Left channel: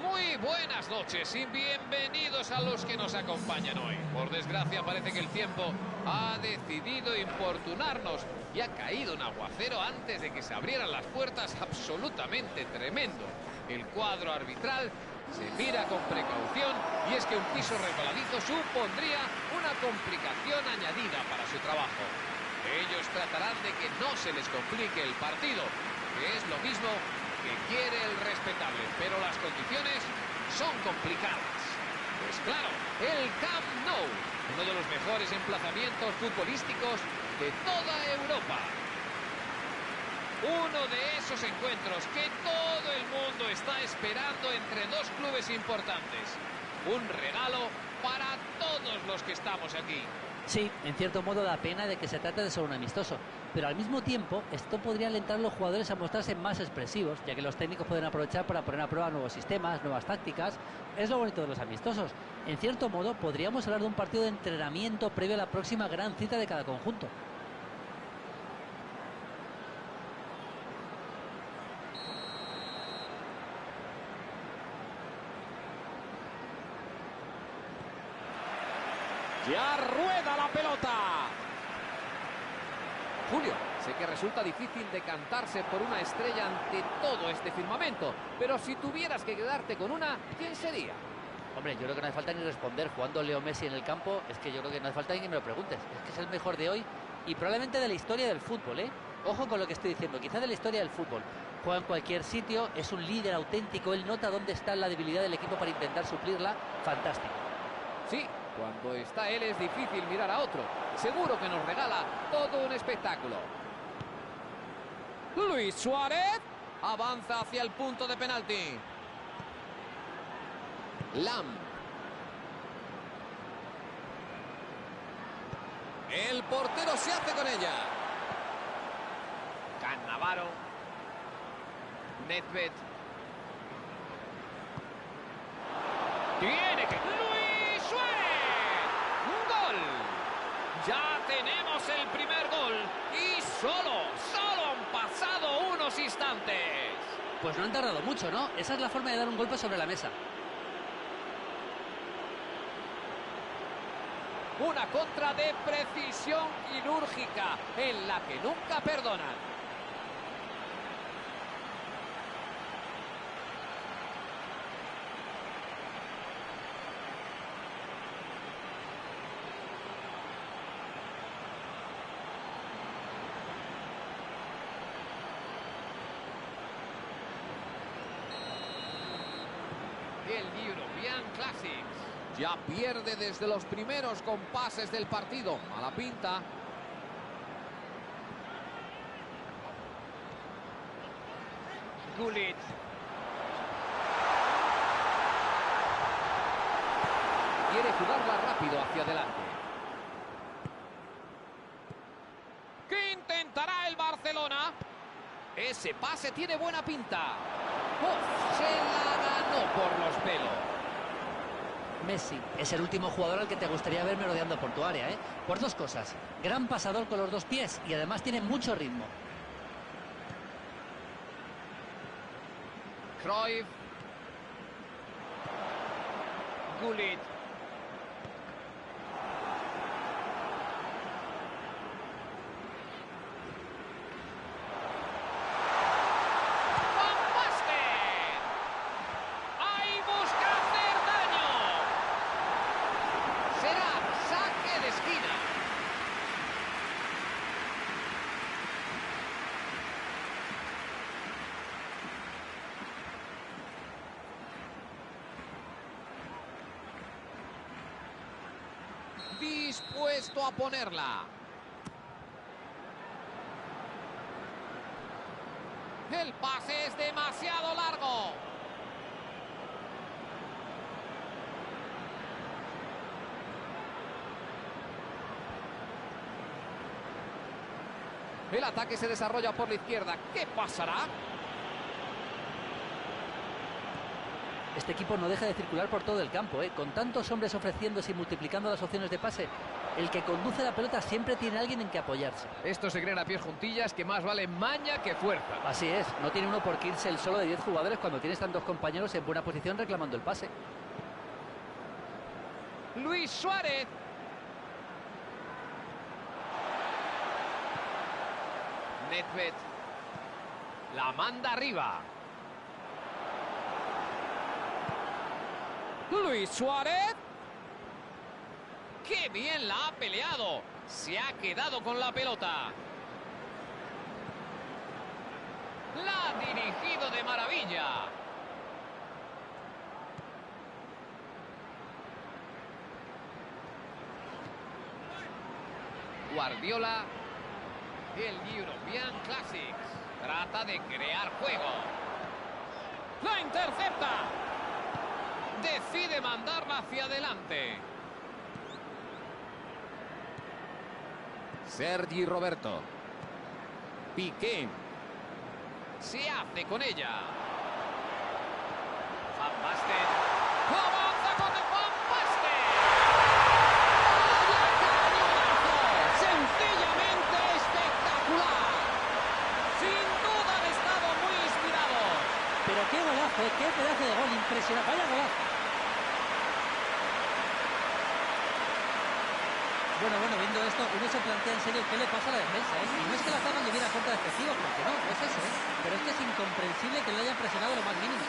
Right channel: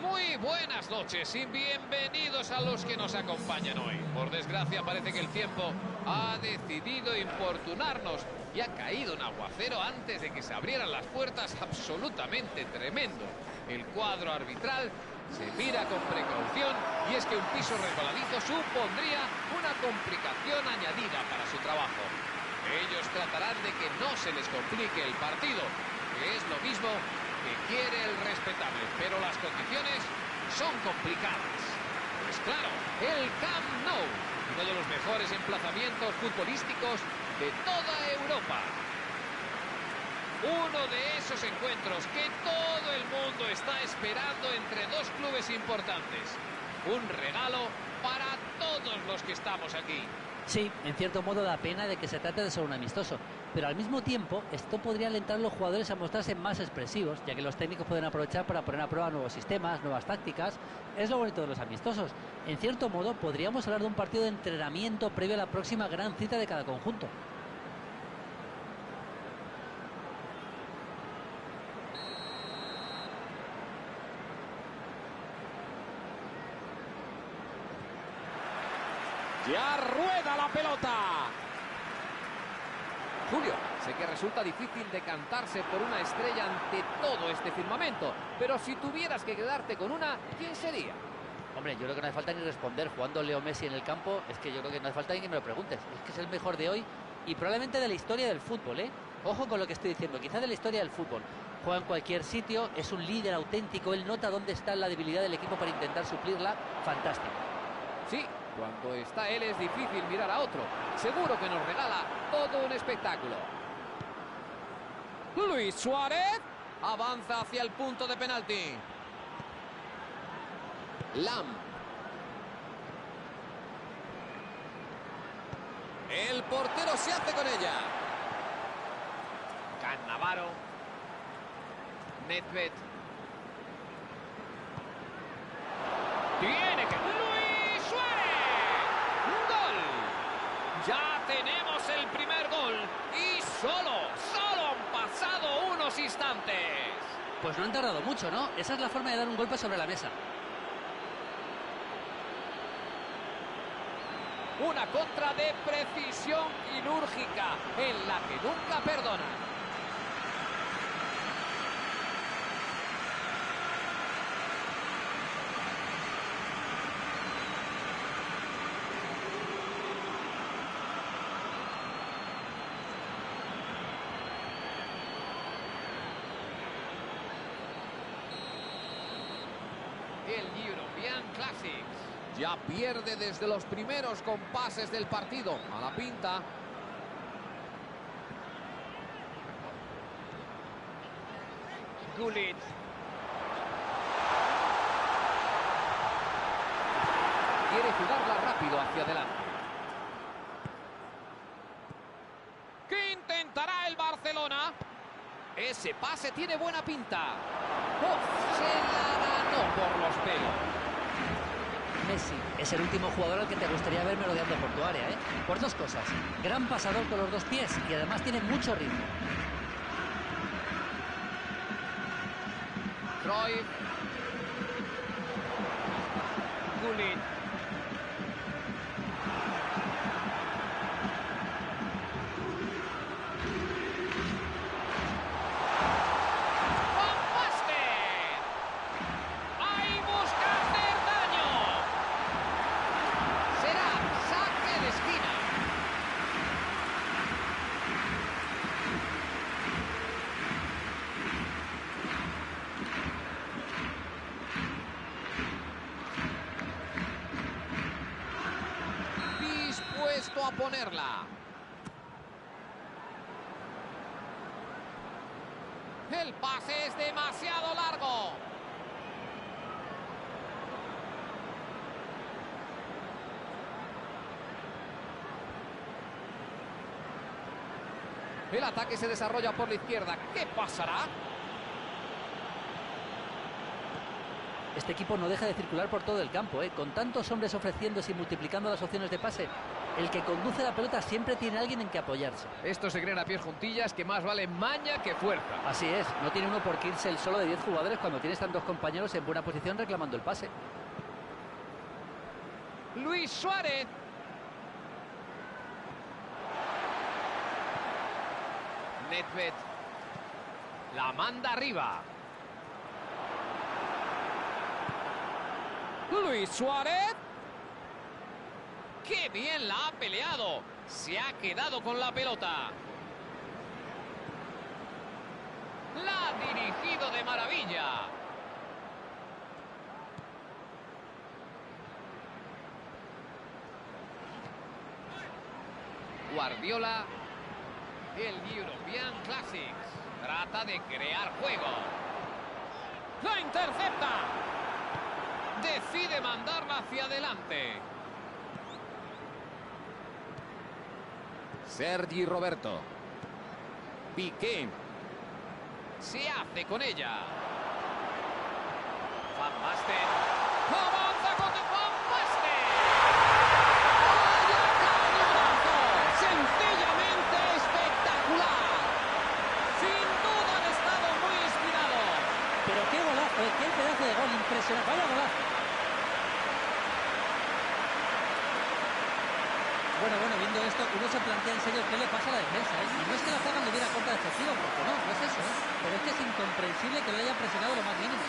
Muy buenas noches y bienvenidos a los que nos acompañan hoy. Por desgracia parece que el tiempo ha decidido importunarnos y ha caído un aguacero antes de que se abrieran las puertas absolutamente tremendo. El cuadro arbitral se mira con precaución y es que un piso resbaladizo supondría una complicación añadida para su trabajo. Ellos tratarán de que no se les complique el partido, que es lo mismo que quiere el respetable, pero las condiciones son complicadas. Pues claro, el Camp Nou, uno de los mejores emplazamientos futbolísticos de toda Europa. Uno de esos encuentros que todo el mundo está esperando entre dos clubes importantes. Un regalo para todos los que estamos aquí. Sí, en cierto modo da pena de que se trate de ser un amistoso, pero al mismo tiempo esto podría alentar a los jugadores a mostrarse más expresivos, ya que los técnicos pueden aprovechar para poner a prueba nuevos sistemas, nuevas tácticas. Es lo bonito de los amistosos. En cierto modo podríamos hablar de un partido de entrenamiento previo a la próxima gran cita de cada conjunto. Ya rueda la pelota. Julio, sé que resulta difícil decantarse por una estrella ante todo este firmamento, pero si tuvieras que quedarte con una, ¿quién sería? Hombre, yo creo que no hace falta ni responder. Jugando Leo Messi en el campo, es que yo creo que no hace falta ni que me lo preguntes. Es que es el mejor de hoy y probablemente de la historia del fútbol, ¿eh? Ojo con lo que estoy diciendo, quizá de la historia del fútbol. Juega en cualquier sitio, es un líder auténtico, él nota dónde está la debilidad del equipo para intentar suplirla. Fantástico. Sí, cuando está él es difícil mirar a otro. Seguro que nos regala todo un espectáculo. Luis Suárez avanza hacia el punto de penalti. Lam. El portero se hace con ella. Cannavaro. Nedved. Tiene que... ¡Luis Suárez! ¡Gol! Ya tenemos el primer gol. Y solo han pasado unos instantes. Pues no han tardado mucho, ¿no? Esa es la forma de dar un golpe sobre la mesa. Una contra de precisión quirúrgica en la que nunca perdonan. El European Classics. Ya pierde desde los primeros compases del partido. Mala pinta. Gullit. Quiere jugarla rápido hacia adelante. ¿Qué intentará el Barcelona? Ese pase tiene buena pinta. ¡Oh! Se la ganó por los pelos. Messi es el último jugador al que te gustaría ver merodeando por tu área, ¿eh? Por dos cosas. Gran pasador con los dos pies y además tiene mucho ritmo. Cruyff. Gullit. Esquina. Dispuesto a ponerla. El pase es demasiado largo. El ataque se desarrolla por la izquierda. ¿Qué pasará? Este equipo no deja de circular por todo el campo, ¿eh? Con tantos hombres ofreciéndose y multiplicando las opciones de pase. El que conduce la pelota siempre tiene alguien en que apoyarse. Esto se crean a pies juntillas que más vale maña que fuerza. Así es, no tiene uno por qué irse el solo de 10 jugadores cuando tienes tantos compañeros en buena posición reclamando el pase. Luis Suárez. Nedved. La manda arriba. Luis Suárez. ¡Qué bien la ha peleado! Se ha quedado con la pelota. La ha dirigido de maravilla. Guardiola. El European Classics. Trata de crear juego. ¡La intercepta! Decide mandarla hacia adelante. Sergi Roberto. Piqué. Se hace con ella. Van Basten. ¡Avanza con Van Basten! ¡Vaya cañonazo! ¡Sencillamente espectacular! Sin duda han estado muy inspirados. Pero qué golazo, qué pedazo de gol, impresionante. Vaya golazo. Bueno, viendo esto, uno se plantea en serio qué le pasa a la defensa, ¿eh? Y no es que la zaga tuviera contra excesivo, porque no es eso, ¿eh? Pero es que es incomprensible que lo hayan presionado lo más mínimo.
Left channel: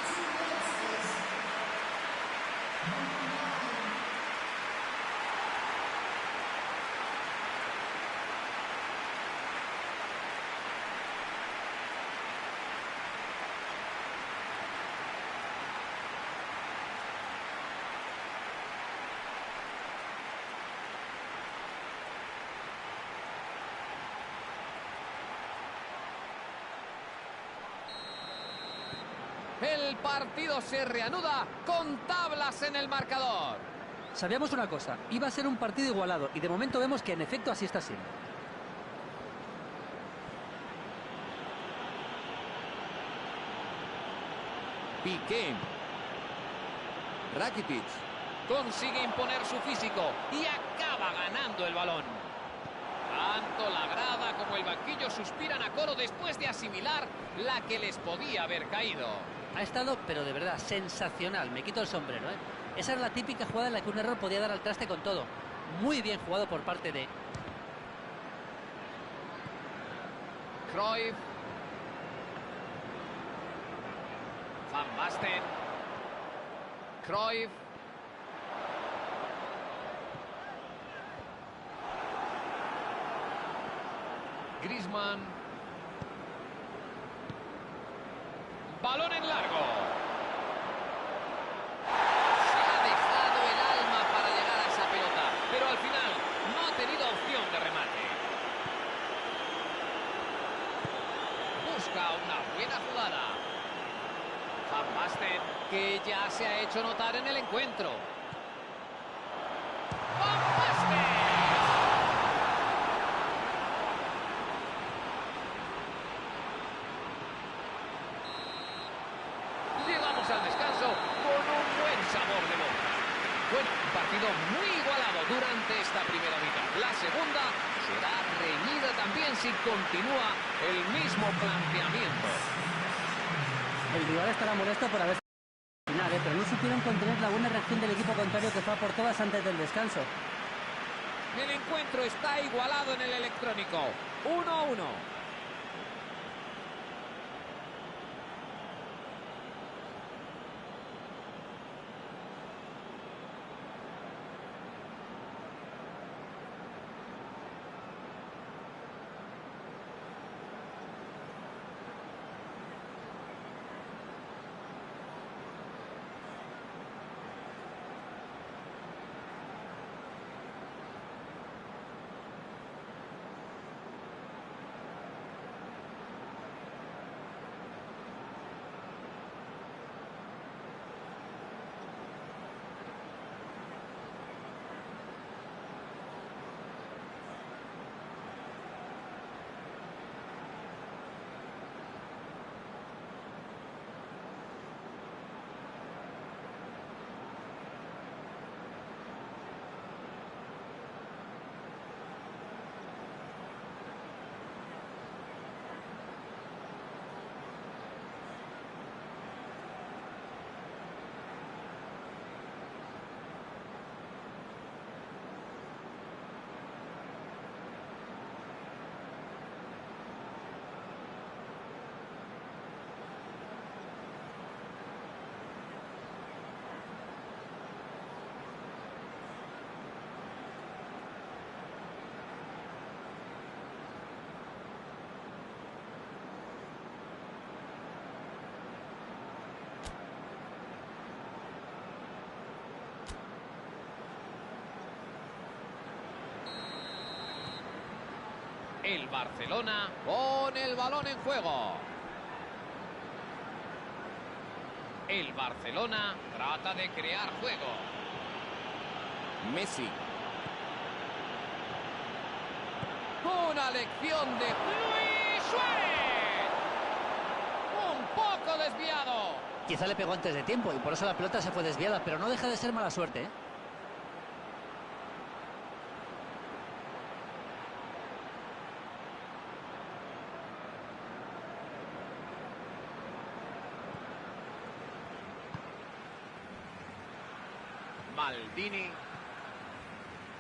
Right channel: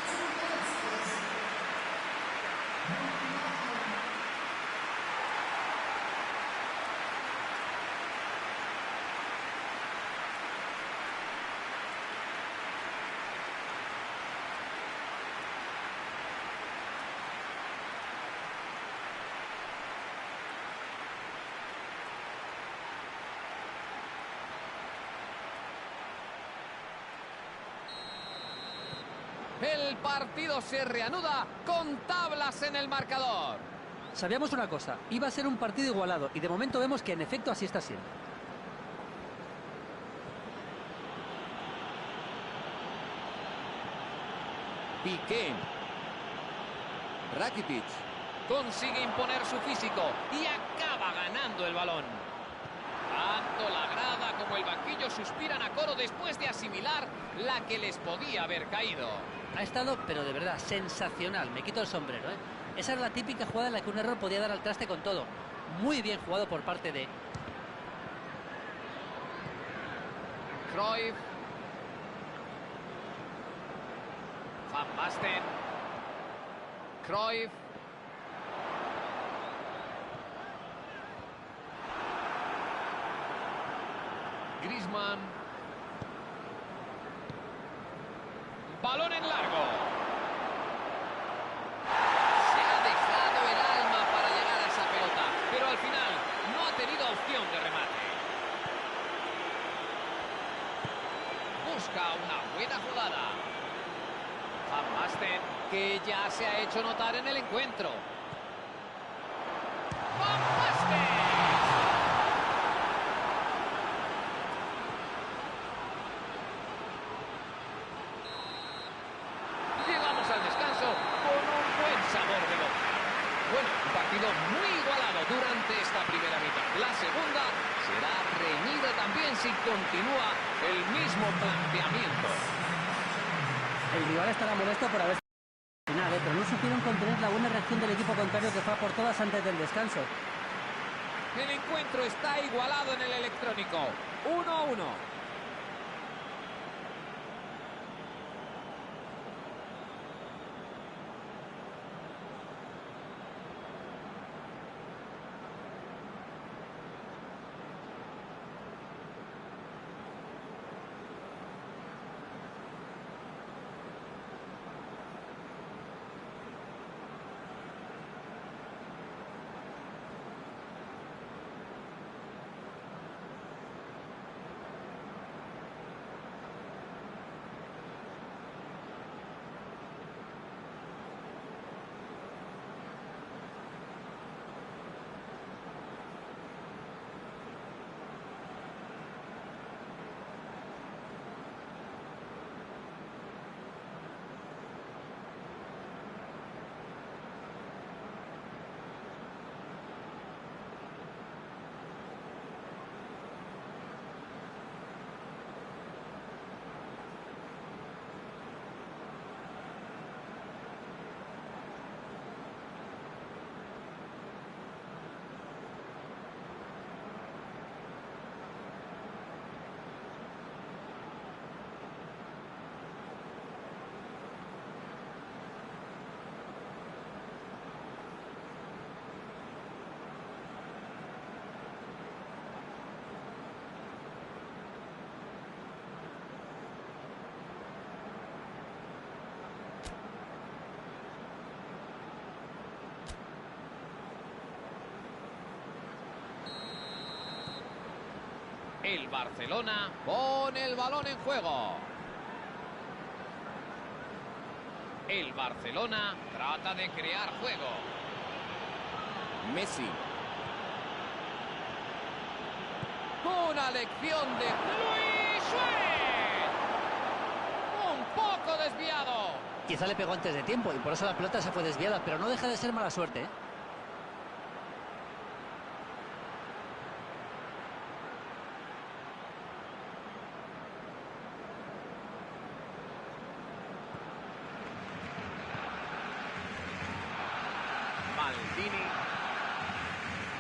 El partido se reanuda con tablas en el marcador. Sabíamos una cosa, iba a ser un partido igualado y de momento vemos que en efecto así está siendo. Piqué. Rakitic. Consigue imponer su físico y acaba ganando el balón. Tanto la grada como el banquillo suspiran a coro después de asimilar la que les podía haber caído. Ha estado, pero de verdad, sensacional. Me quito el sombrero, ¿eh? Esa era la típica jugada en la que un error podía dar al traste con todo. Muy bien jugado por parte de Cruyff. Van Basten. Cruyff. Griezmann. Balón en largo. Se ha dejado el alma para llegar a esa pelota, pero al final no ha tenido opción de remate. Busca una buena jugada. Van Basten, que ya se ha hecho notar en el encuentro. ¡Van Basten! Llegamos al descanso con un buen sabor de boca. Bueno, un partido muy igualado durante esta primera mitad. La segunda será reñida también si continúa el mismo planteamiento. El rival estará molesto por haber final, pero no supieron contener la buena reacción del equipo contrario que fue a por todas antes del descanso. El encuentro está igualado en el electrónico. 1-1. El Barcelona pone el balón en juego. El Barcelona trata de crear juego. Messi. Una lección de Luis Suárez. Un poco desviado. Quizá le pegó antes de tiempo y por eso la pelota se fue desviada, pero no deja de ser mala suerte, ¿eh? Maldini.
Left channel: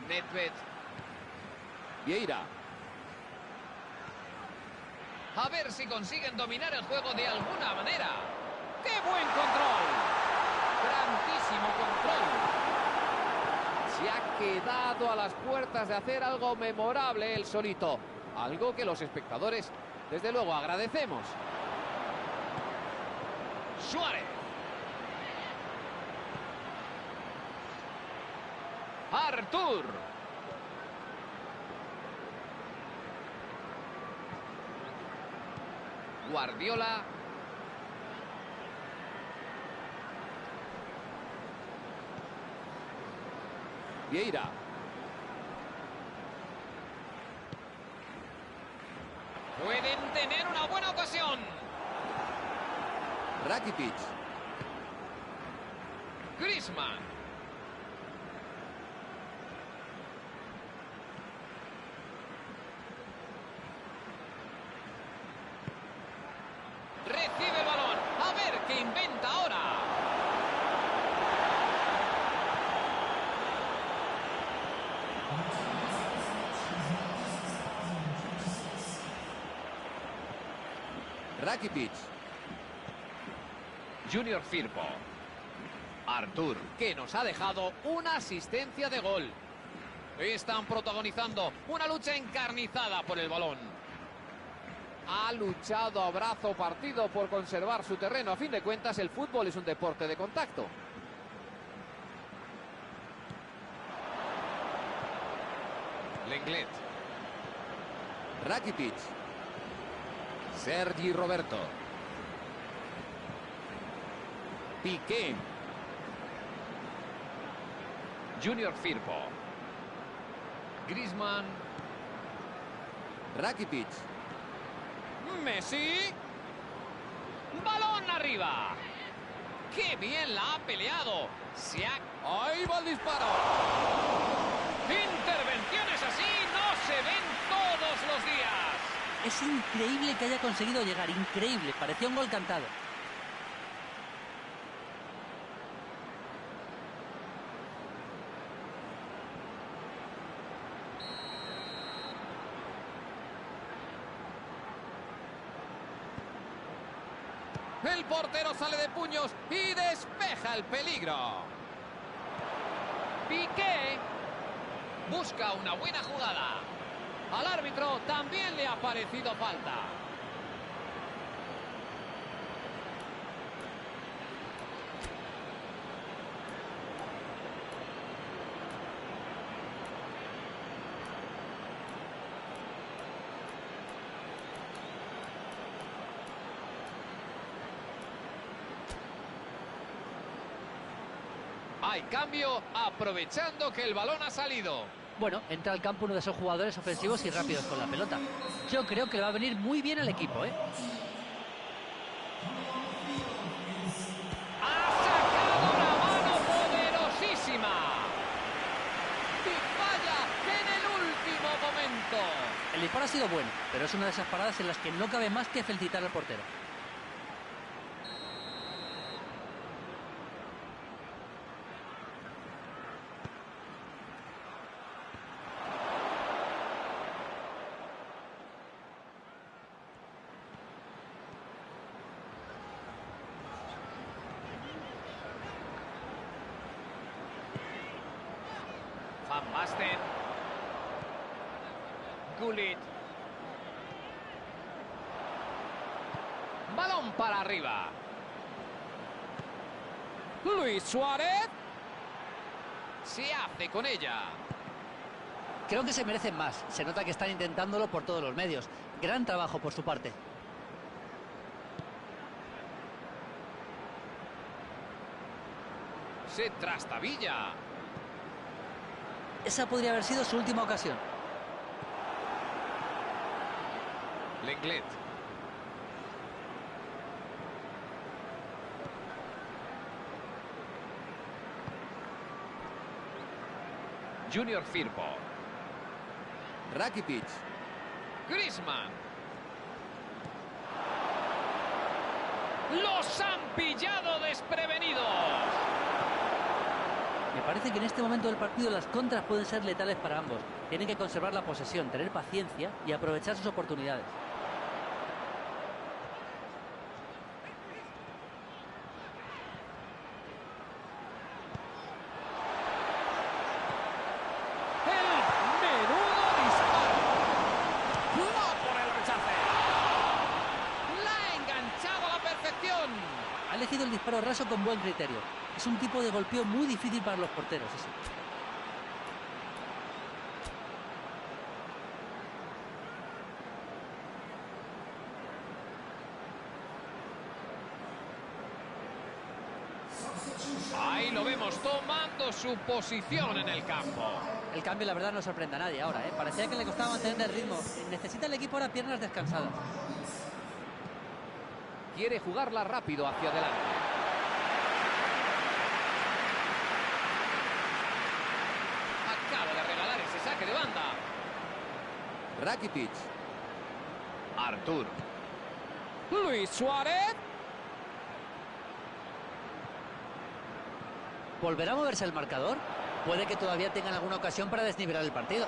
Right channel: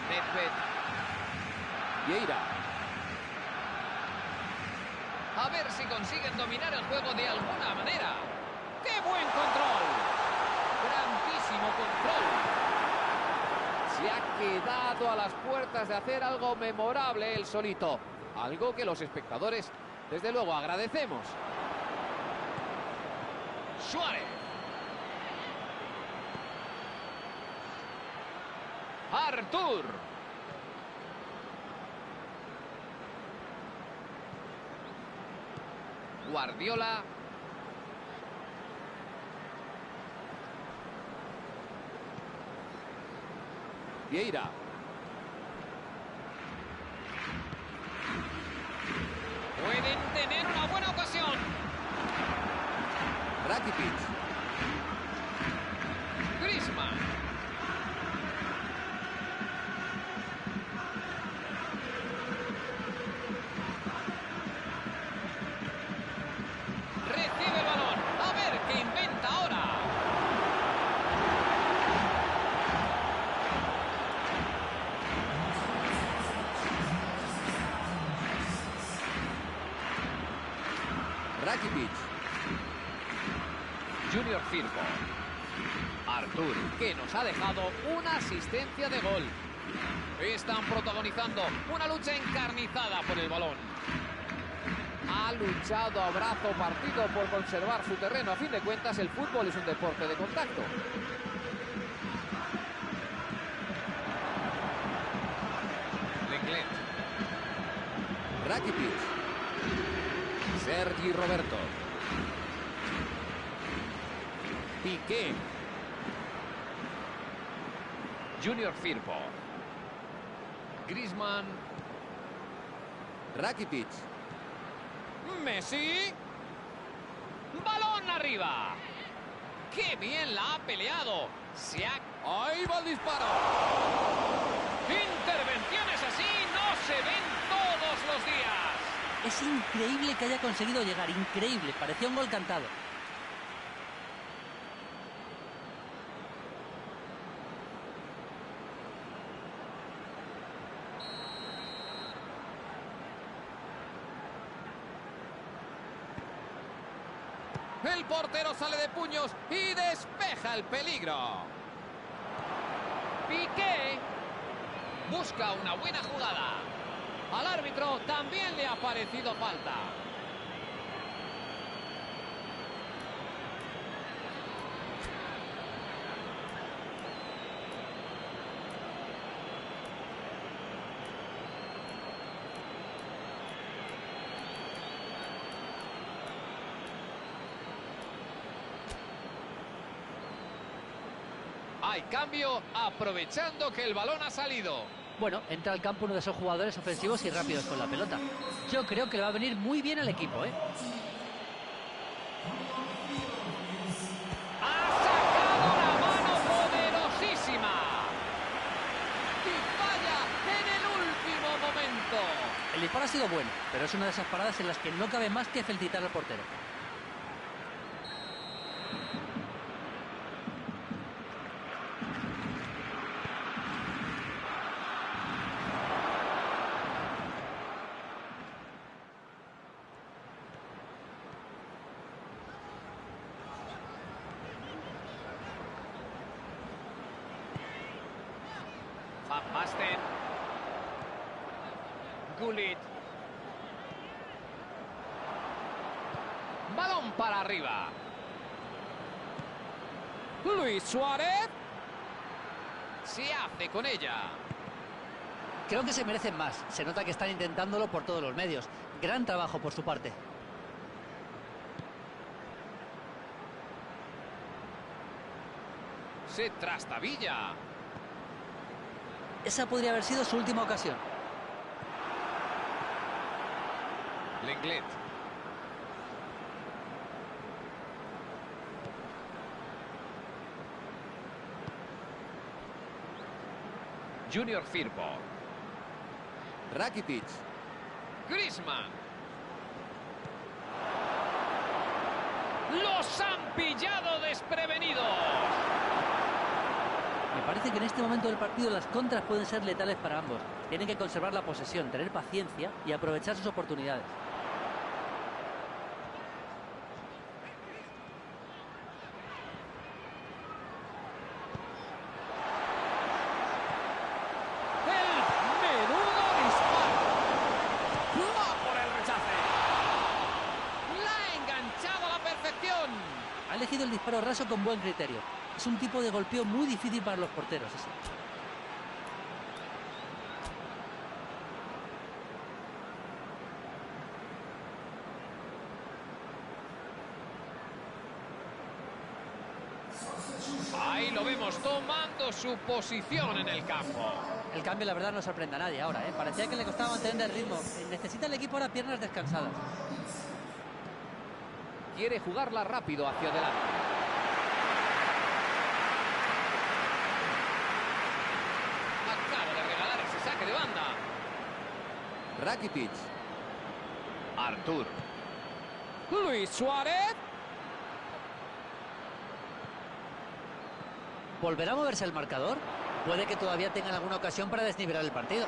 Nedved. Vieira. A ver si consiguen dominar el juego de alguna manera. ¡Qué buen control! Grandísimo control. Se ha quedado a las puertas de hacer algo memorable él solito. Algo que los espectadores, desde luego, agradecemos. Suárez. Artur. Guardiola. Vieira. Pueden tener una buena ocasión. Rakitic. Griezmann. Recibe el balón. A ver qué inventa ahora. Rakitic. Junior Firpo. Artur, que nos ha dejado una asistencia de gol. Están protagonizando una lucha encarnizada por el balón. Ha luchado a brazo partido por conservar su terreno. A fin de cuentas, el fútbol es un deporte de contacto. Lenglet. Rakitic. Sergi Roberto. Piqué. Junior Firpo. Griezmann. Rakitic. Messi. Balón arriba. ¡Qué bien la ha peleado! ¡Ahí va el disparo! Intervenciones así no se ven todos los días. Es increíble que haya conseguido llegar, increíble, parecía un gol cantado. El portero sale de puños y despeja el peligro. Piqué busca una buena jugada. Al árbitro también le ha parecido falta. Hay cambio aprovechando que el balón ha salido. Bueno, entra al campo uno de esos jugadores ofensivos y rápidos con la pelota. Yo creo que le va a venir muy bien al equipo, ¿eh? Ha sacado una mano poderosísima. Y falla en el último momento. El disparo ha sido bueno, pero es una de esas paradas en las que no cabe más que felicitar al portero. Van Basten. Gullit. Balón para arriba. Luis Suárez. Se hace con ella. Creo que se merecen más. Se nota que están intentándolo por todos los medios. Gran trabajo por su parte. Se trastabilla. Esa podría haber sido su última ocasión. Lenglet. Junior Firpo. Rakitic. Griezmann. ¡Los han pillado desprevenidos! Me parece que en este momento del partido las contras pueden ser letales para ambos. Tienen que conservar la posesión, tener paciencia y aprovechar sus oportunidades. ¡El menudo disparo! ¡No por el rechace! ¡La ha enganchado a la perfección! Ha elegido el disparo raso con buen criterio. Es un tipo de golpeo muy difícil para los porteros, ese. Ahí lo vemos tomando su posición en el campo. El cambio, la verdad, no sorprende a nadie ahora, ¿eh? Parecía que le costaba mantener el ritmo. Necesita el equipo ahora piernas descansadas. Quiere jugarla rápido hacia adelante. Acaba de regalar ese saque de banda. Rakitic. Artur. Luis Suárez. ¿Volverá a moverse el marcador? Puede que todavía tengan alguna ocasión para desnivelar el partido.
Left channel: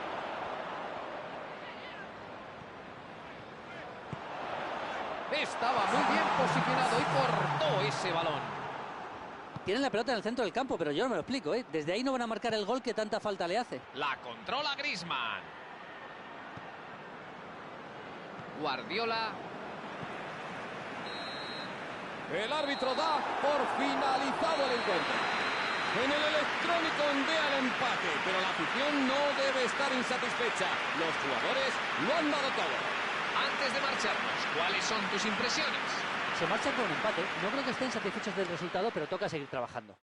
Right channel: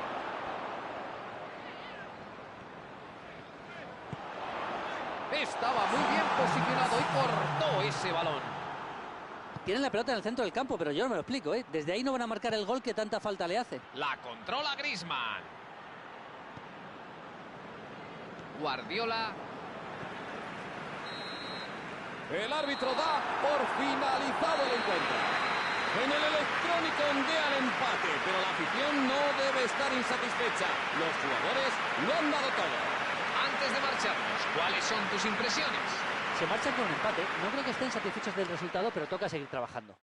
Estaba muy bien posicionado y cortó ese balón. Tienen la pelota en el centro del campo, pero yo no me lo explico, ¿eh? Desde ahí no van a marcar el gol que tanta falta le hace. La controla Griezmann. Guardiola. El árbitro da por finalizado el encuentro. En el electrónico ondea el empate, pero la afición no debe estar insatisfecha. Los jugadores lo han dado todo. Antes de marcharnos, ¿cuáles son tus impresiones? Se marchan con un empate. No creo que estén satisfechos del resultado, pero toca seguir trabajando.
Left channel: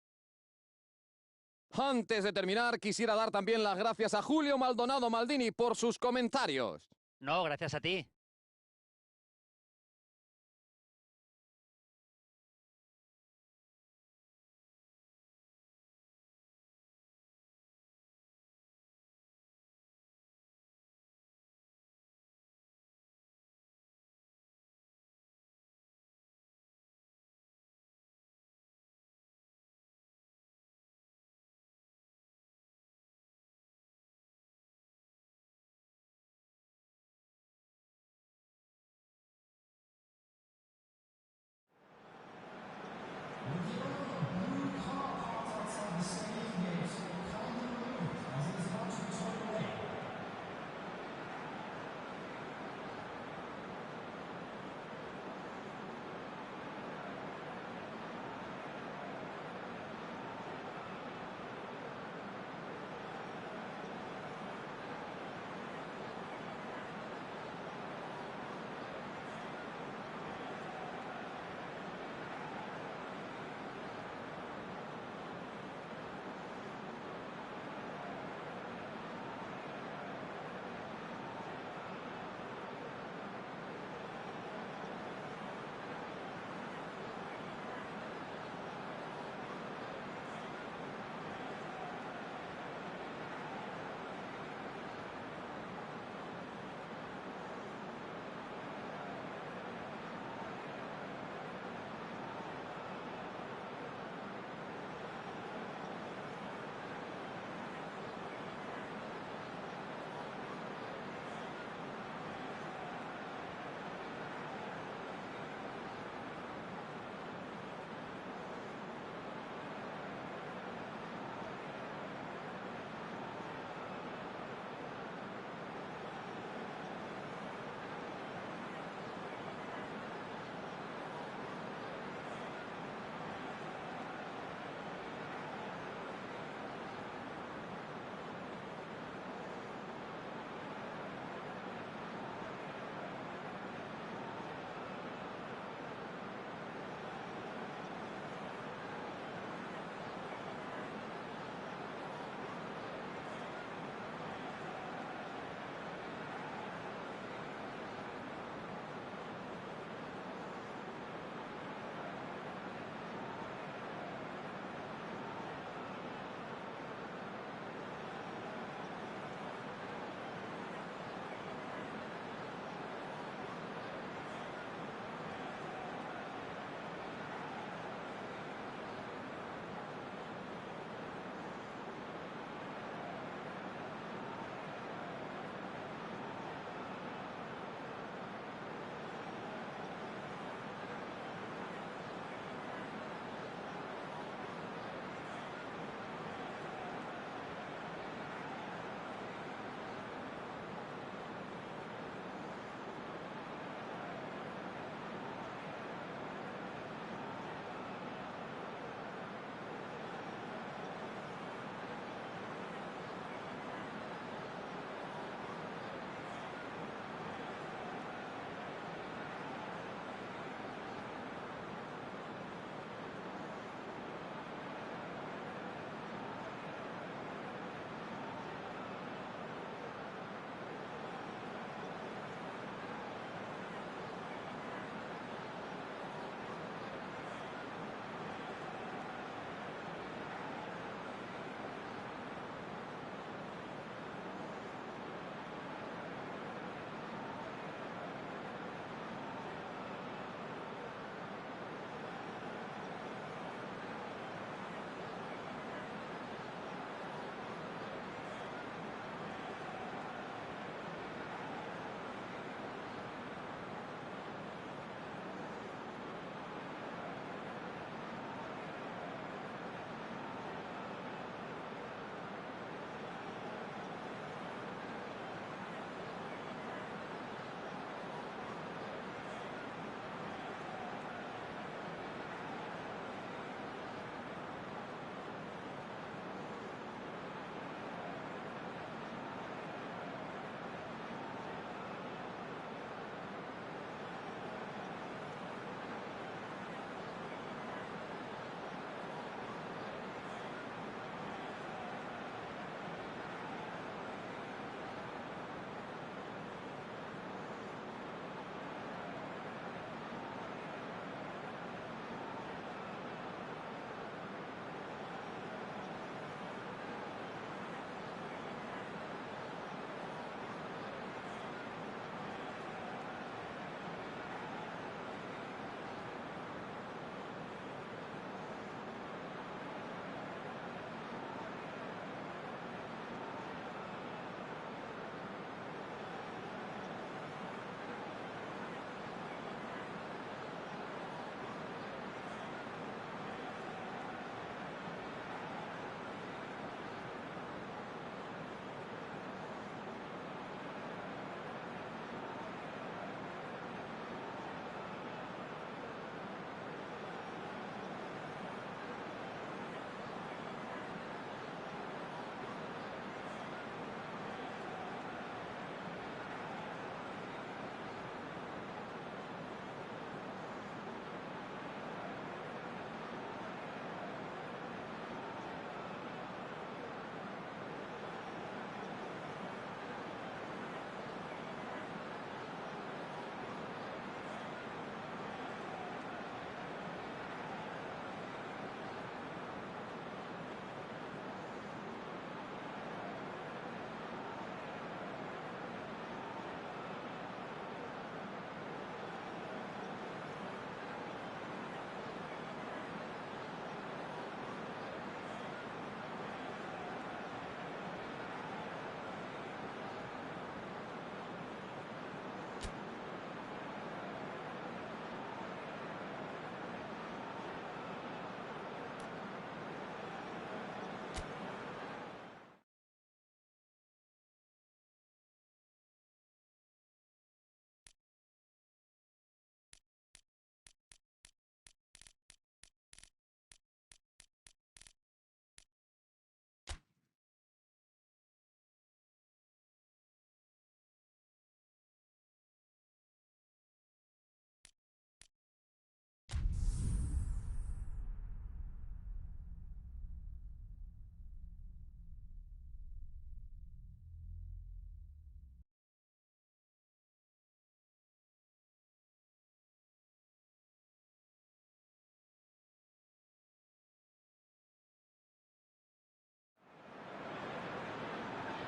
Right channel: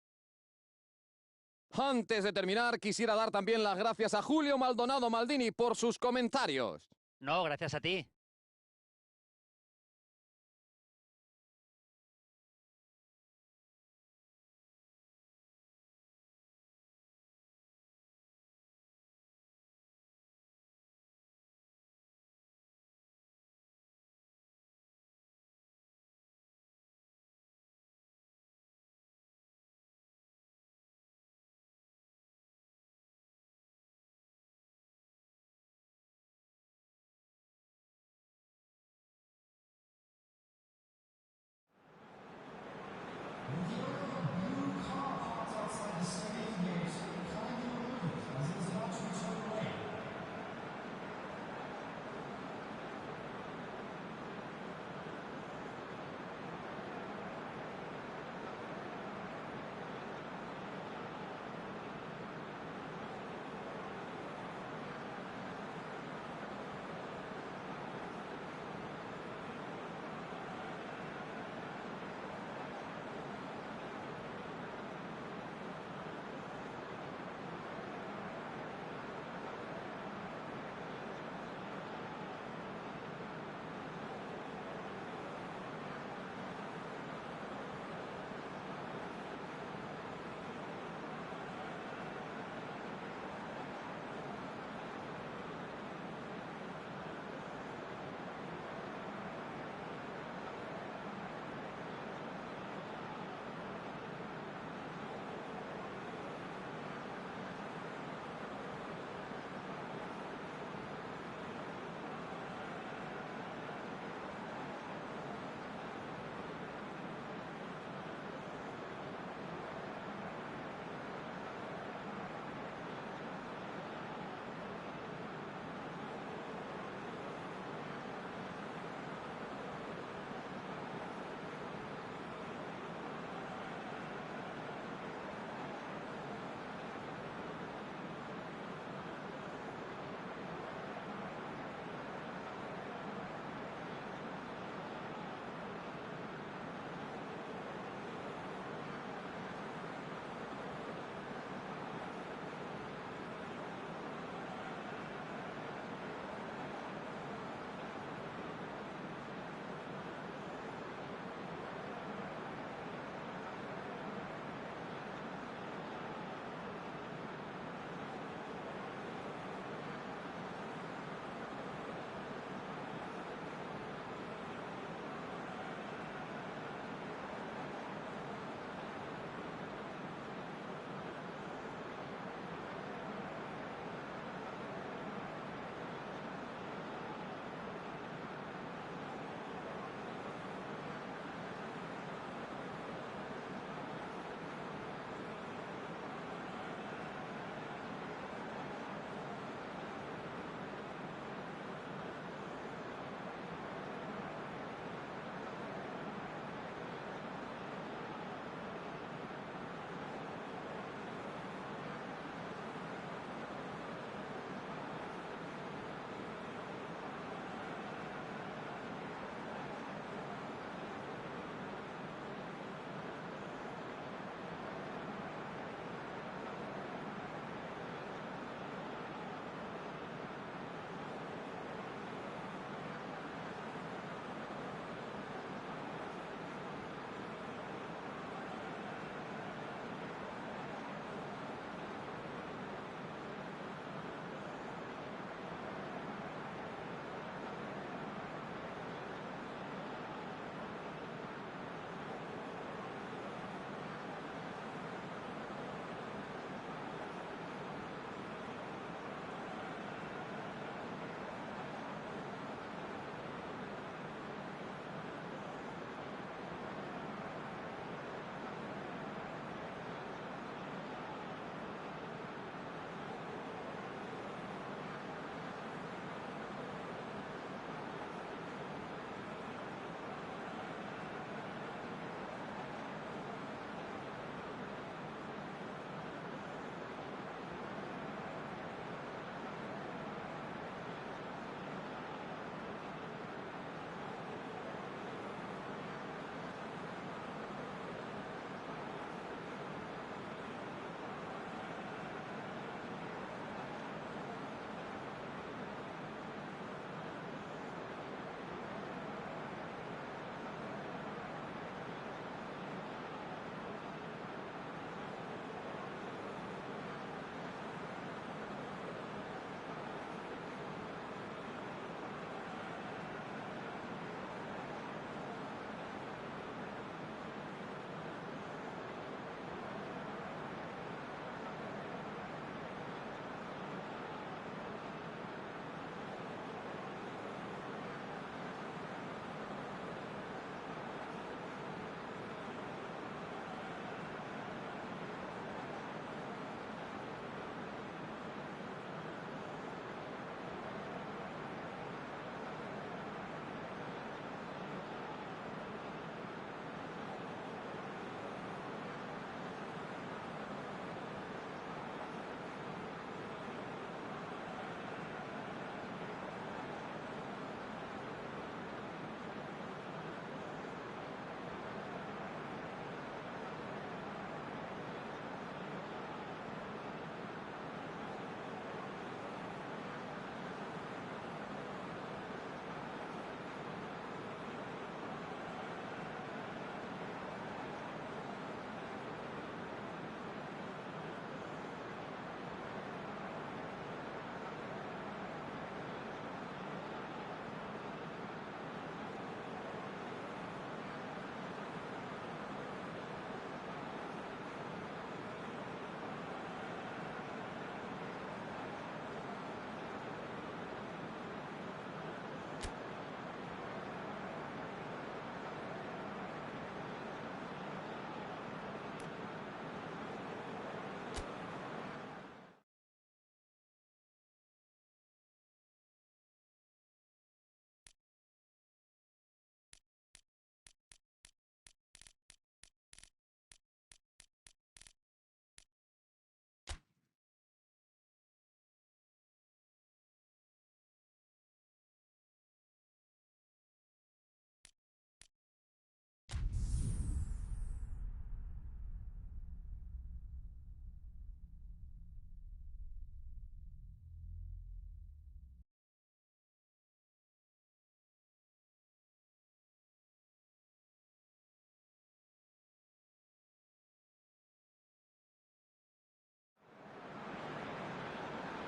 Antes de terminar, quisiera dar también las gracias a Julio Maldonado Maldini por sus comentarios. No, gracias a ti.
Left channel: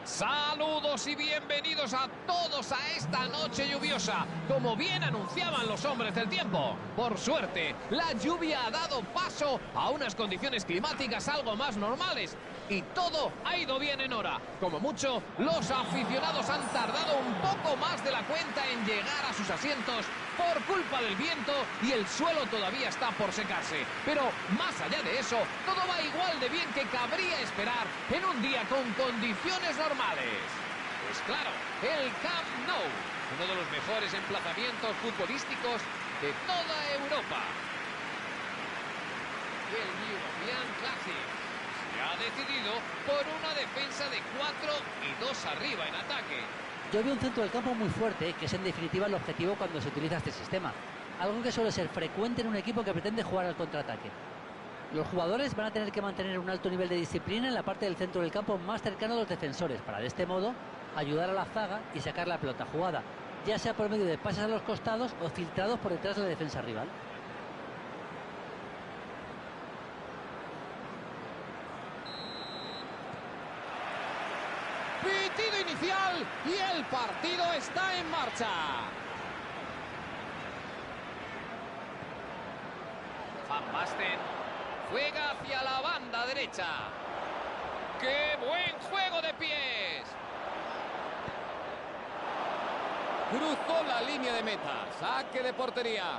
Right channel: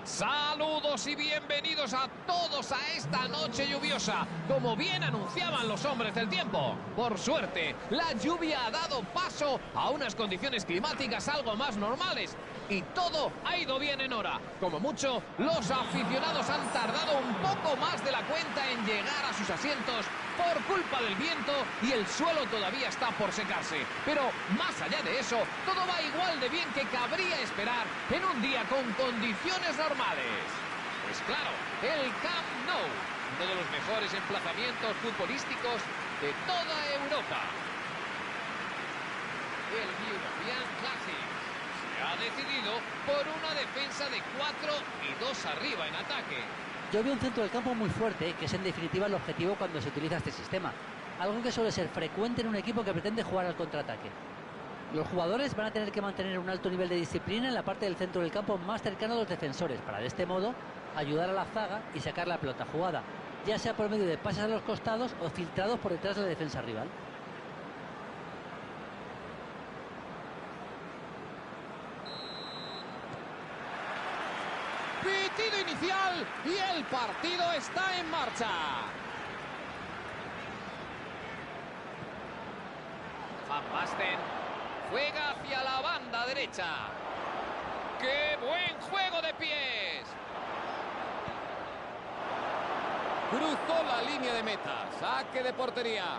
Saludos y bienvenidos a todos a esta noche lluviosa, como bien anunciaban los hombres del tiempo. Por suerte, la lluvia ha dado paso a unas condiciones climáticas algo más normales y todo ha ido bien en hora. Como mucho, los aficionados han tardado un poco más de la cuenta en llegar a sus asientos por culpa del viento y el suelo todavía está por secarse. Pero más allá de eso, todo va igual de bien que cabría esperar en un día con condiciones normales. Pues claro, el Camp Nou, uno de los mejores emplazamientos futbolísticos de toda Europa. El European Classic se ha decidido por una defensa de 4 y 2 arriba en ataque. Yo veo un centro del campo muy fuerte, que es en definitiva el objetivo cuando se utiliza este sistema. Algo que suele ser frecuente en un equipo que pretende jugar al contraataque. Los jugadores van a tener que mantener un alto nivel de disciplina en la parte del centro del campo más cercano a los defensores, para de este modo ayudar a la zaga y sacar la pelota jugada, ya sea por medio de pases a los costados o filtrados por detrás de la defensa rival. Pitido inicial y el partido está en marcha. Van Basten juega hacia la banda derecha. ¡Qué buen juego de pies! Cruzó la línea de meta. Saque de portería.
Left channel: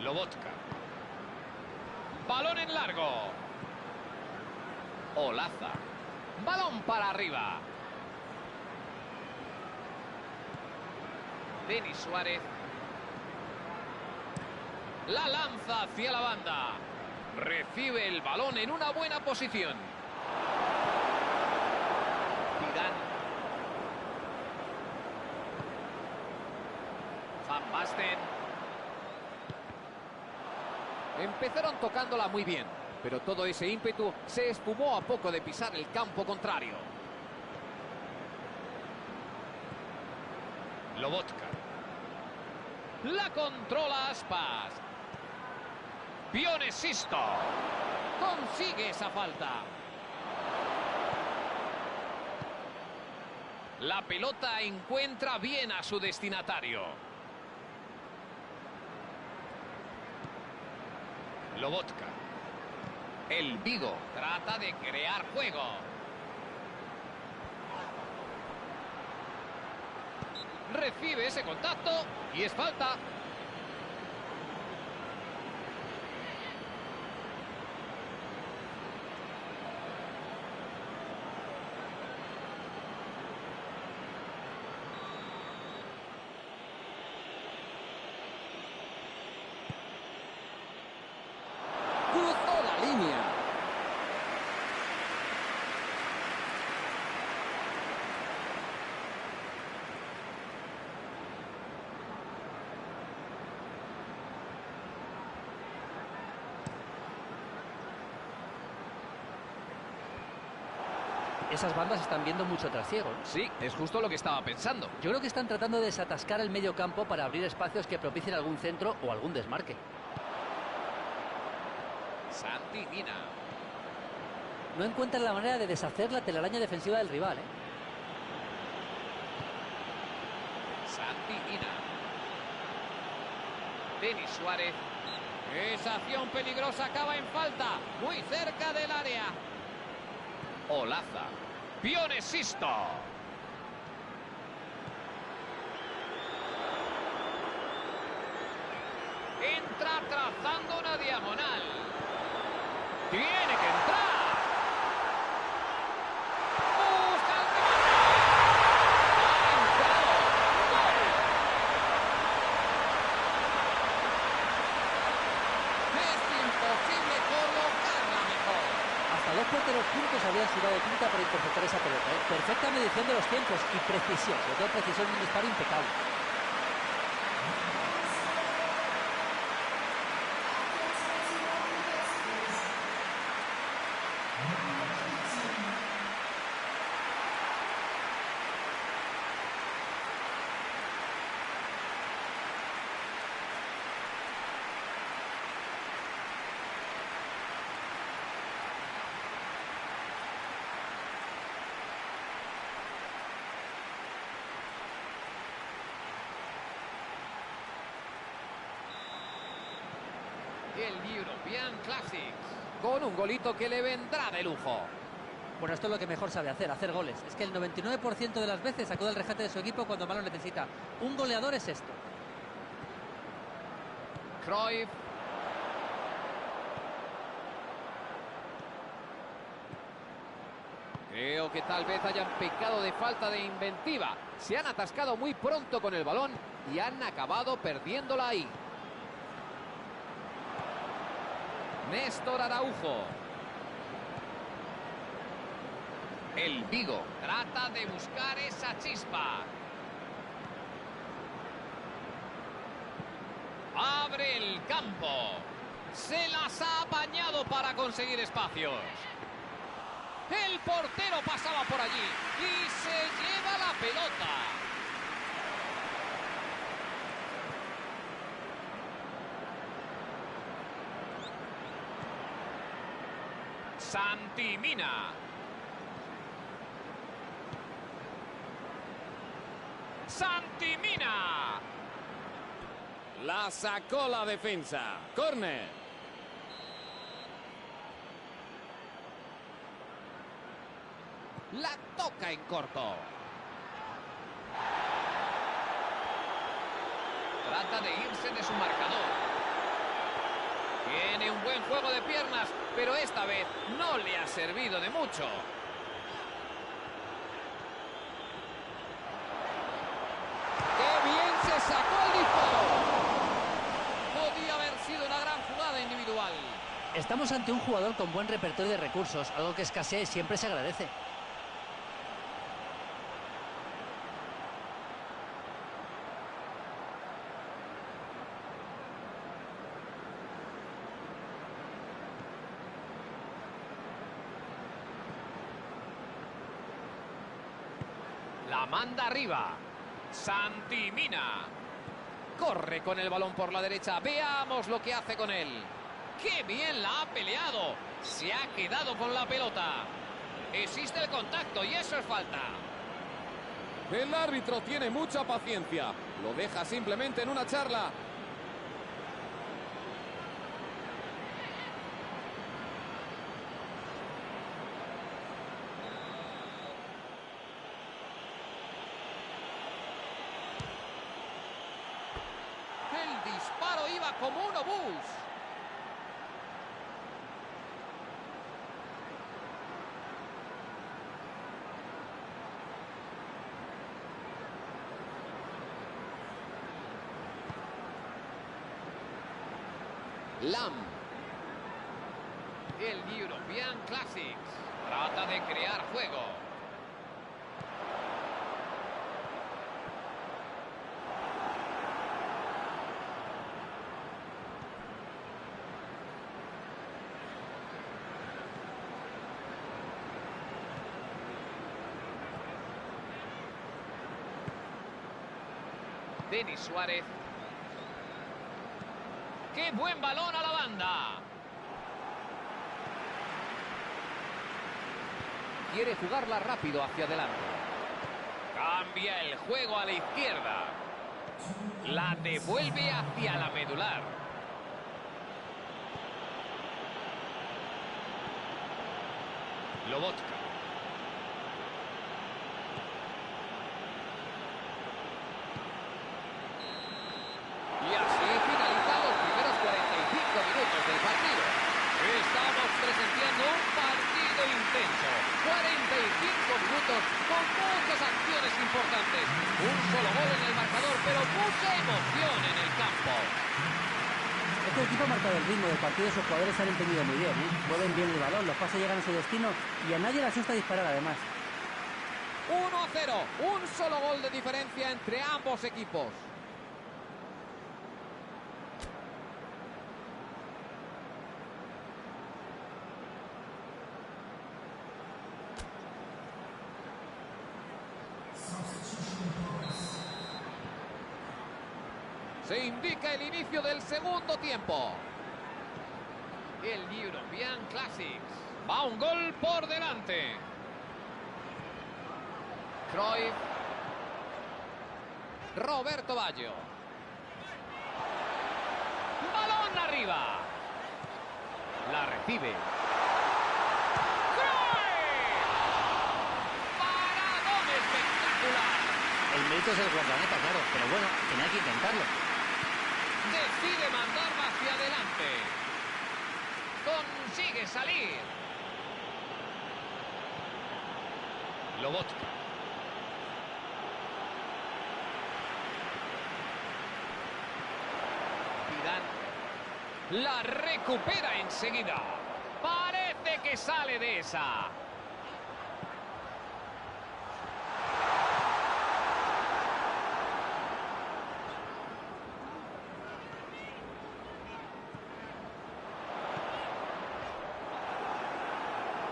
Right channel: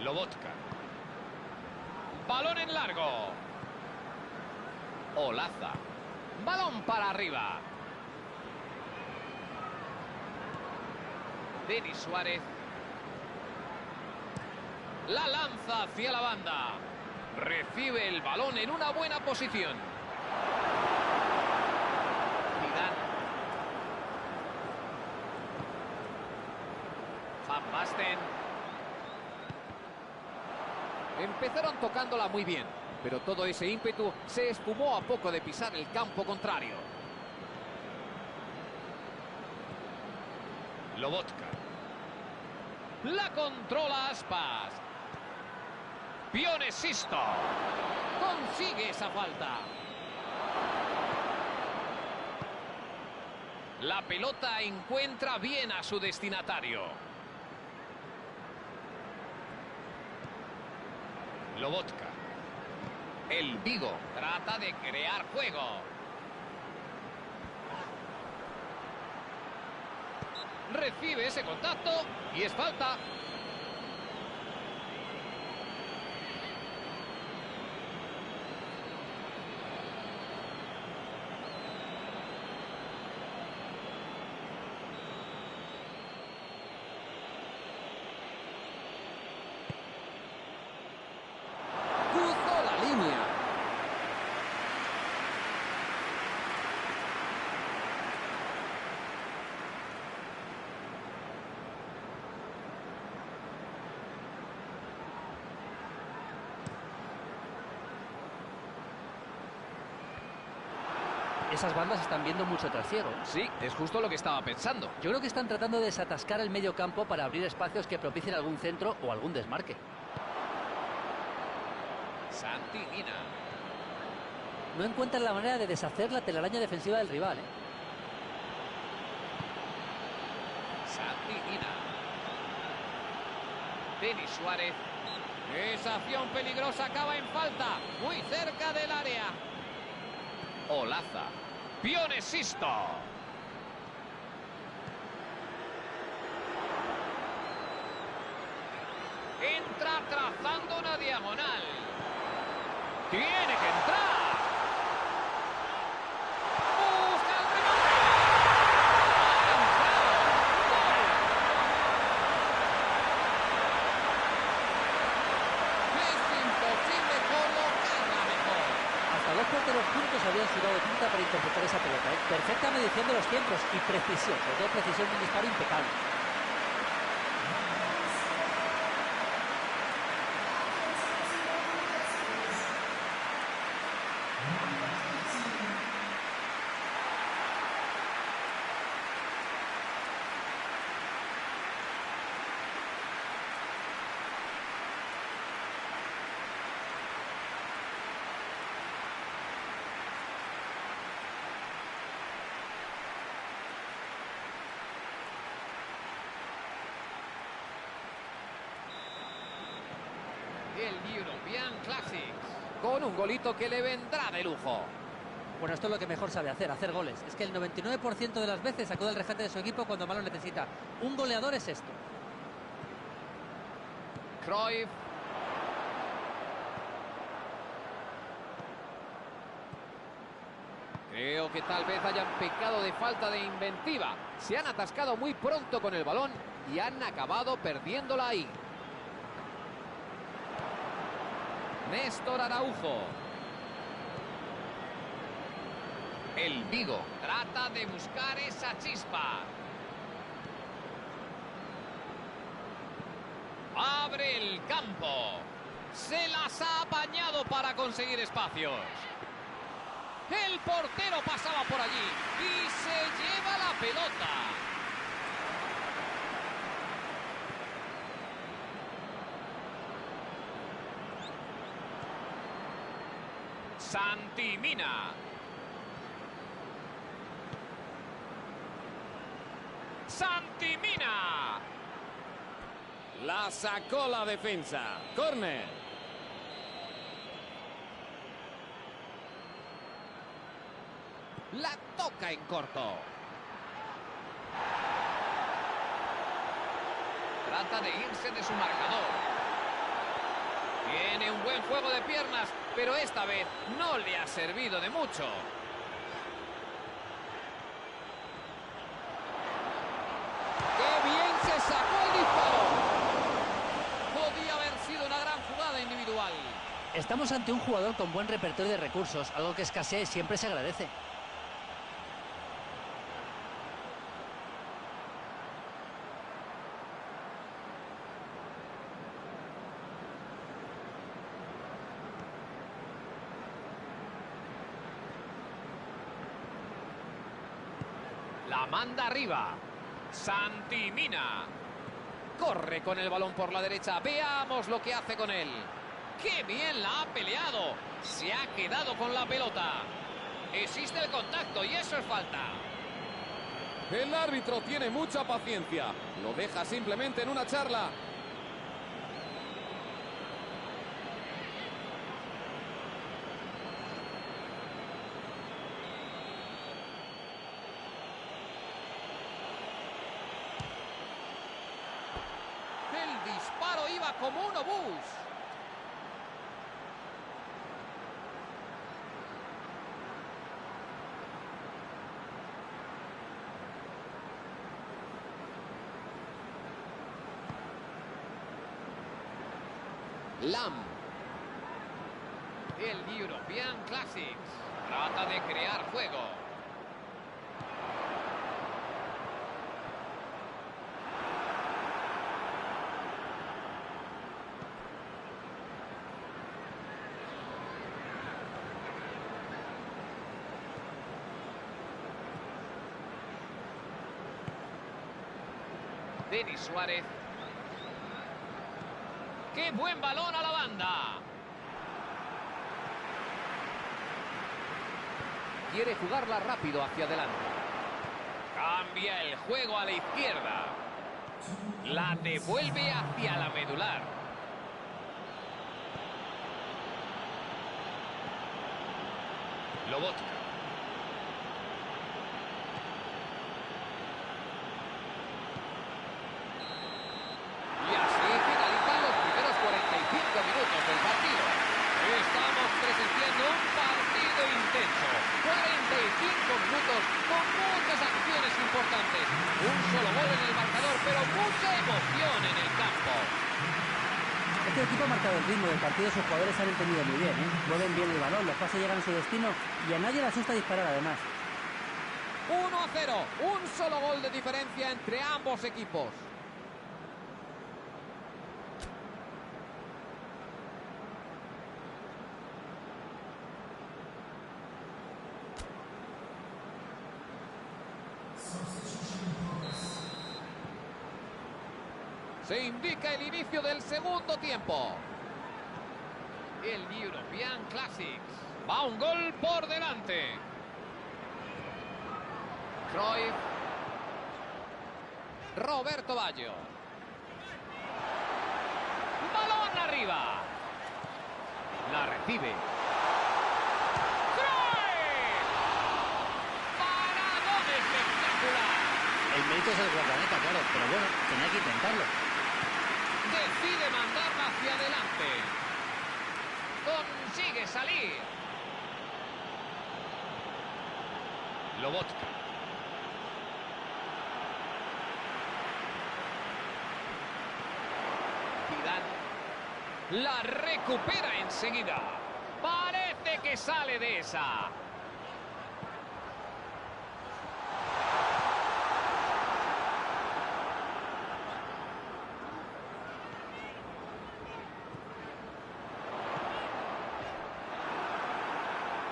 Lobotka. Balón en largo. Olaza. Balón para arriba. Denis Suárez. La lanza hacia la banda. Recibe el balón en una buena posición. Zidane. Van Basten. Empezaron tocándola muy bien, pero todo ese ímpetu se esfumó a poco de pisar el campo contrario. Lobotka. La controla Aspas. Pione Sisto. Consigue esa falta. La pelota encuentra bien a su destinatario. Lobotka. El Vigo trata de crear juego. Recibe ese contacto y es falta. Cruzó la línea. Esas bandas están viendo mucho trasiego, ¿eh? Sí, es justo lo que estaba pensando. Yo creo que están tratando de desatascar el medio campo para abrir espacios que propicien algún centro o algún desmarque. Santi Mina. No encuentran la manera de deshacer la telaraña defensiva del rival, ¿eh? Santi Mina. Denis Suárez. Esa acción peligrosa acaba en falta. Muy cerca del área. Olaza. Pione Sisto. Entra trazando una diagonal. Tiene que entrar. Busca el remate. Ha entrado. ¡Gol! Es imposible colocarla mejor. Hasta dos porteros juntos habrían sudado tinta para interceptar esa pelota, ¿eh? Perfecta medición de los tiempos y precisión, sobre todo precisión de un disparo impecable. El European Classics. Con un golito que le vendrá de lujo. Bueno, esto es lo que mejor sabe hacer goles. Es que el 99% de las veces acude al rescate de su equipo cuando más lo necesita. Un goleador es esto. Cruyff. Creo que tal vez hayan pecado de falta de inventiva. Se han atascado muy pronto con el balón y han acabado perdiéndola ahí. Néstor Araujo. El Vigo trata de buscar esa chispa. Abre el campo. Se las ha apañado para conseguir espacios. El portero pasaba por allí y se lleva la pelota. Santi Mina. Santi Mina. La sacó la defensa. Córner. La toca en corto. Trata de irse de su marcador. Tiene un buen juego de piernas, pero esta vez no le ha servido de mucho. ¡Qué bien se sacó el disparo! Podía haber sido una gran jugada individual. Estamos ante un jugador con buen repertorio de recursos, algo que escasea y siempre se agradece. La manda arriba. Santi Mina. Corre con el balón por la derecha. Veamos lo que hace con él. ¡Qué bien la ha peleado! Se ha quedado con la pelota. Existe el contacto y eso es falta. El árbitro tiene mucha paciencia. Lo deja simplemente en una charla. El disparo iba como un obús. Lam. El European Classics. Trata de crear juego. Denis Suárez. ¡Qué buen balón a la banda! Quiere jugarla rápido hacia adelante. Cambia el juego a la izquierda. La devuelve hacia la medular. Lobotka. Y así finalizan los primeros 45 minutos del partido. Estamos presenciando un partido intenso. 45 minutos con muchas acciones importantes. Un solo gol en el marcador, pero mucha emoción en el campo. Este equipo ha marcado el ritmo del partido, sus jugadores han entendido muy bien, mueven bien el balón, los pases llegan a su destino y a nadie le asusta disparar además. 1-0, un solo gol de diferencia entre ambos equipos. Se indica el inicio del segundo tiempo. El European Classics. Va un gol por delante. Cruyff. Roberto Baggio. Balón arriba. La recibe. ¡Cruyff! ¡Paradón espectacular! El mérito es el guardameta, claro, pero bueno, tenía que intentarlo. Decide mandarla hacia adelante. Consigue salir. Lobotka. Zidane. La recupera enseguida. Parece que sale de esa.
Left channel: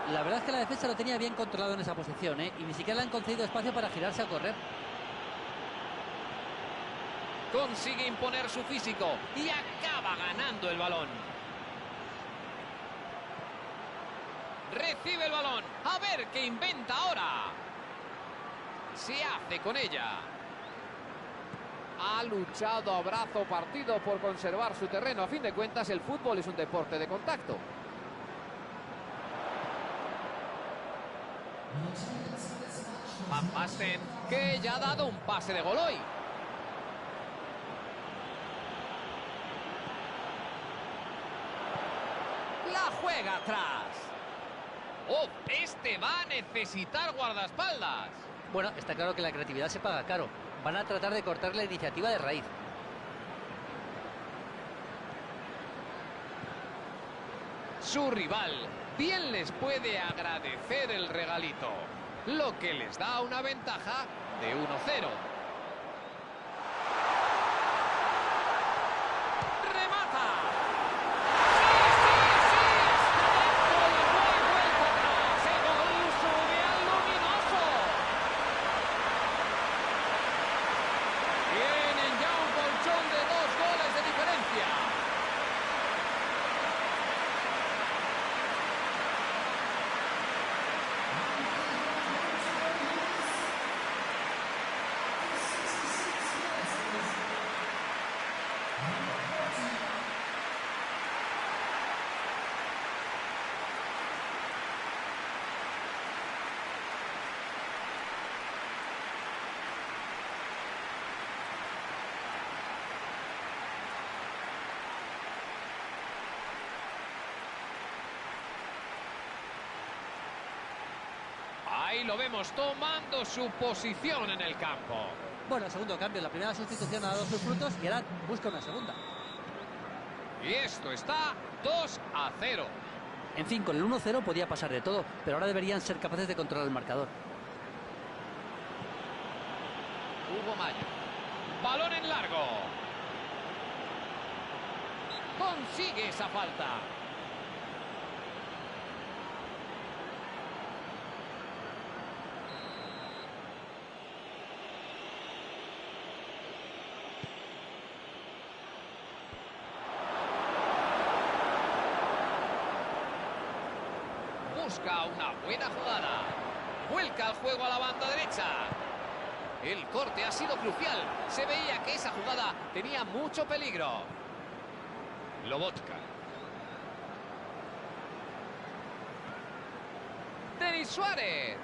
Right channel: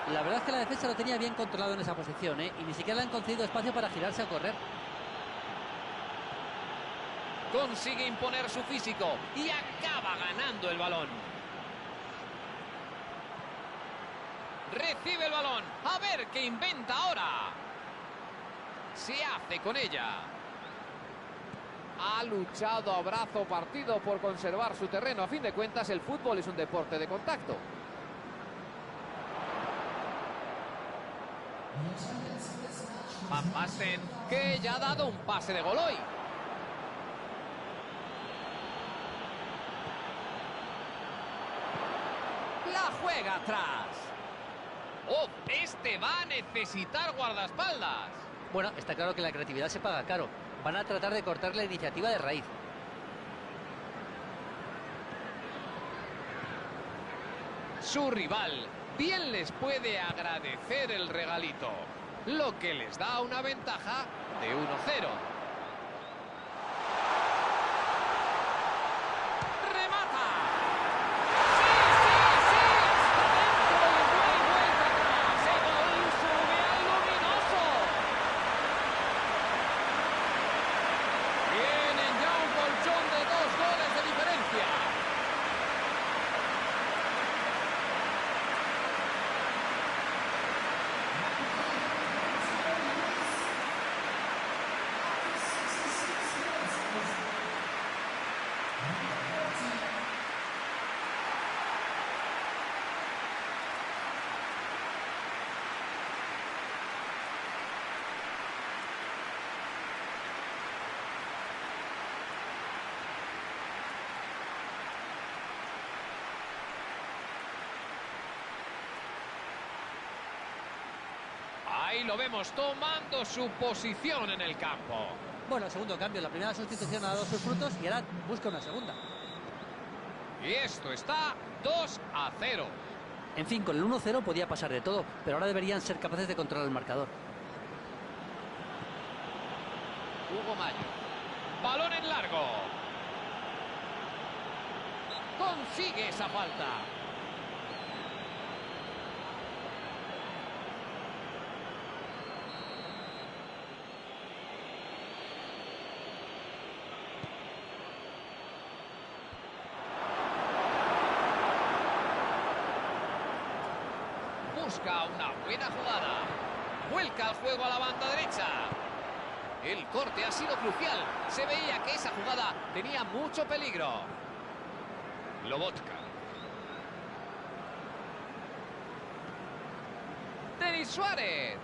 La verdad es que la defensa lo tenía bien controlado en esa posición, ¿eh? Y ni siquiera le han concedido espacio para girarse a correr. Consigue imponer su físico y acaba ganando el balón. Recibe el balón. A ver qué inventa ahora. Se hace con ella. Ha luchado a brazo partido por conservar su terreno. A fin de cuentas, el fútbol es un deporte de contacto. Van Basten, que ya ha dado un pase de gol hoy. La juega atrás. ¡Oh! Este va a necesitar guardaespaldas. Bueno, está claro que la creatividad se paga caro. Van a tratar de cortar la iniciativa de raíz. Su rival bien les puede agradecer el regalito, lo que les da una ventaja de 1-0. ¡Remata! ¡Sí, sí, sí! ¡Está dentro y no hay vuelta atrás! ¡El gol sube al luminoso! Tienen ya un colchón de 2 goles de diferencia. Ahí lo vemos tomando su posición en el campo. Bueno, segundo cambio. La primera sustitución ha dado sus frutos y ahora busca una segunda. Y esto está 2-0. En fin, con el 1-0 podía pasar de todo, pero ahora deberían ser capaces de controlar el marcador. Hugo Mayo. Balón en largo. Consigue esa falta. Busca una buena jugada. Vuelca el juego a la banda derecha. El corte ha sido crucial. Se veía que esa jugada tenía mucho peligro. Lobotka. Denis Suárez.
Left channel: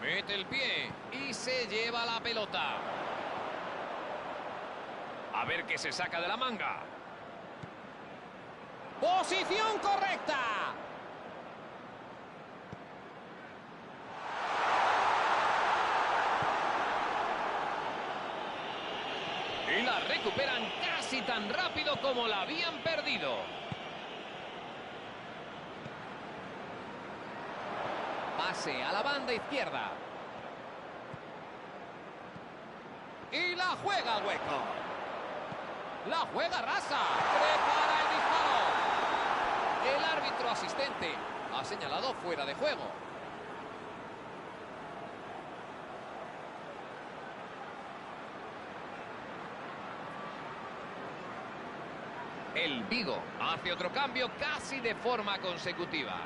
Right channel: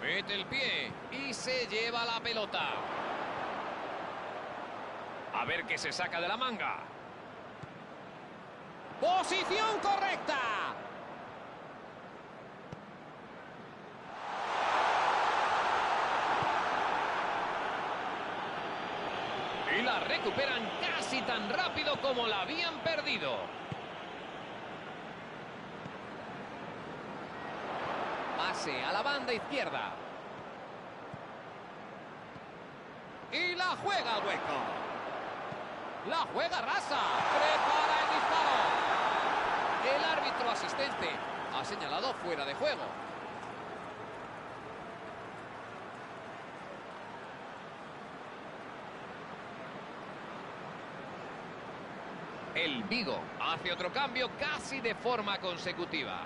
Mete el pie y se lleva la pelota. A ver qué se saca de la manga. ¡Posición correcta! Y la recuperan casi tan rápido como la habían perdido. Pase a la banda izquierda. Y la juega al hueco. La juega rasa. Prepara el disparo. El árbitro asistente ha señalado fuera de juego. El Vigo hace otro cambio casi de forma consecutiva.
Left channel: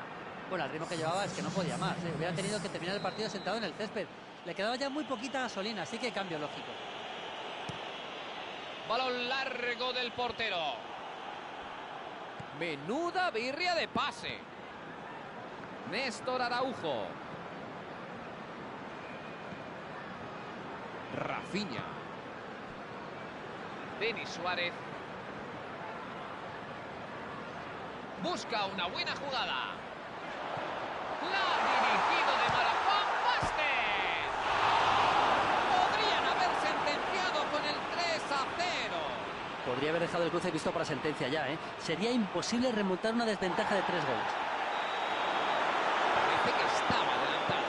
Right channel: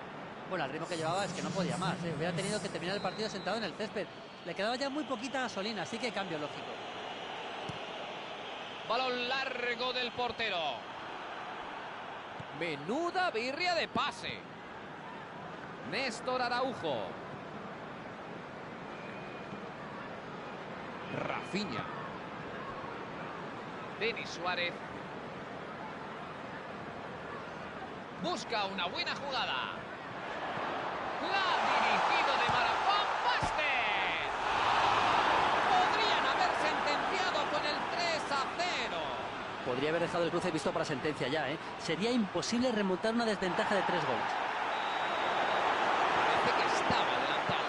Bueno, al ritmo que llevaba es que no podía más, ¿eh? Hubiera tenido que terminar el partido sentado en el césped. Le quedaba ya muy poquita gasolina, así que cambio lógico. Balón largo del portero. Menuda birria de pase. Néstor Araujo. Rafinha. Denis Suárez. Busca una buena jugada. La ha dirigido de Marafán Basket. Podrían haber sentenciado con el 3-0. Podría haber dejado el cruce visto para sentencia ya, ¿eh? Sería imposible remontar una desventaja de 3 goles. Parece que estaba adelantado.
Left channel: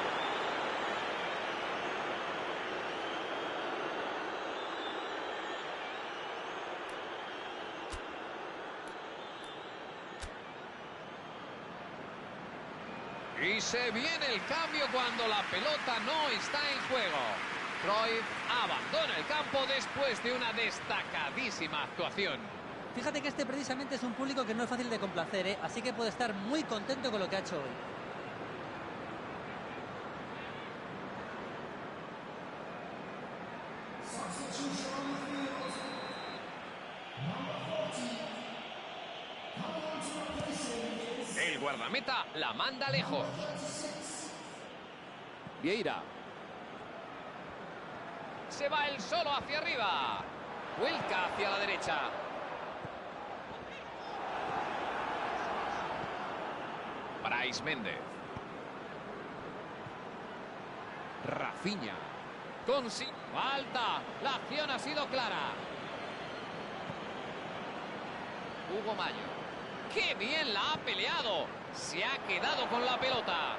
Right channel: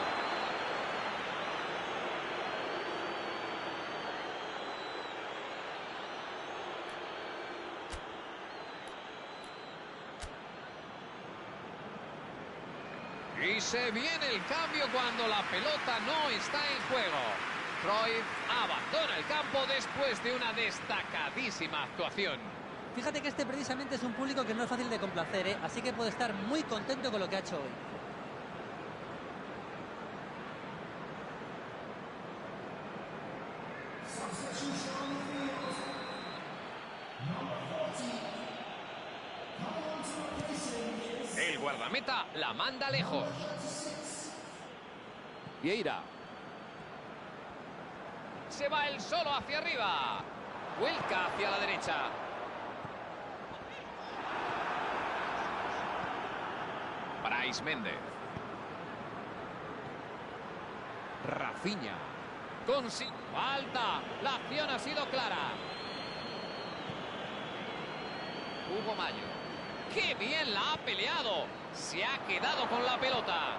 Y se viene el cambio cuando la pelota no está en juego. Cruyff abandona el campo después de una destacadísima actuación. Fíjate que este precisamente es un público que no es fácil de complacer, ¿eh? Así que puede estar muy contento con lo que ha hecho hoy. El guardameta la manda lejos. Vieira. Se va él solo hacia arriba. Vuelca hacia la derecha. Brais Méndez. Rafinha. Falta. La acción ha sido clara. Hugo Mayo. ¡Qué bien la ha peleado! Se ha quedado con la pelota.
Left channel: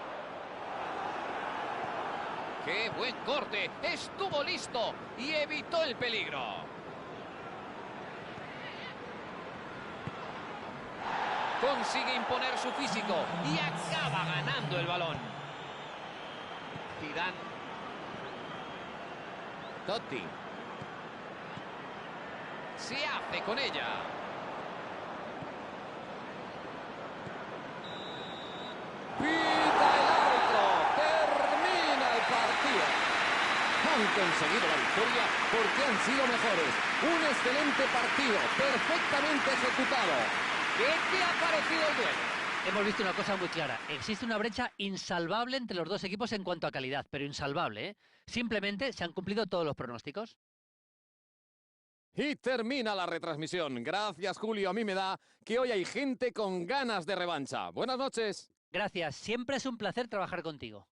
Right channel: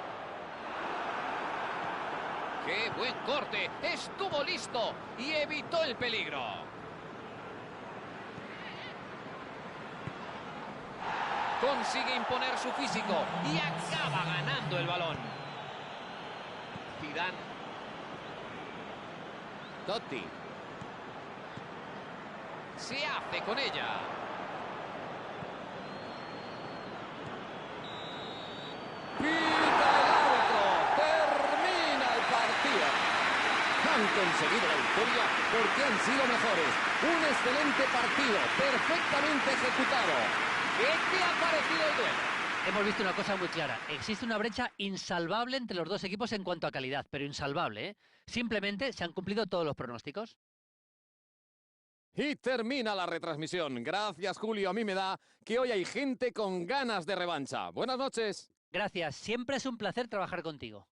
¡Qué buen corte! Estuvo listo y evitó el peligro. Consigue imponer su físico y acaba ganando el balón. Zidane. Totti. Se hace con ella. Pita el árbitro. Termina el partido. Han conseguido la victoria porque han sido mejores. Un excelente partido, perfectamente ejecutado. ¿Qué te ha parecido el duelo? Hemos visto una cosa muy clara. Existe una brecha insalvable entre los dos equipos en cuanto a calidad, pero insalvable, ¿eh? Simplemente se han cumplido todos los pronósticos. Y termina la retransmisión. Gracias, Julio. A mí me da que hoy hay gente con ganas de revancha. Buenas noches. Gracias, siempre es un placer trabajar contigo.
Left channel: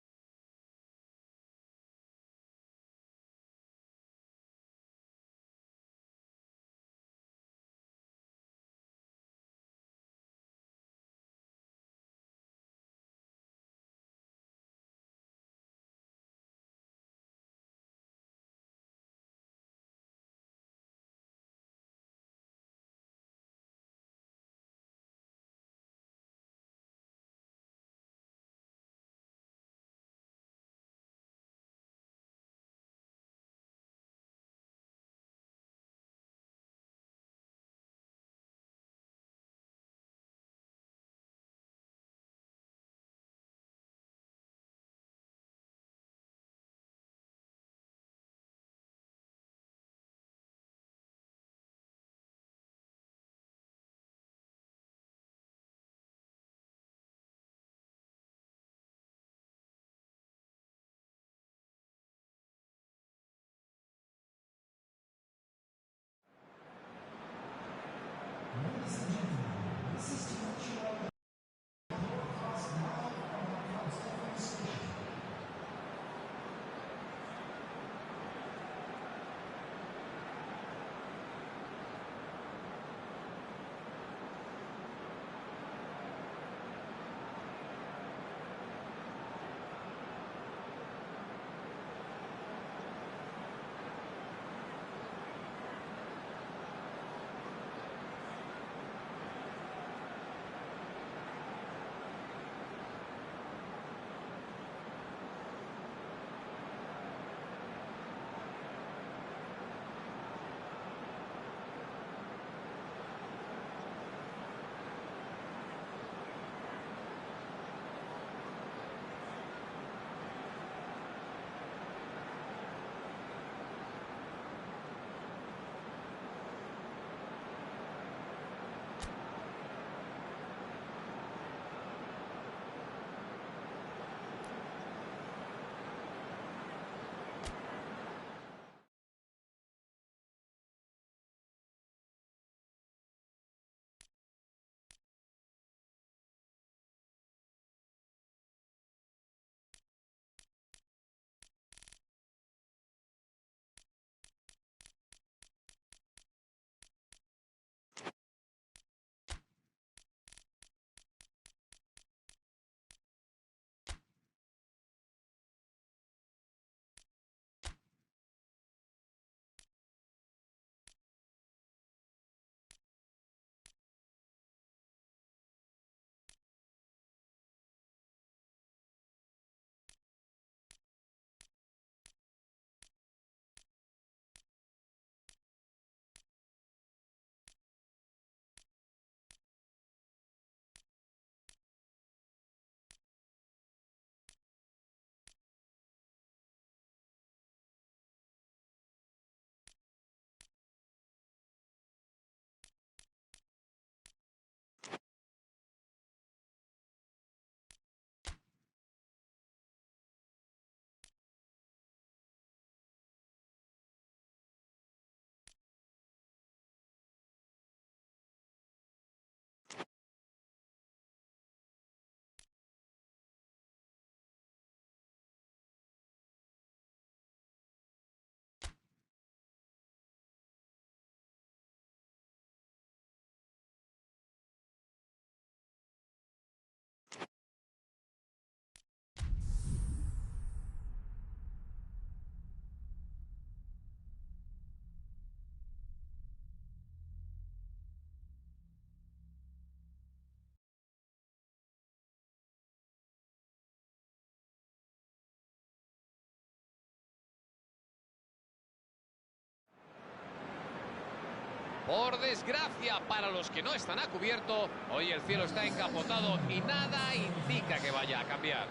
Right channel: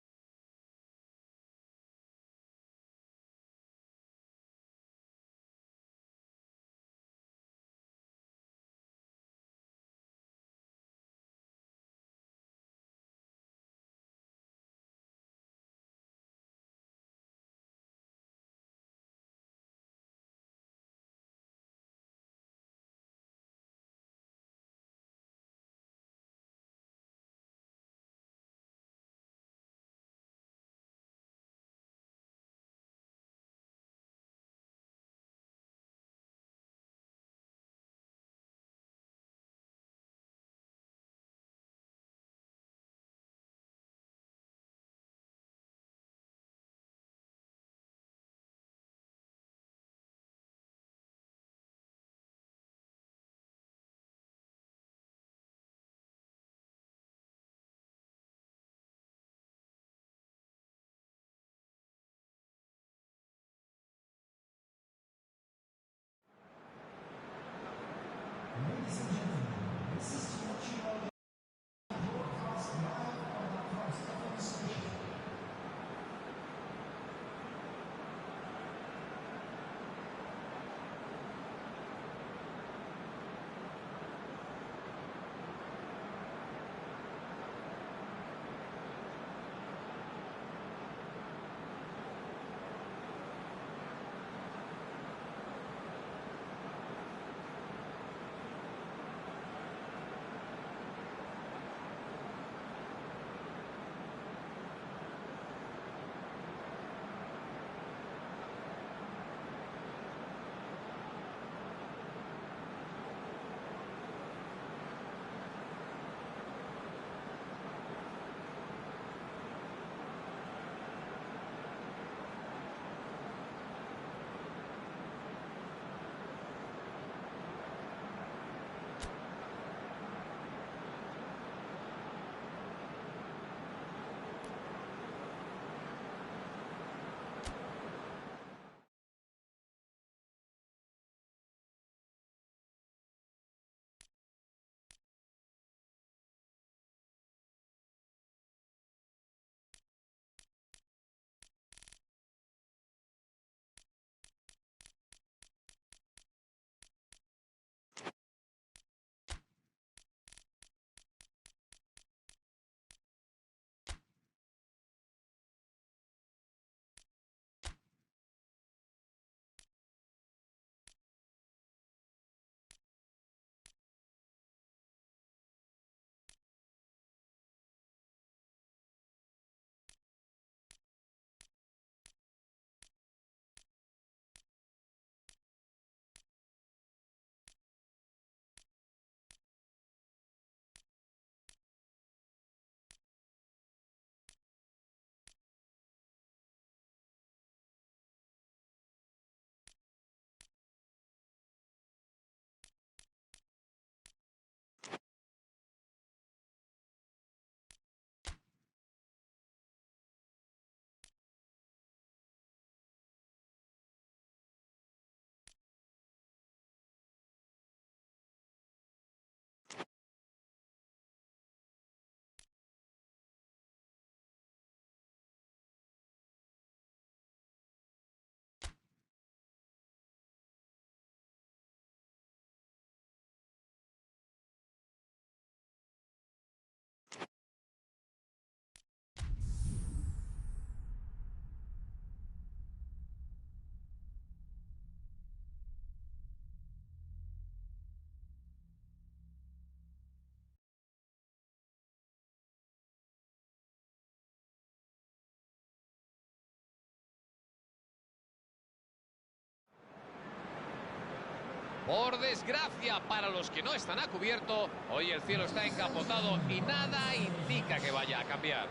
Por desgracia, para los que no están a cubierto, hoy el cielo está encapotado y nada indica que vaya a cambiar.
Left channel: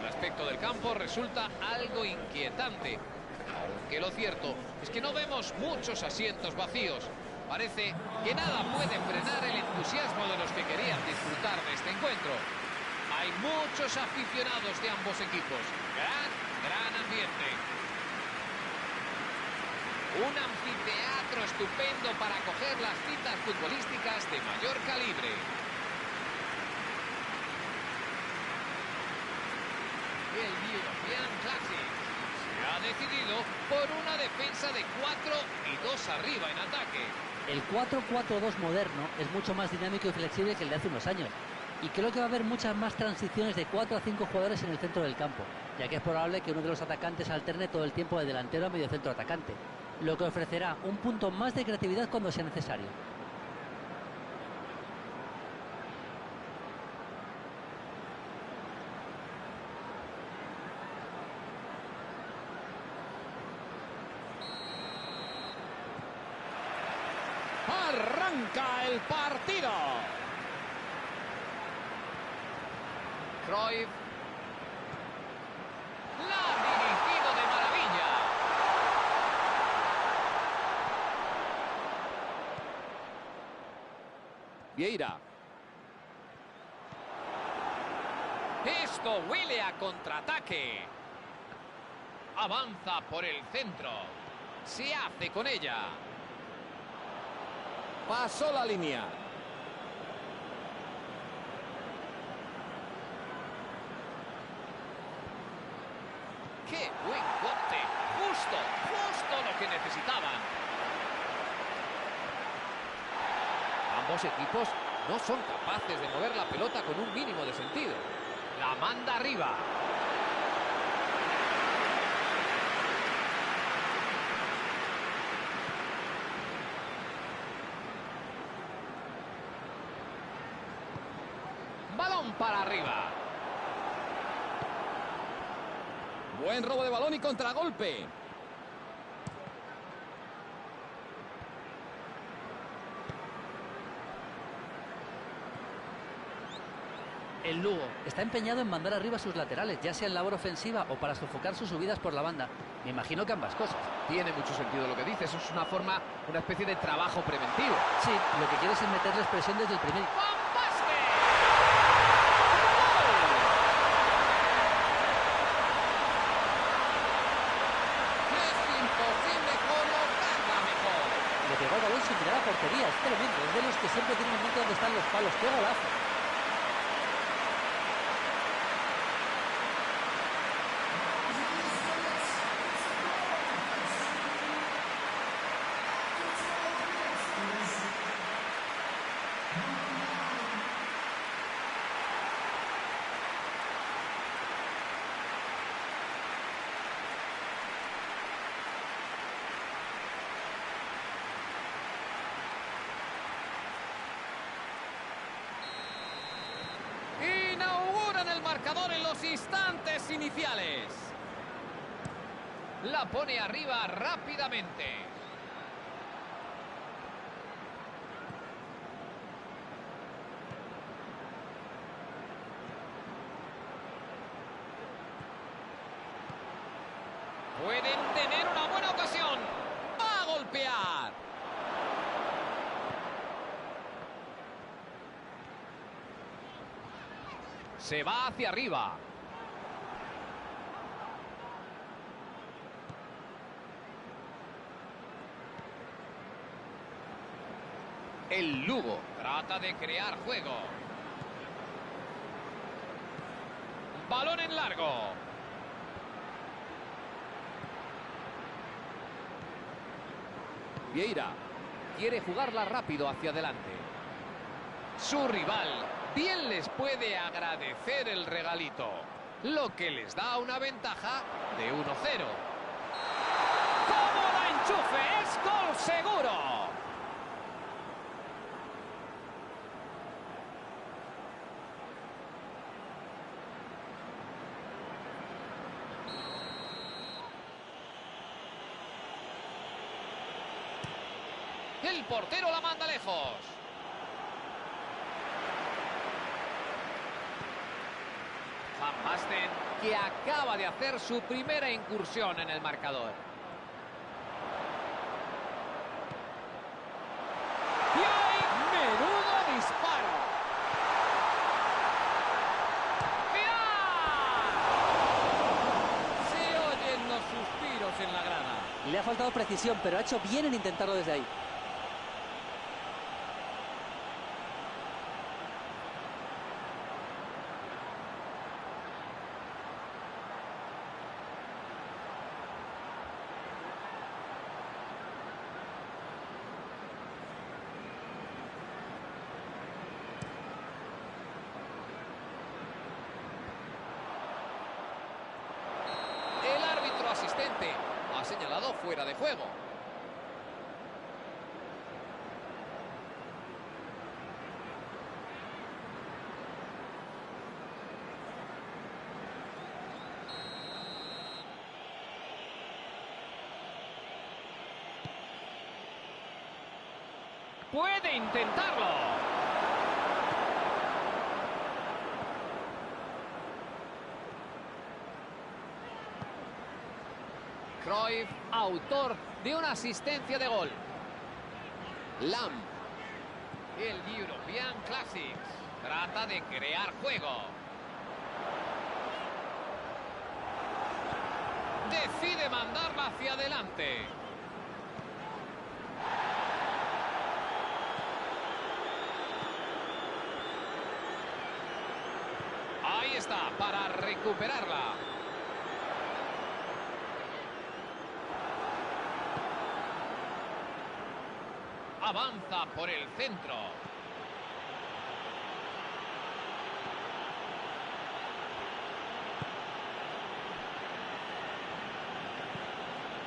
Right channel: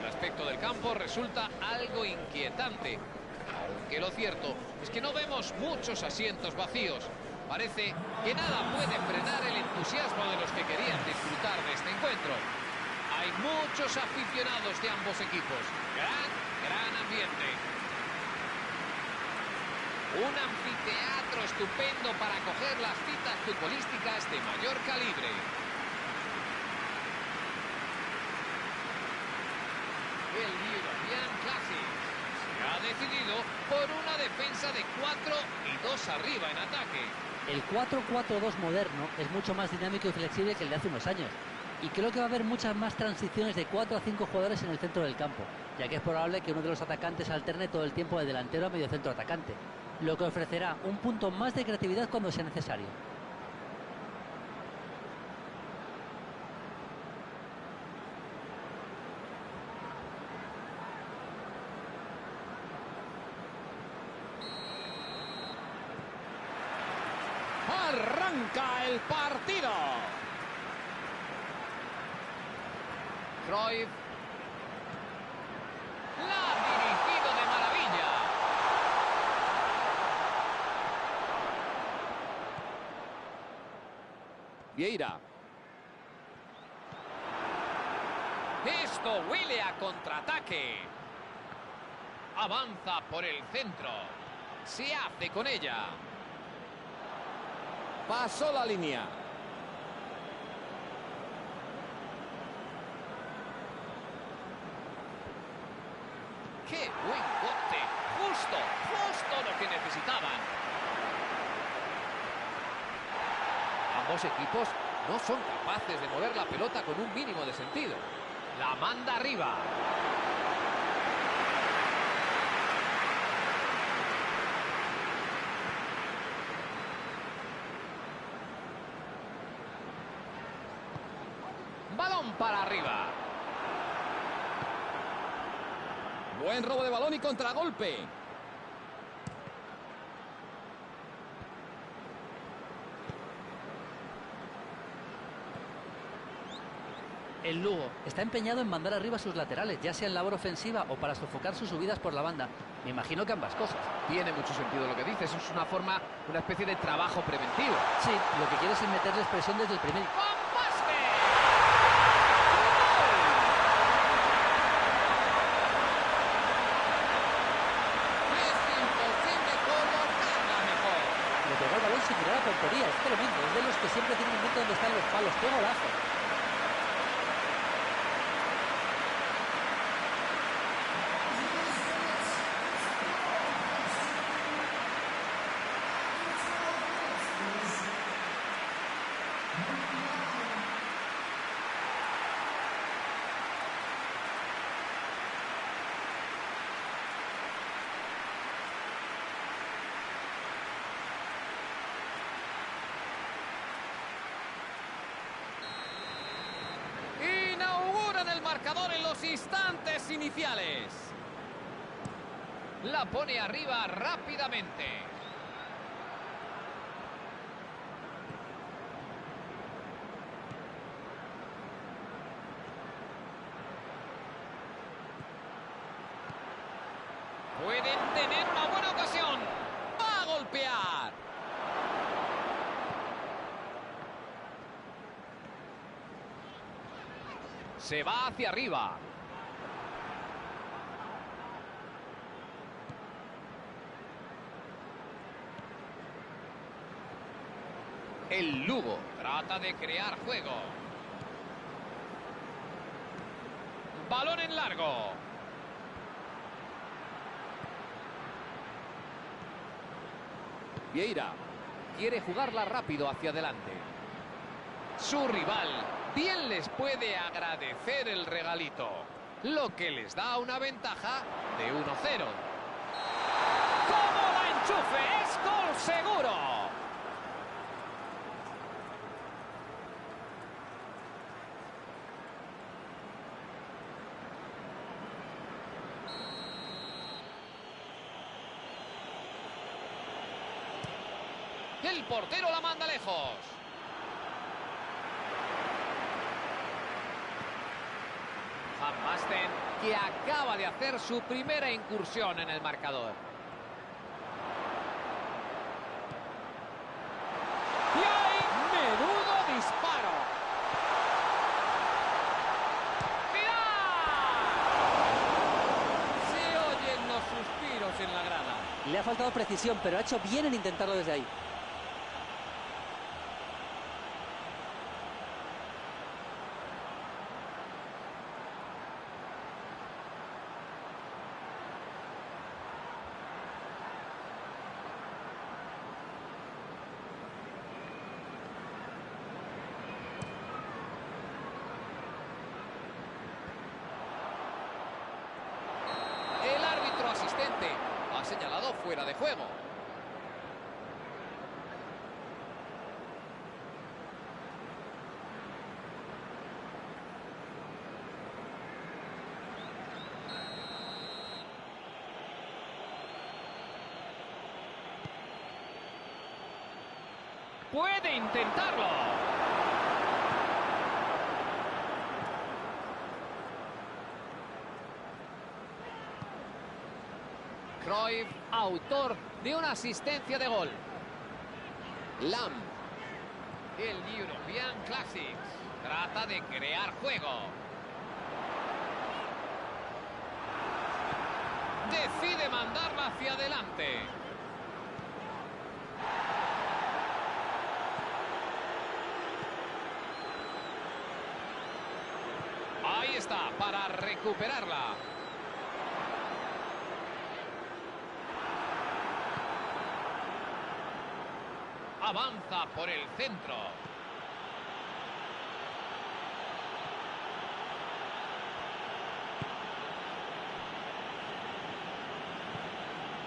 El aspecto del campo resulta algo inquietante, aunque lo cierto es que no vemos muchos asientos vacíos. Parece que nada puede frenar el entusiasmo de los que querían disfrutar de este encuentro. Hay muchos aficionados de ambos equipos. Gran ambiente. Un anfiteatro estupendo para acoger las citas futbolísticas de mayor calibre. El European Classic se ha decidido por una defensa de 4 y 2 arriba en ataque. El 4-4-2 moderno es mucho más dinámico y flexible que el de hace unos años. Y creo que va a haber muchas más transiciones de 4 a 5 jugadores en el centro del campo, ya que es probable que uno de los atacantes alterne todo el tiempo de delantero a medio centro atacante, lo que ofrecerá un punto más de creatividad cuando sea necesario. Arranca el partido. Cruyff. La ha dirigido de maravilla. Vieira. Esto huele a contraataque. Avanza por el centro. Se hace con ella. Pasó la línea. ¡Qué buen corte! Justo lo que necesitaban. Ambos equipos no son capaces de mover la pelota con un mínimo de sentido. La manda arriba. Balón para arriba. Buen robo de balón y contragolpe. El Lugo está empeñado en mandar arriba a sus laterales, ya sea en labor ofensiva o para sofocar sus subidas por la banda. Me imagino que ambas cosas. Tiene mucho sentido lo que dices. Es una forma, una especie de trabajo preventivo. Sí, lo que quieres es meterles presión desde el primer... ¡Van Basten! Es imposible colocarla mejor. Le pegó al balón sin mirar a portería, es tremendo. Es de los que siempre tienen en mente dónde están los palos. ¡Qué golazo! Inauguran el marcador en los instantes iniciales. La pone arriba rápidamente. Pueden tener una buena ocasión. Va a golpear. Se va hacia arriba. El Lugo trata de crear juego. Balón en largo. Vieira. Quiere jugarla rápido hacia adelante. Su rival bien les puede agradecer el regalito, lo que les da una ventaja de 1-0. ¡Cómo la enchufe! ¡Es gol seguro! El portero la manda lejos. Van Basten, que acaba de hacer su primera incursión en el marcador. ¡Y hay menudo disparo! Se oyen los suspiros en la grada. Le ha faltado precisión, pero ha hecho bien en intentarlo desde ahí. El árbitro asistente ha señalado fuera de juego. Puede intentarlo. Cruyff, autor de una asistencia de gol. Lam. El European Classics. Trata de crear juego. Decide mandarla hacia adelante. Ahí está, para recuperarla. Avanza por el centro.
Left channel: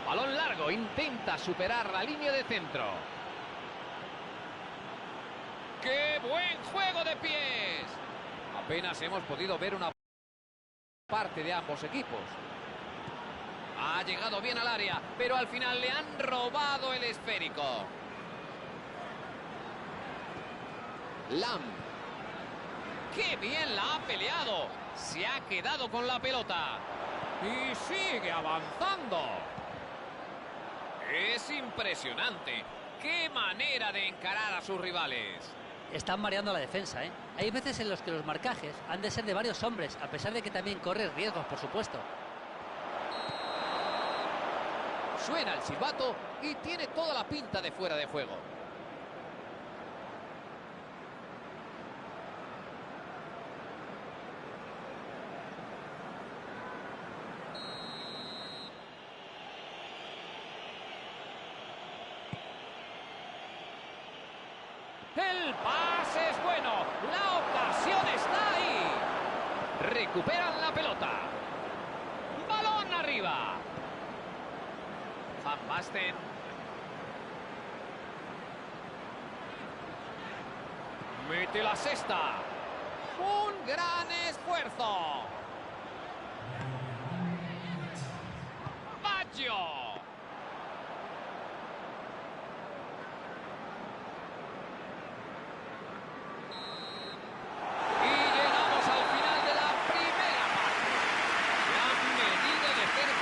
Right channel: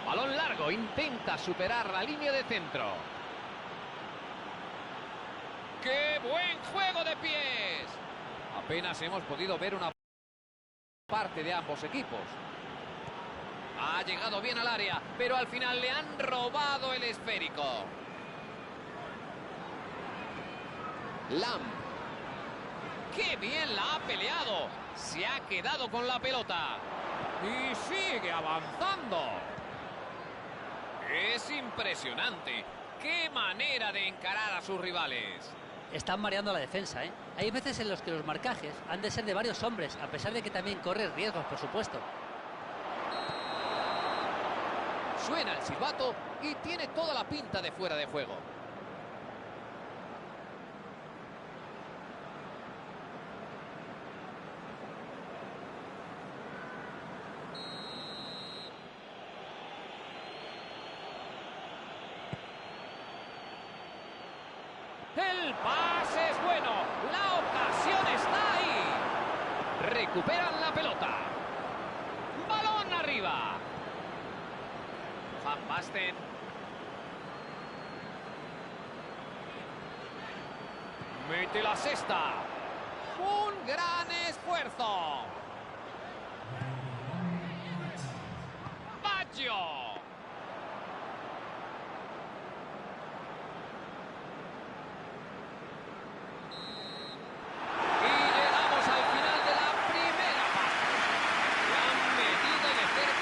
Balón largo, intenta superar la línea de centro. ¡Qué buen juego de pies! Apenas hemos podido ver una parte de ambos equipos. Ha llegado bien al área, pero al final le han robado el esférico. Lam. ¡Qué bien la ha peleado! Se ha quedado con la pelota. Y sigue avanzando. Es impresionante. ¡Qué manera de encarar a sus rivales! Están mareando la defensa, ¿eh? Hay veces en los que los marcajes han de ser de varios hombres, a pesar de que también corre riesgos, por supuesto. Suena el silbato y tiene toda la pinta de fuera de juego. El pase es bueno. La ocasión está ahí. Recuperan la pelota. Balón arriba. Van Basten. Mete la cesta. Un gran esfuerzo. Baggio.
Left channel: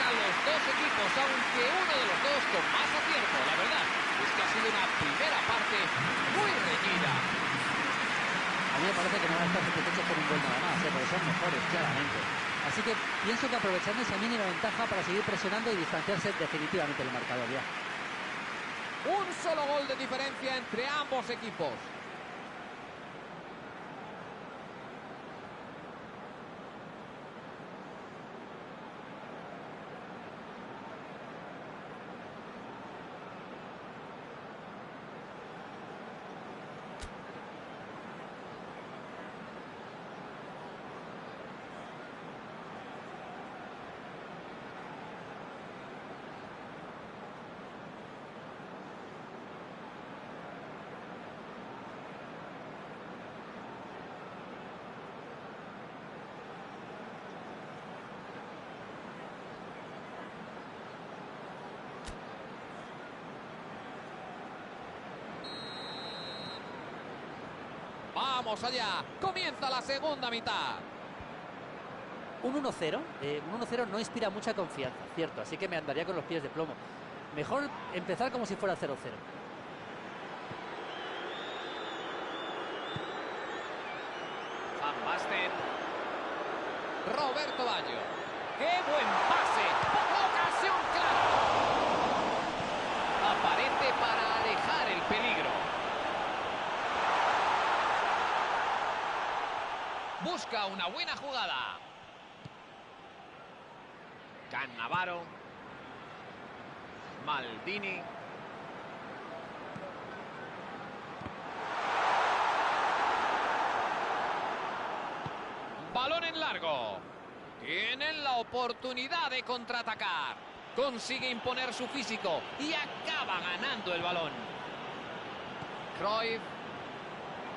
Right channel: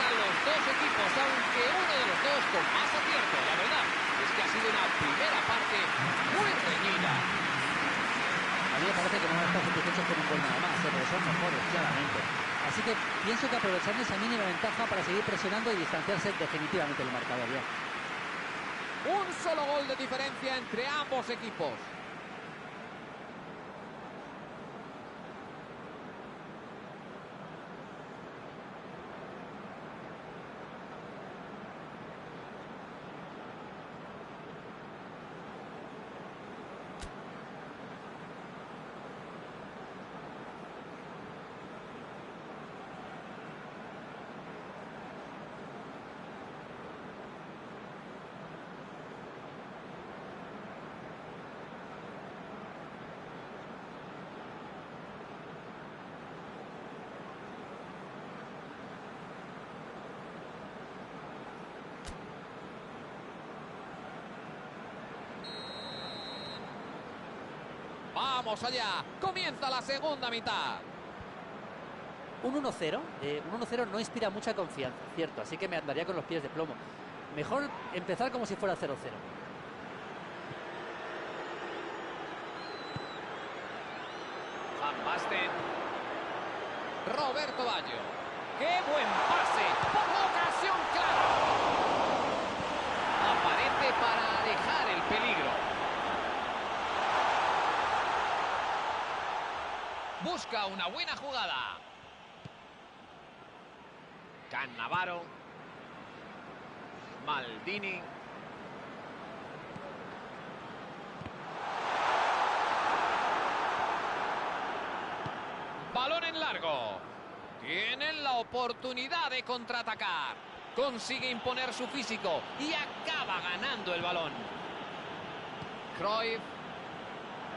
Los dos equipos, aunque uno de los dos con más acierto. La verdad es que ha sido una primera parte muy reñida. A mí me parece que no van a estar satisfechos con un gol nada más, porque son mejores, claramente. Así que pienso que aprovechando esa mínima ventaja para seguir presionando y distanciarse definitivamente del marcador ya. Un solo gol de diferencia entre ambos equipos. Vamos allá. Comienza la segunda mitad. Un 1-0 no inspira mucha confianza, cierto, así que me andaría con los pies de plomo. Mejor empezar como si fuera 0-0. Van Basten. Roberto Baggio. ¡Qué buen pase! ¡Ocasión clara! Aparece para alejar el peligro. Busca una buena jugada. Cannavaro. Maldini. Balón en largo. Tienen la oportunidad de contraatacar. Consigue imponer su físico y acaba ganando el balón. Cruyff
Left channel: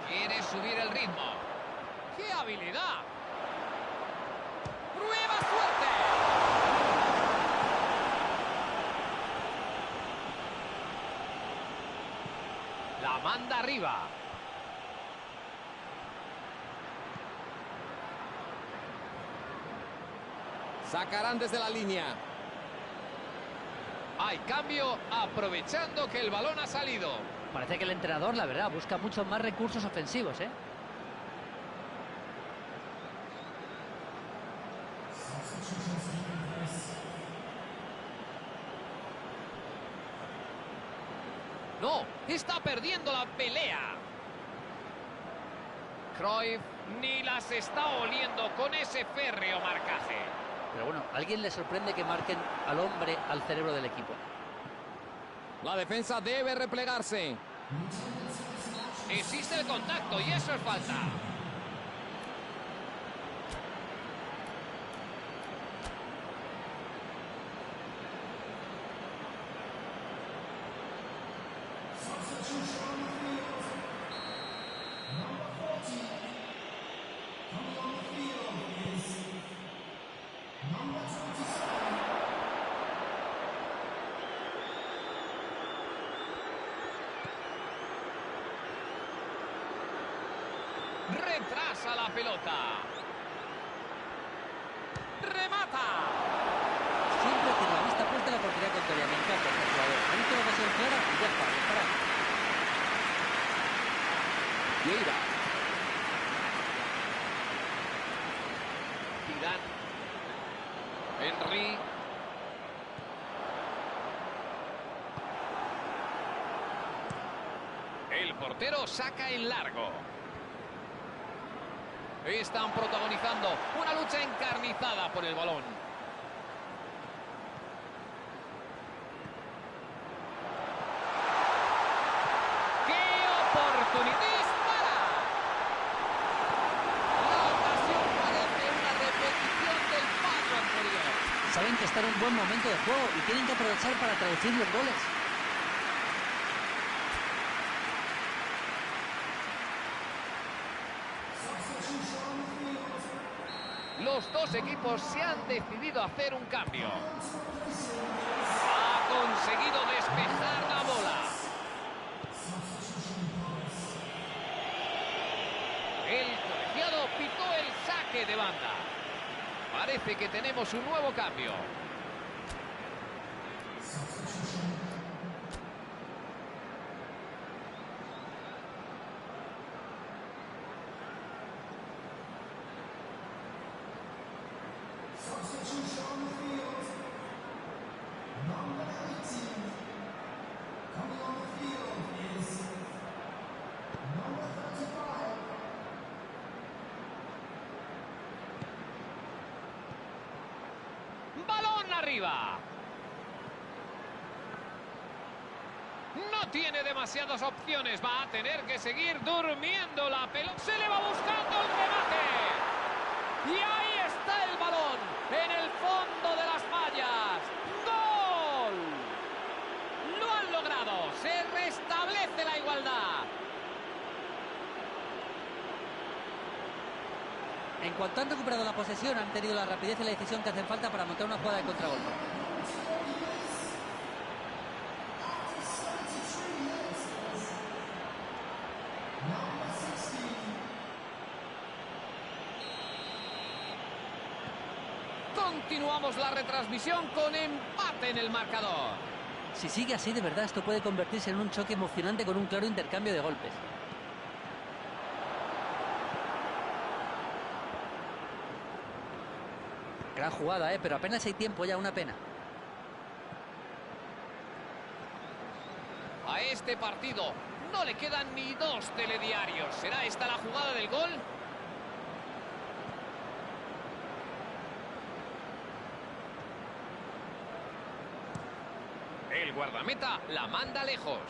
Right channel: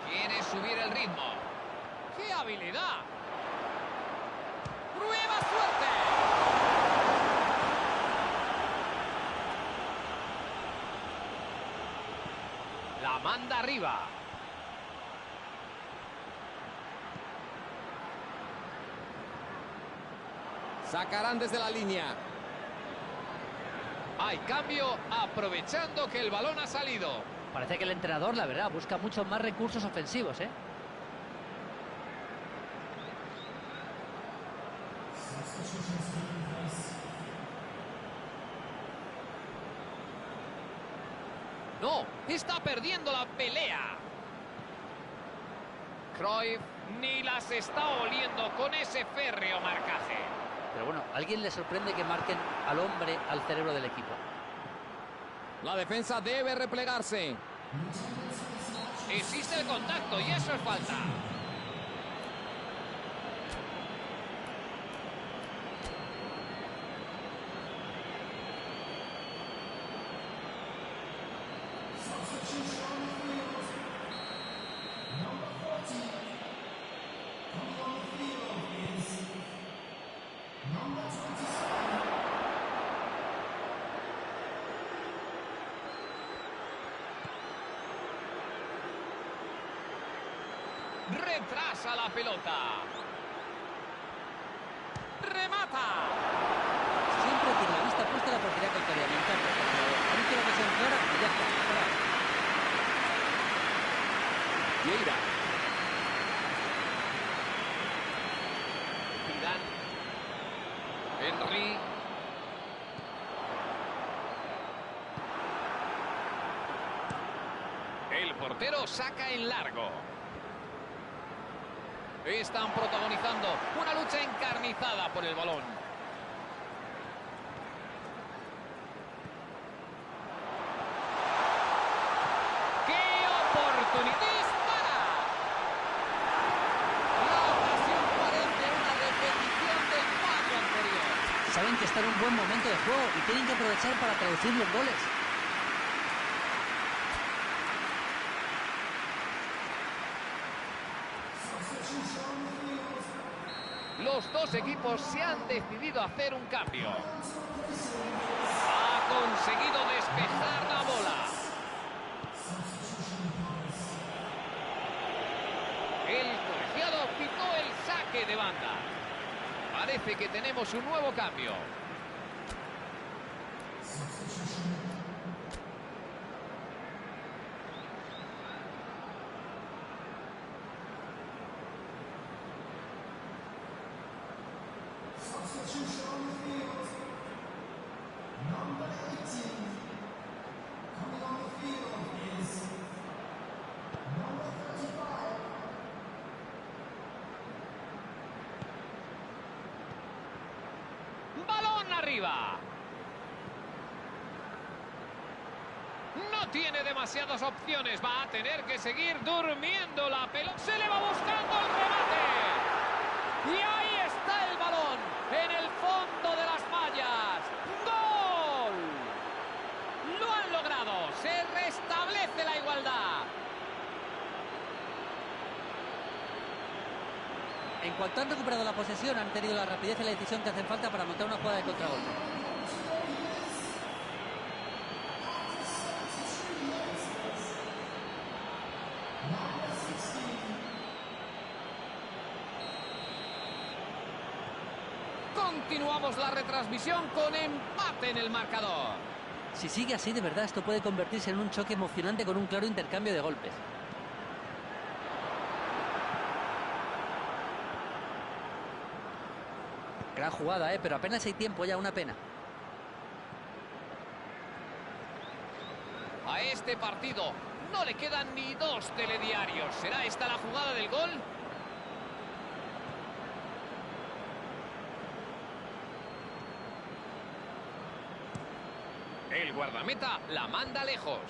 quiere subir el ritmo. ¡Qué habilidad! ¡Prueba suerte! La manda arriba. Sacarán desde la línea. Hay cambio aprovechando que el balón ha salido. Parece que el entrenador, la verdad, busca muchos más recursos ofensivos, ¿eh? No, está perdiendo la pelea. Cruyff ni las está oliendo con ese férreo marcaje. Pero bueno, ¿a alguien le sorprende que marquen al hombre al cerebro del equipo? La defensa debe replegarse. Existe el contacto y eso es falta. Retrasa la pelota. Remata. Siempre tiene la vista puesta en la portería contraria. Me encanta este jugador. Ha visto la ocasión clara y ya está. Disparar. Vieira. Zidane. Henry. El portero saca en largo. Están protagonizando una lucha encarnizada por el balón. ¡Qué oportunidad! ¡Dispara! La ocasión parece una repetición del fallo anterior. Saben que está en un buen momento de juego y tienen que aprovechar para traducir los goles. Los dos equipos se han decidido a hacer un cambio. Ha conseguido despejar la bola. El colegiado pitó el saque de banda. Parece que tenemos un nuevo cambio. ¡Balón arriba! No tiene demasiadas opciones. Va a tener que seguir durmiendo la pelota. Se le va buscando el remate. Y ahí está el balón. En el fondo de las mallas. ¡Gol! Lo han logrado. Se restablece la igualdad. En cuanto han recuperado la posesión, han tenido la rapidez y la decisión que hacen falta para montar una jugada de contragolpe. Continuamos la retransmisión con empate en el marcador. Si sigue así, de verdad, esto puede convertirse en un choque emocionante con un claro intercambio de golpes. Gran jugada, pero apenas hay tiempo ya, una pena. A este partido no le quedan ni 2 telediarios. ¿Será esta la jugada del gol? El guardameta la manda lejos.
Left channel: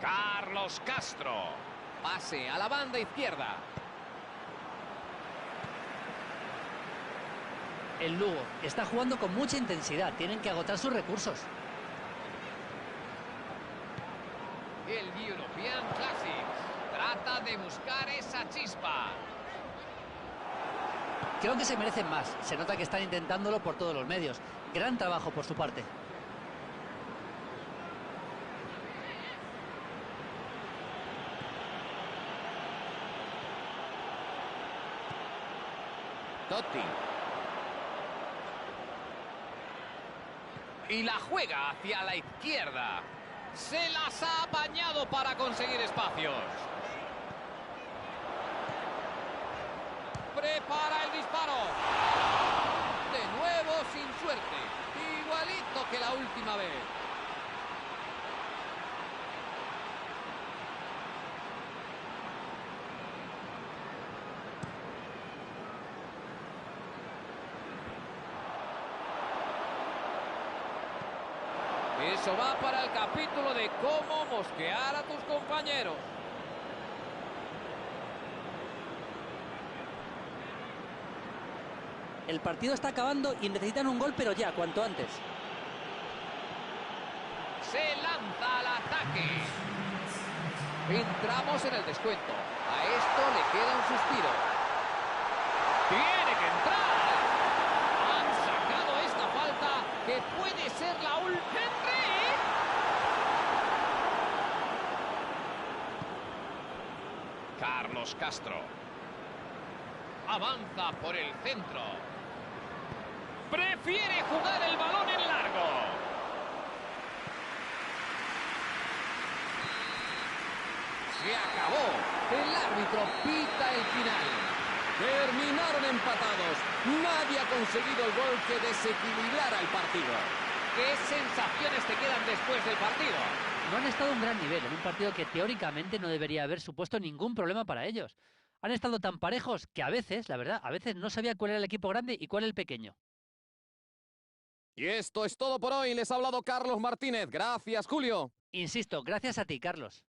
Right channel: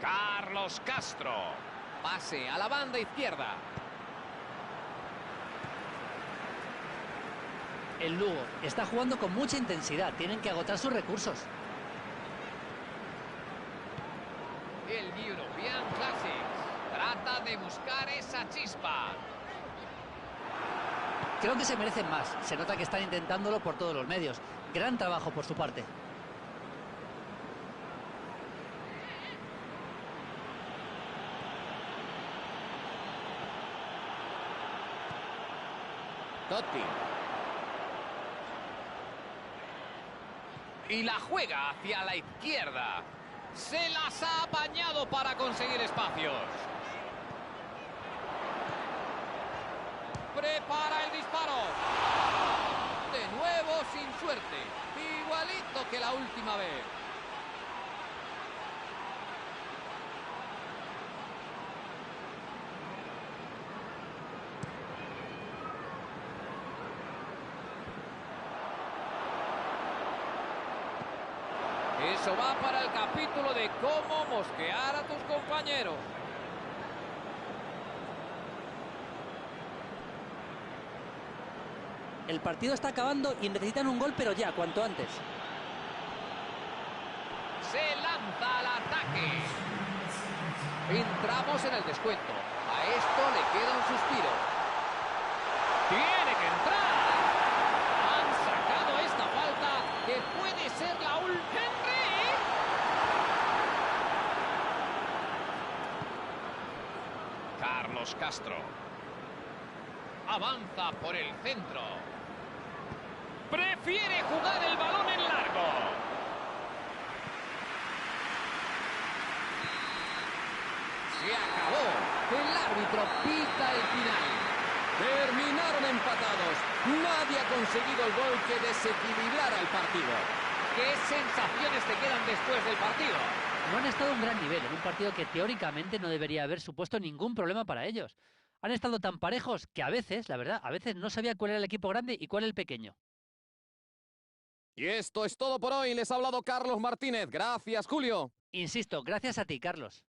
Carlos Castro. Pase a la banda izquierda. El Lugo está jugando con mucha intensidad. Tienen que agotar sus recursos. El European Classics trata de buscar esa chispa. Creo que se merecen más. Se nota que están intentándolo por todos los medios. Gran trabajo por su parte. Totti. Y la juega hacia la izquierda. Se las ha apañado para conseguir espacios. Prepara el disparo. De nuevo sin suerte. Igualito que la última vez. Eso va para el capítulo de cómo mosquear a tus compañeros. El partido está acabando y necesitan un gol, pero ya, cuanto antes. Se lanza al ataque. Entramos en el descuento. A esto le queda un suspiro. Tiene que entrar. Han sacado esta falta que puede ser la última. ¡Henry! Carlos Castro. Avanza por el centro. Prefiere jugar el balón en largo. Se acabó. El árbitro pita el final. Terminaron empatados. Nadie ha conseguido el gol que desequilibrara el partido. ¿Qué sensaciones te quedan después del partido? No han estado a un gran nivel en un partido que teóricamente no debería haber supuesto ningún problema para ellos. Han estado tan parejos que a veces, la verdad, a veces no sabía cuál era el equipo grande y cuál el pequeño. Y esto es todo por hoy. Les ha hablado Carlos Martínez. Gracias, Julio. Insisto, gracias a ti, Carlos.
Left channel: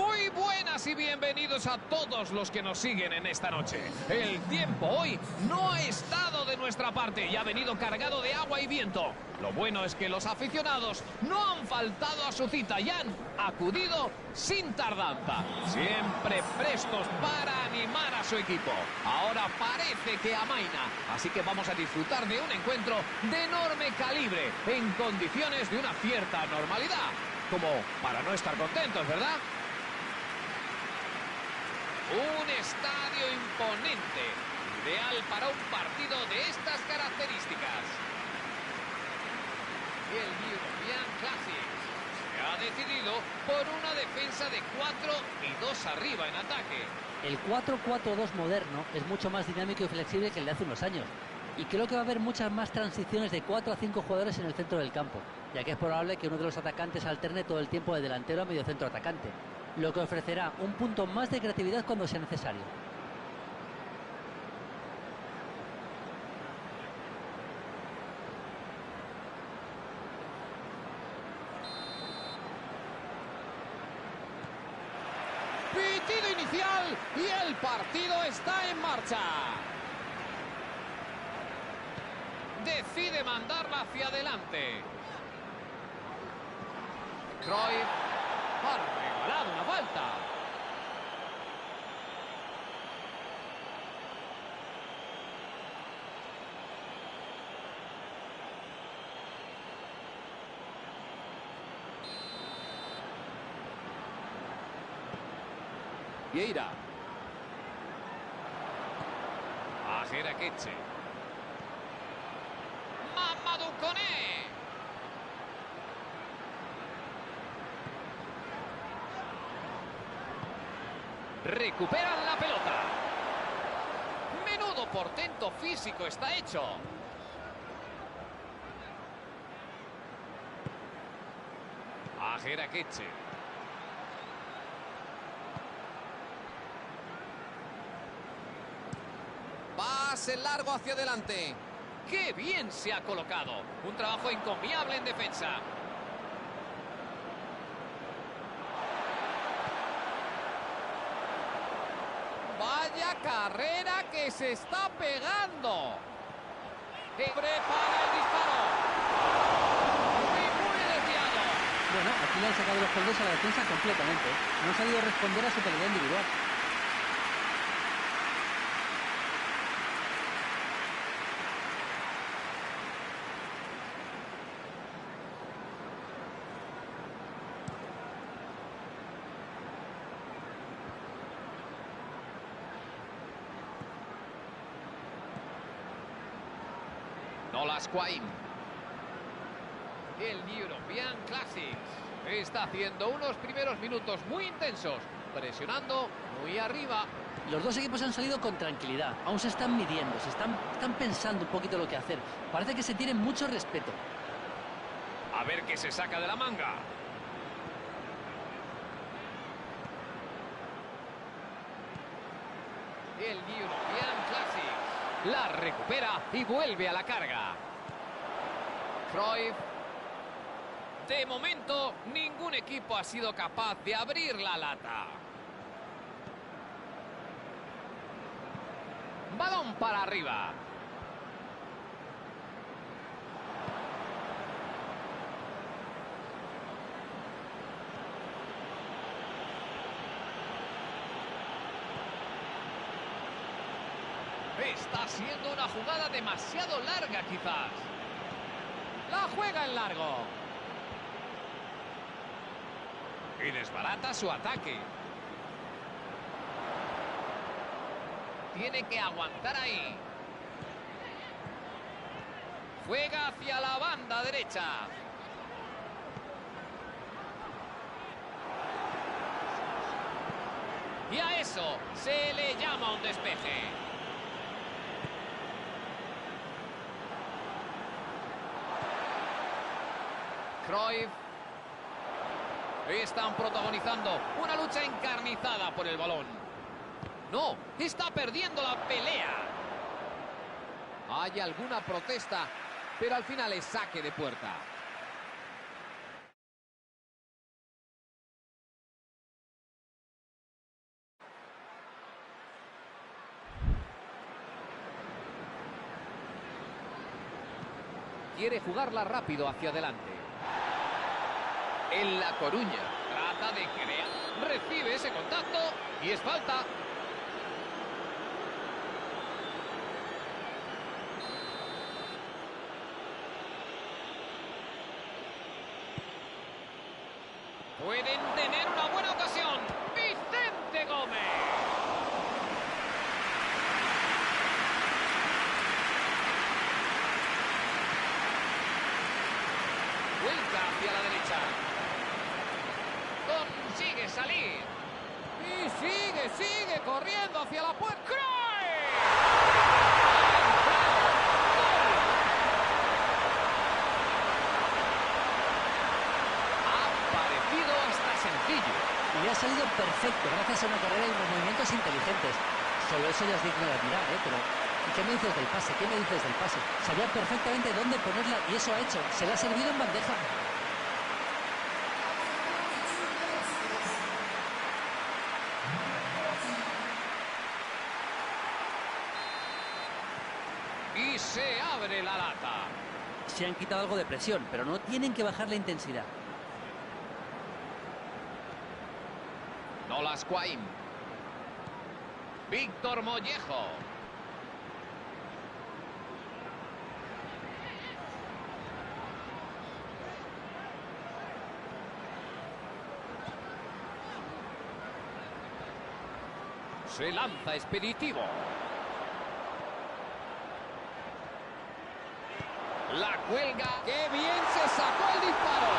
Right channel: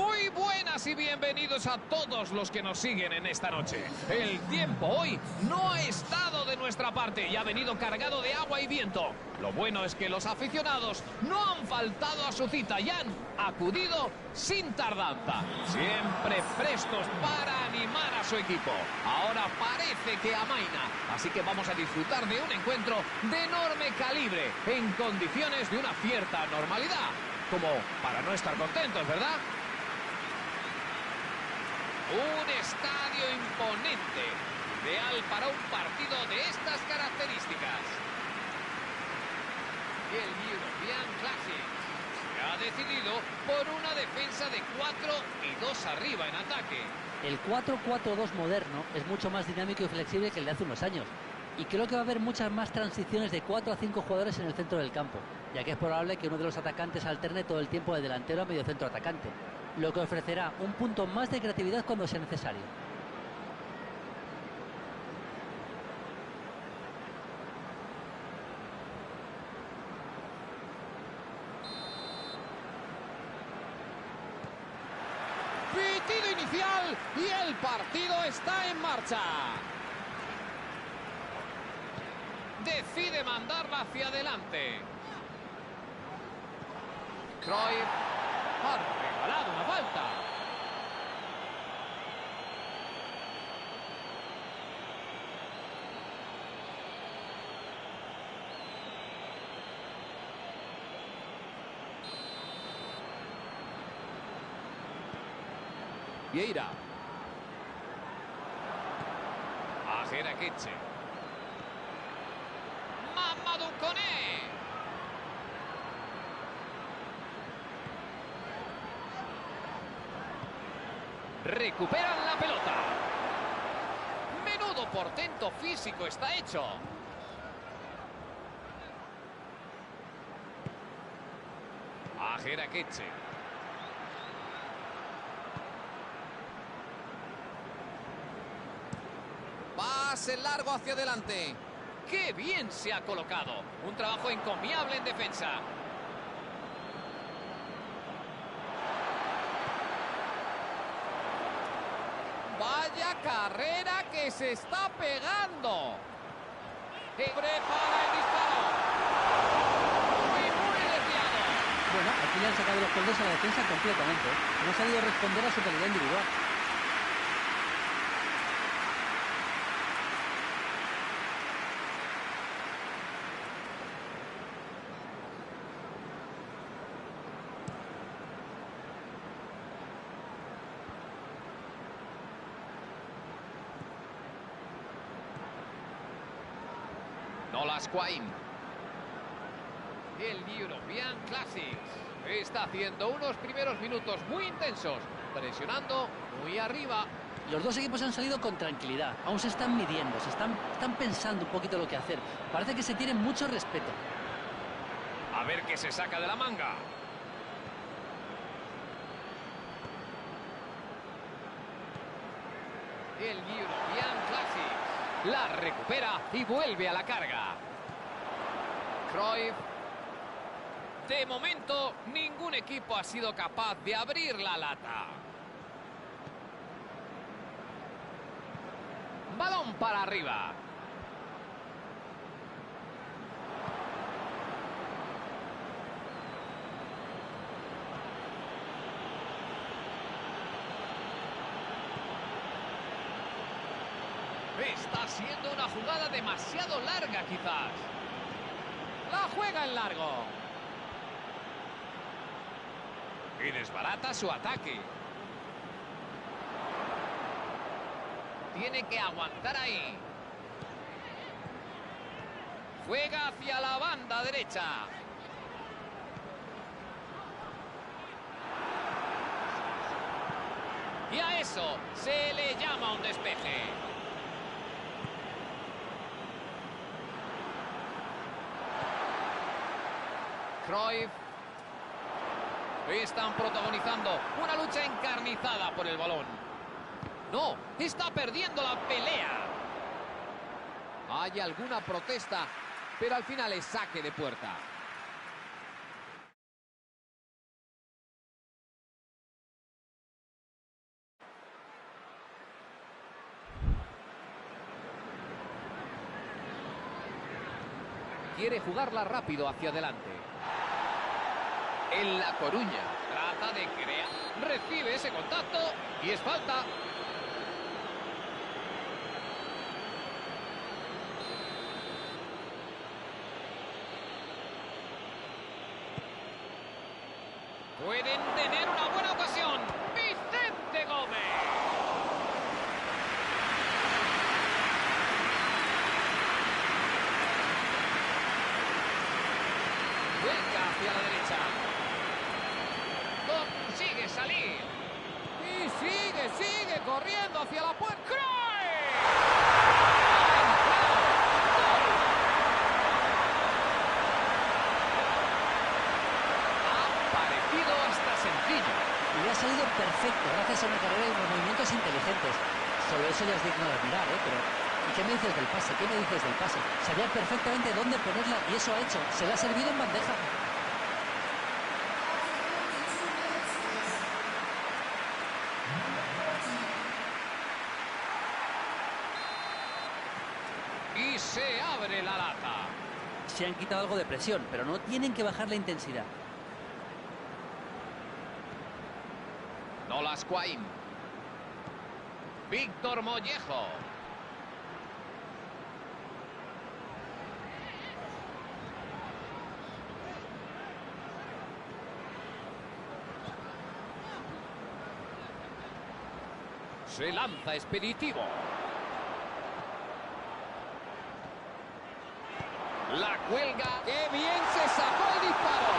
Muy buenas y bienvenidos a todos los que nos siguen en esta noche. El tiempo hoy no ha estado de nuestra parte y ha venido cargado de agua y viento. Lo bueno es que los aficionados no han faltado a su cita y han acudido sin tardanza, siempre prestos para animar a su equipo. Ahora parece que amaina, así que vamos a disfrutar de un encuentro de enorme calibre, en condiciones de una cierta normalidad, como para no estar contentos, ¿verdad? Un estadio imponente, ideal para un partido de estas características. Y el European Classics se ha decidido por una defensa de 4 y 2 arriba en ataque. El 4-4-2 moderno es mucho más dinámico y flexible que el de hace unos años. Y creo que va a haber muchas más transiciones de 4 a 5 jugadores en el centro del campo, ya que es probable que uno de los atacantes alterne todo el tiempo de delantero a mediocentro atacante, lo que ofrecerá un punto más de creatividad cuando sea necesario. Pitido inicial y el partido está en marcha. Decide mandarla hacia adelante. Cruyff ha regalado una falta. Vieira. A Jeraqueche. Mamadou Koné. Recuperan la pelota. Menudo portento físico está hecho. A Jeraqueche. Pase largo hacia adelante. ¡Qué bien se ha colocado! Un trabajo encomiable en defensa. Vaya carrera que se está pegando. Prepara el disparo. Muy desviado. Bueno, aquí le han sacado los coldos a la defensa completamente. No ha sabido responder a su calidad individual. Nolas Quain. El European Classics está haciendo unos primeros minutos muy intensos, presionando muy arriba. Los dos equipos han salido con tranquilidad. Aún se están midiendo, están pensando un poquito lo que hacer. Parece que se tienen mucho respeto. A ver qué se saca de la manga. El European Classics la recupera y vuelve a la carga. Cruyff. De momento, ningún equipo ha sido capaz de abrir la lata. Balón para arriba. Está siendo una jugada demasiado larga, quizás. La juega en largo. Y desbarata su ataque. Tiene que aguantar ahí. Juega hacia la banda derecha. Y a eso se le llama un despeje. Cruyff. Están protagonizando una lucha encarnizada por el balón. No, está perdiendo la pelea. Hay alguna protesta, pero al final es saque de puerta. quiere jugarla rápido hacia adelante. En La Coruña. Trata de crear. Recibe ese contacto y es falta. Pueden tener una buena ocasión. Vicente Gómez. Vuelca hacia la derecha. Consigue salir. Y sigue corriendo hacia la puerta. ¡Cruyff! ¡Ha entrado! ¡Gol! Ha parecido hasta sencillo. Y le ha salido perfecto gracias a una carrera y unos movimientos inteligentes. Solo eso ya es digno de admirar, ¿eh? Pero, ¿y qué me dices del pase? ¿Qué me dices del pase? Sabía perfectamente dónde ponerla y eso ha hecho. Se la ha servido en bandeja. Y se abre la lata. Se han quitado algo de presión, pero no tienen que bajar la intensidad. Nolas Quain. Víctor Mollejo. Se lanza expeditivo. La cuelga. ¡Qué bien se sacó el disparo!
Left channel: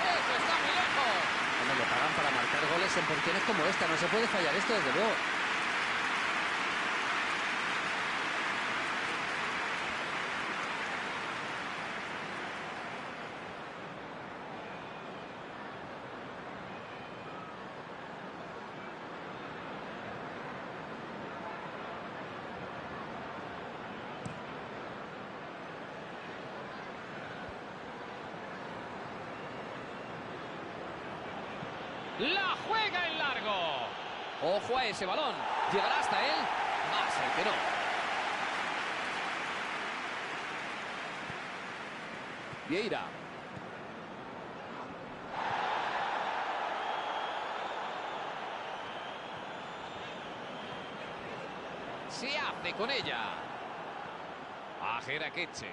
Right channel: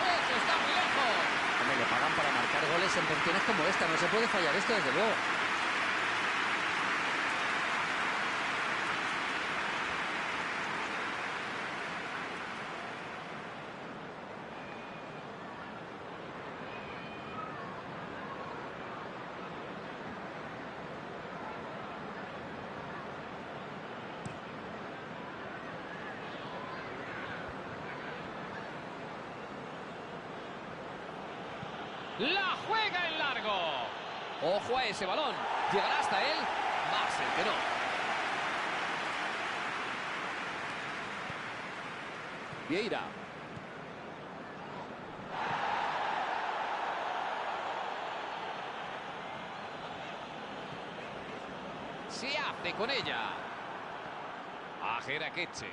Eso está muy lejos. Hombre, le pagan para marcar goles en posiciones como esta. No se puede fallar esto, desde luego. La juega en largo. Ojo a ese balón. ¿Llegará hasta él? Va a ser que no. Vieira. Se hace con ella. A Jeraqueche.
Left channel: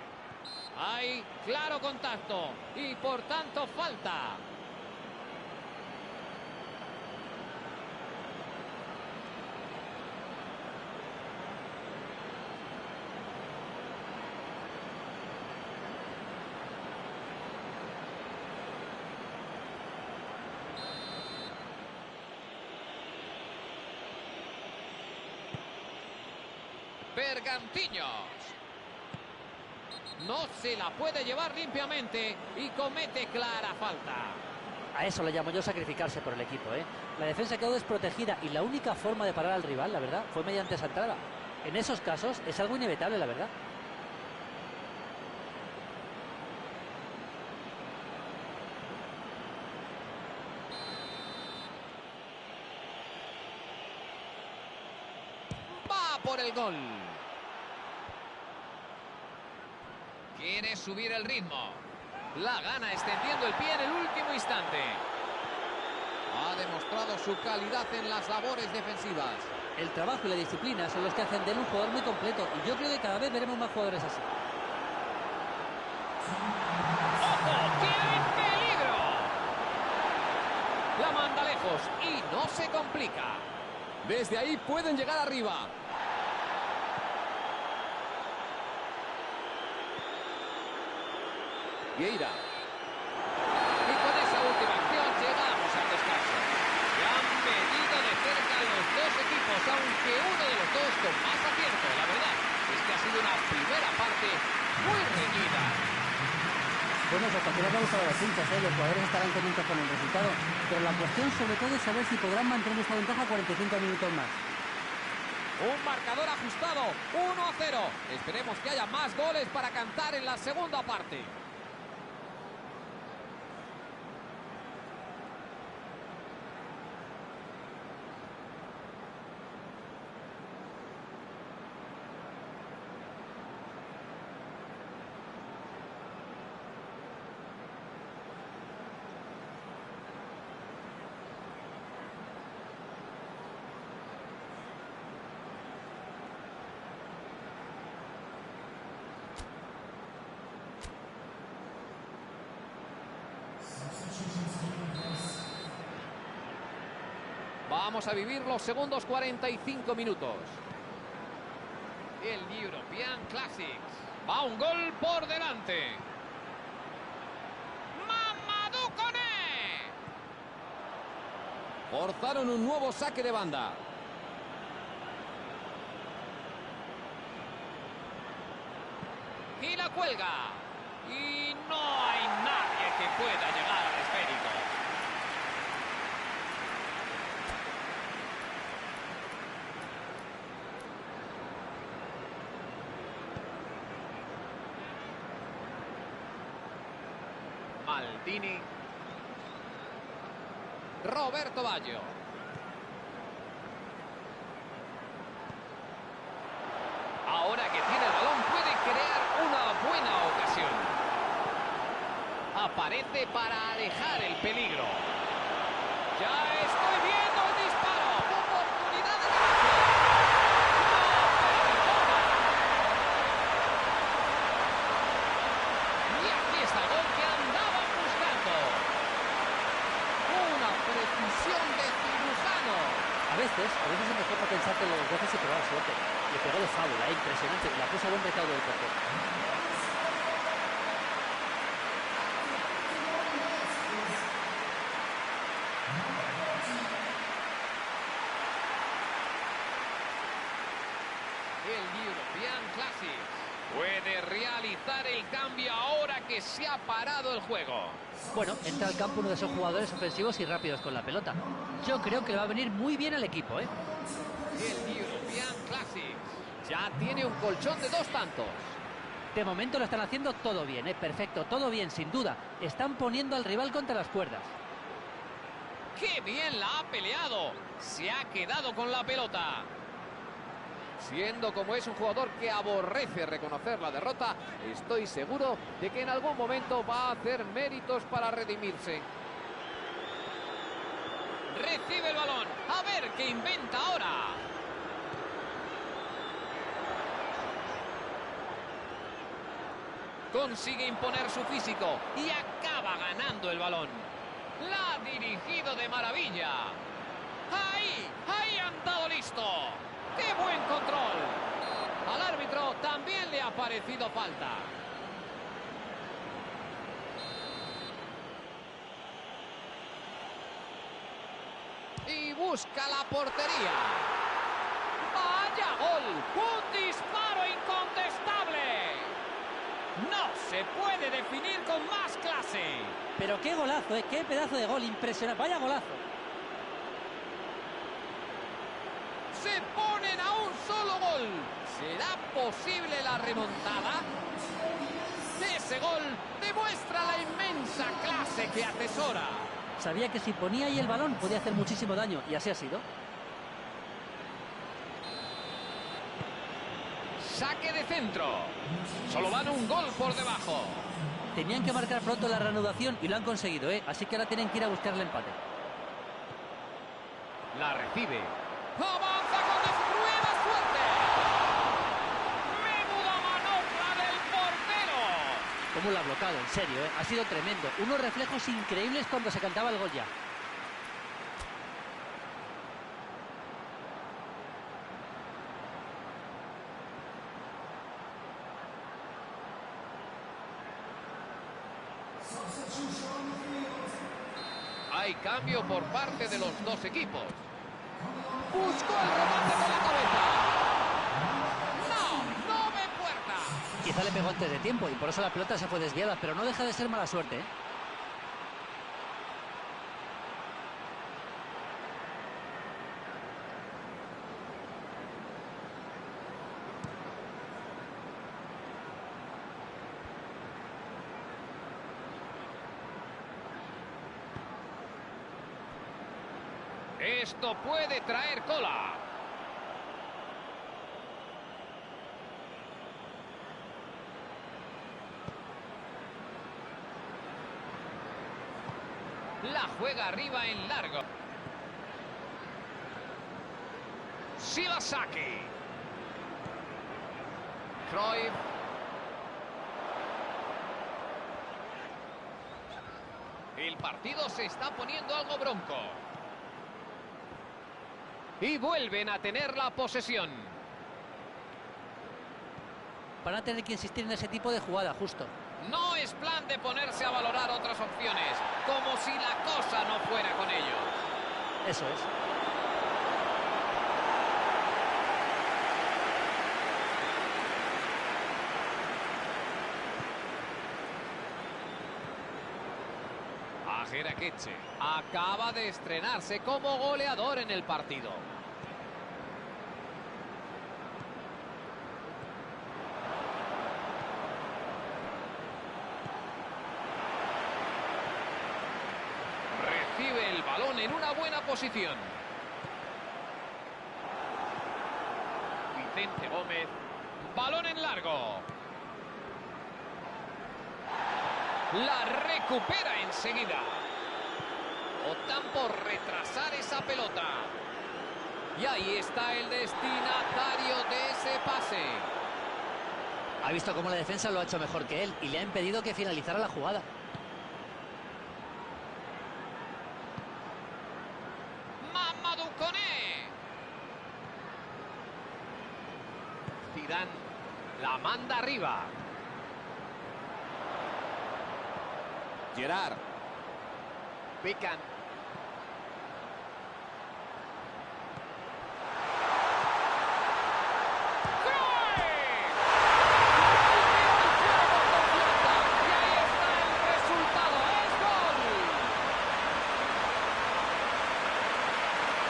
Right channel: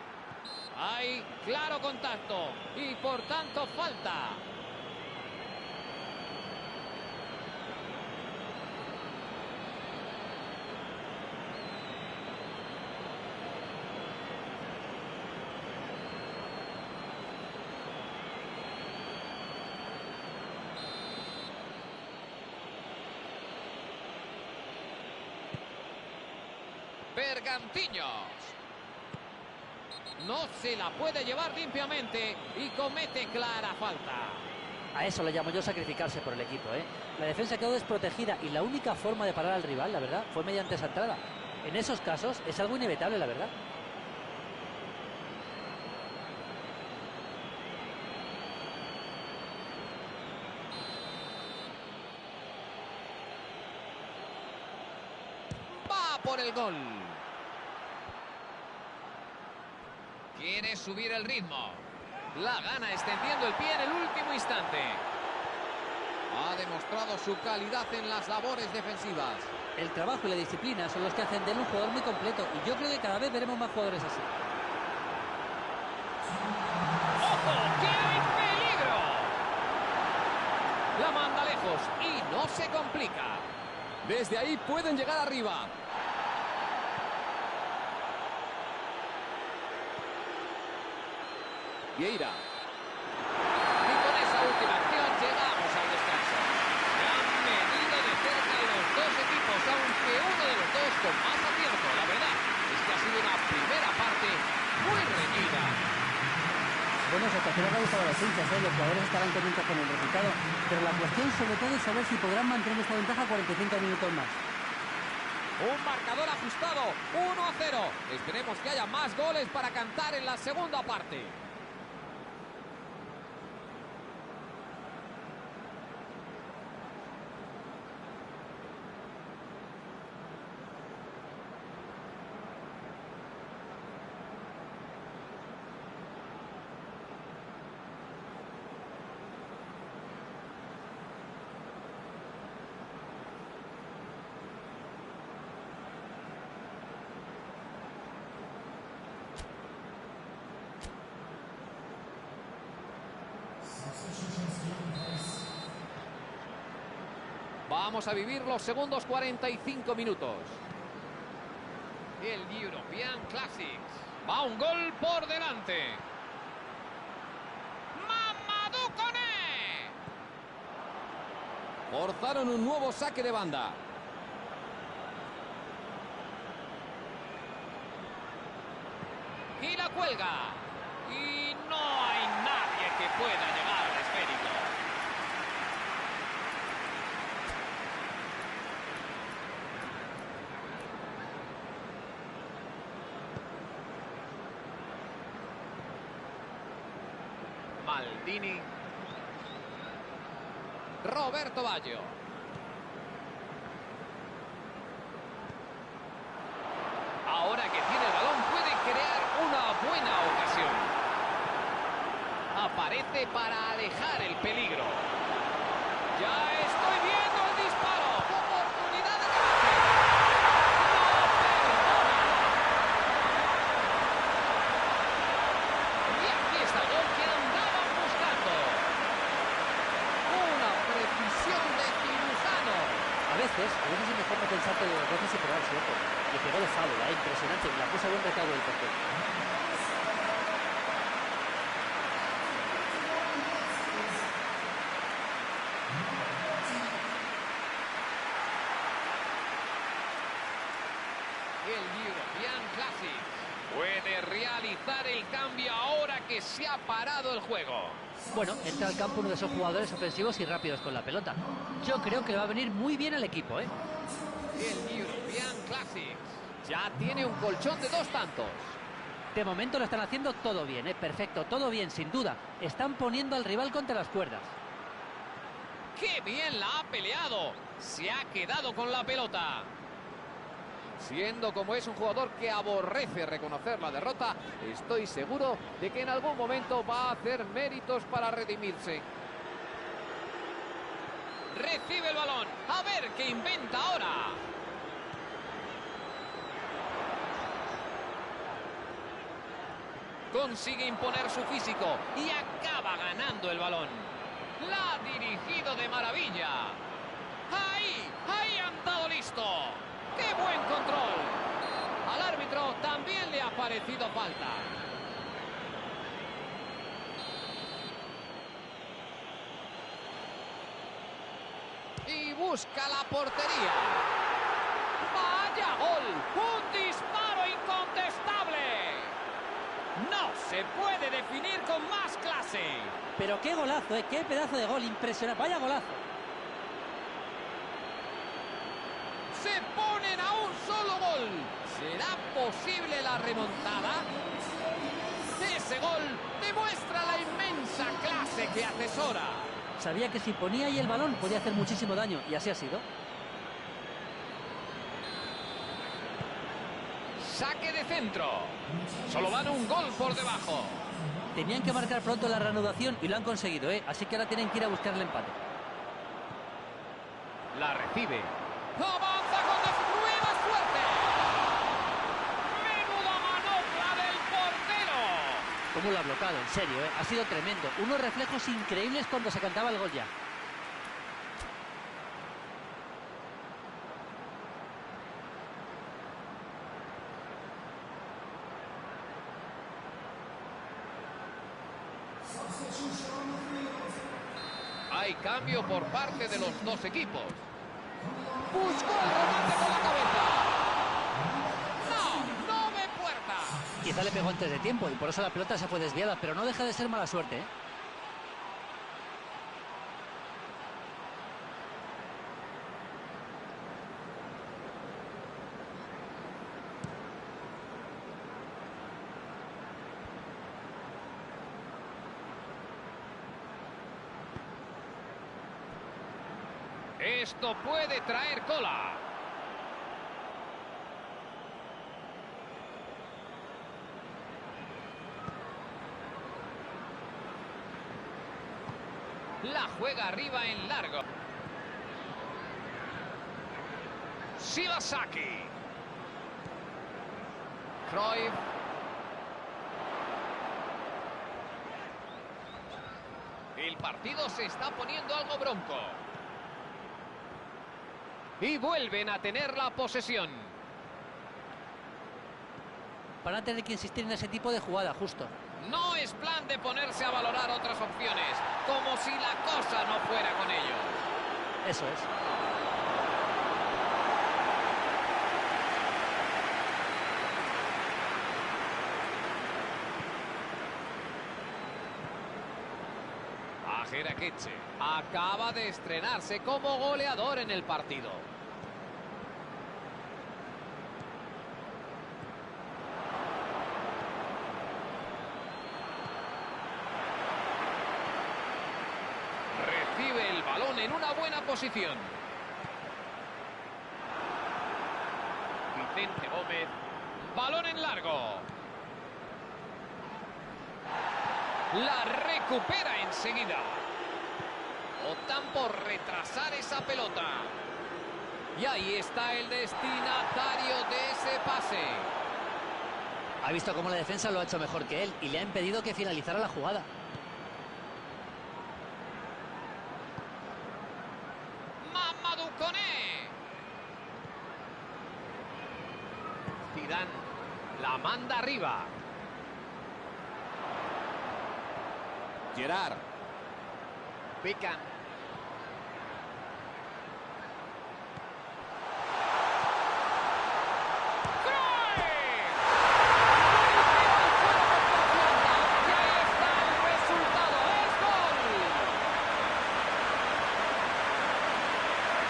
Hay claro contacto y por tanto falta. Bergantiños. No se la puede llevar limpiamente y comete clara falta. A eso le llamo yo sacrificarse por el equipo, ¿eh? La defensa quedó desprotegida y la única forma de parar al rival, la verdad, fue mediante esa entrada. En esos casos es algo inevitable, la verdad. Va por el gol. Quiere subir el ritmo. La gana extendiendo el pie en el último instante. Ha demostrado su calidad en las labores defensivas. El trabajo y la disciplina son los que hacen de él un jugador muy completo y yo creo que cada vez veremos más jugadores así. ¡Ojo! ¡Qué peligro! La manda lejos y no se complica. Desde ahí pueden llegar arriba. Vieira. Y con esa última acción llegamos al descanso. Se han medido de cerca los dos equipos, aunque uno de los dos con más acierto. La verdad es que ha sido una primera parte muy reñida. Bueno, su actuación le ha gustado a los hinchas, ¿eh? Los jugadores estarán contentos con el resultado, pero la cuestión sobre todo es saber si podrán mantener esta ventaja 45 minutos más. Un marcador ajustado, 1-0. Esperemos que haya más goles para cantar en la segunda parte. Vamos a vivir los segundos 45 minutos. El European Classics. Va un gol por delante. Mamadou Koné. Forzaron un nuevo saque de banda. Y la cuelga. Y no hay nadie que pueda llegar al esférico. Maldini. Roberto Baggio. Ahora que tiene el balón puede crear una buena ocasión. Aparece para alejar el peligro. Ya estoy viendo el disparo. Oportunidad de remate. No perdona. Y aquí está el gol que andaban buscando. Una precisión de cirujano. A veces es mejor no pensarte dos veces y probar suerte. Le pegó de fábula, impresionante, y la puso a buen recaudo del portero. El European Classics puede realizar el cambio ahora que se ha parado el juego. Bueno, entra al campo uno de esos jugadores ofensivos y rápidos con la pelota. Yo creo que le va a venir muy bien al equipo, ¿eh? El European Classics ya tiene un colchón de 2 tantos. De momento lo están haciendo todo bien, ¿eh? Perfecto, todo bien, sin duda. Están poniendo al rival contra las cuerdas. ¡Qué bien la ha peleado! Se ha quedado con la pelota. Siendo como es un jugador que aborrece reconocer la derrota, estoy seguro de que en algún momento va a hacer méritos para redimirse. Recibe el balón. A ver qué inventa ahora. Consigue imponer su físico y acaba ganando el balón. La ha dirigido de maravilla. Ahí han dado listo. ¡Qué buen control! Al árbitro también le ha parecido falta. Y busca la portería. ¡Vaya gol! ¡Un disparo incontestable! No se puede definir con más clase. Pero qué golazo, ¿eh? Qué pedazo de gol, impresionante. Vaya golazo. Se ponen a un solo gol. ¿Será posible la remontada? Ese gol demuestra la inmensa clase que atesora. Sabía que si ponía ahí el balón podía hacer muchísimo daño, y así ha sido. Saque de centro. Solo van un gol por debajo. Tenían que marcar pronto la reanudación y lo han conseguido, ¿eh? Así que ahora tienen que ir a buscar el empate. La recibe. ¡Avanza con destruida suerte! ¡Menuda manopla del portero! ¿Cómo lo ha bloqueado? En serio, ¿eh? Ha sido tremendo. Unos reflejos increíbles cuando se cantaba el gol ya. Hay cambio por parte de los dos equipos. Buscó el remate con la cabeza. No ve puerta. Quizá le pegó antes de tiempo y por eso la pelota se fue desviada, pero no deja de ser mala suerte, ¿eh? Esto puede traer cola. La juega arriba en largo. Shibasaki. Cruyff. El partido se está poniendo algo bronco. Y vuelven a tener la posesión. Van a tener que insistir en ese tipo de jugada, justo. No es plan de ponerse a valorar otras opciones, como si la cosa no fuera con ellos. Eso es. Ajeraqueche acaba de estrenarse como goleador en el partido. Recibe el balón en una buena posición. Vicente Gómez. Balón en largo. La recupera enseguida. Optan por retrasar esa pelota. Y ahí está el destinatario de ese pase. Ha visto cómo la defensa lo ha hecho mejor que él y le ha impedido que finalizara la jugada. Mamadou Koné. Zidane la manda arriba. Gerard. Pican. ¡Cruyff! Golpeó el suelo con confianza. Y ahí está el resultado. ¡Es gol!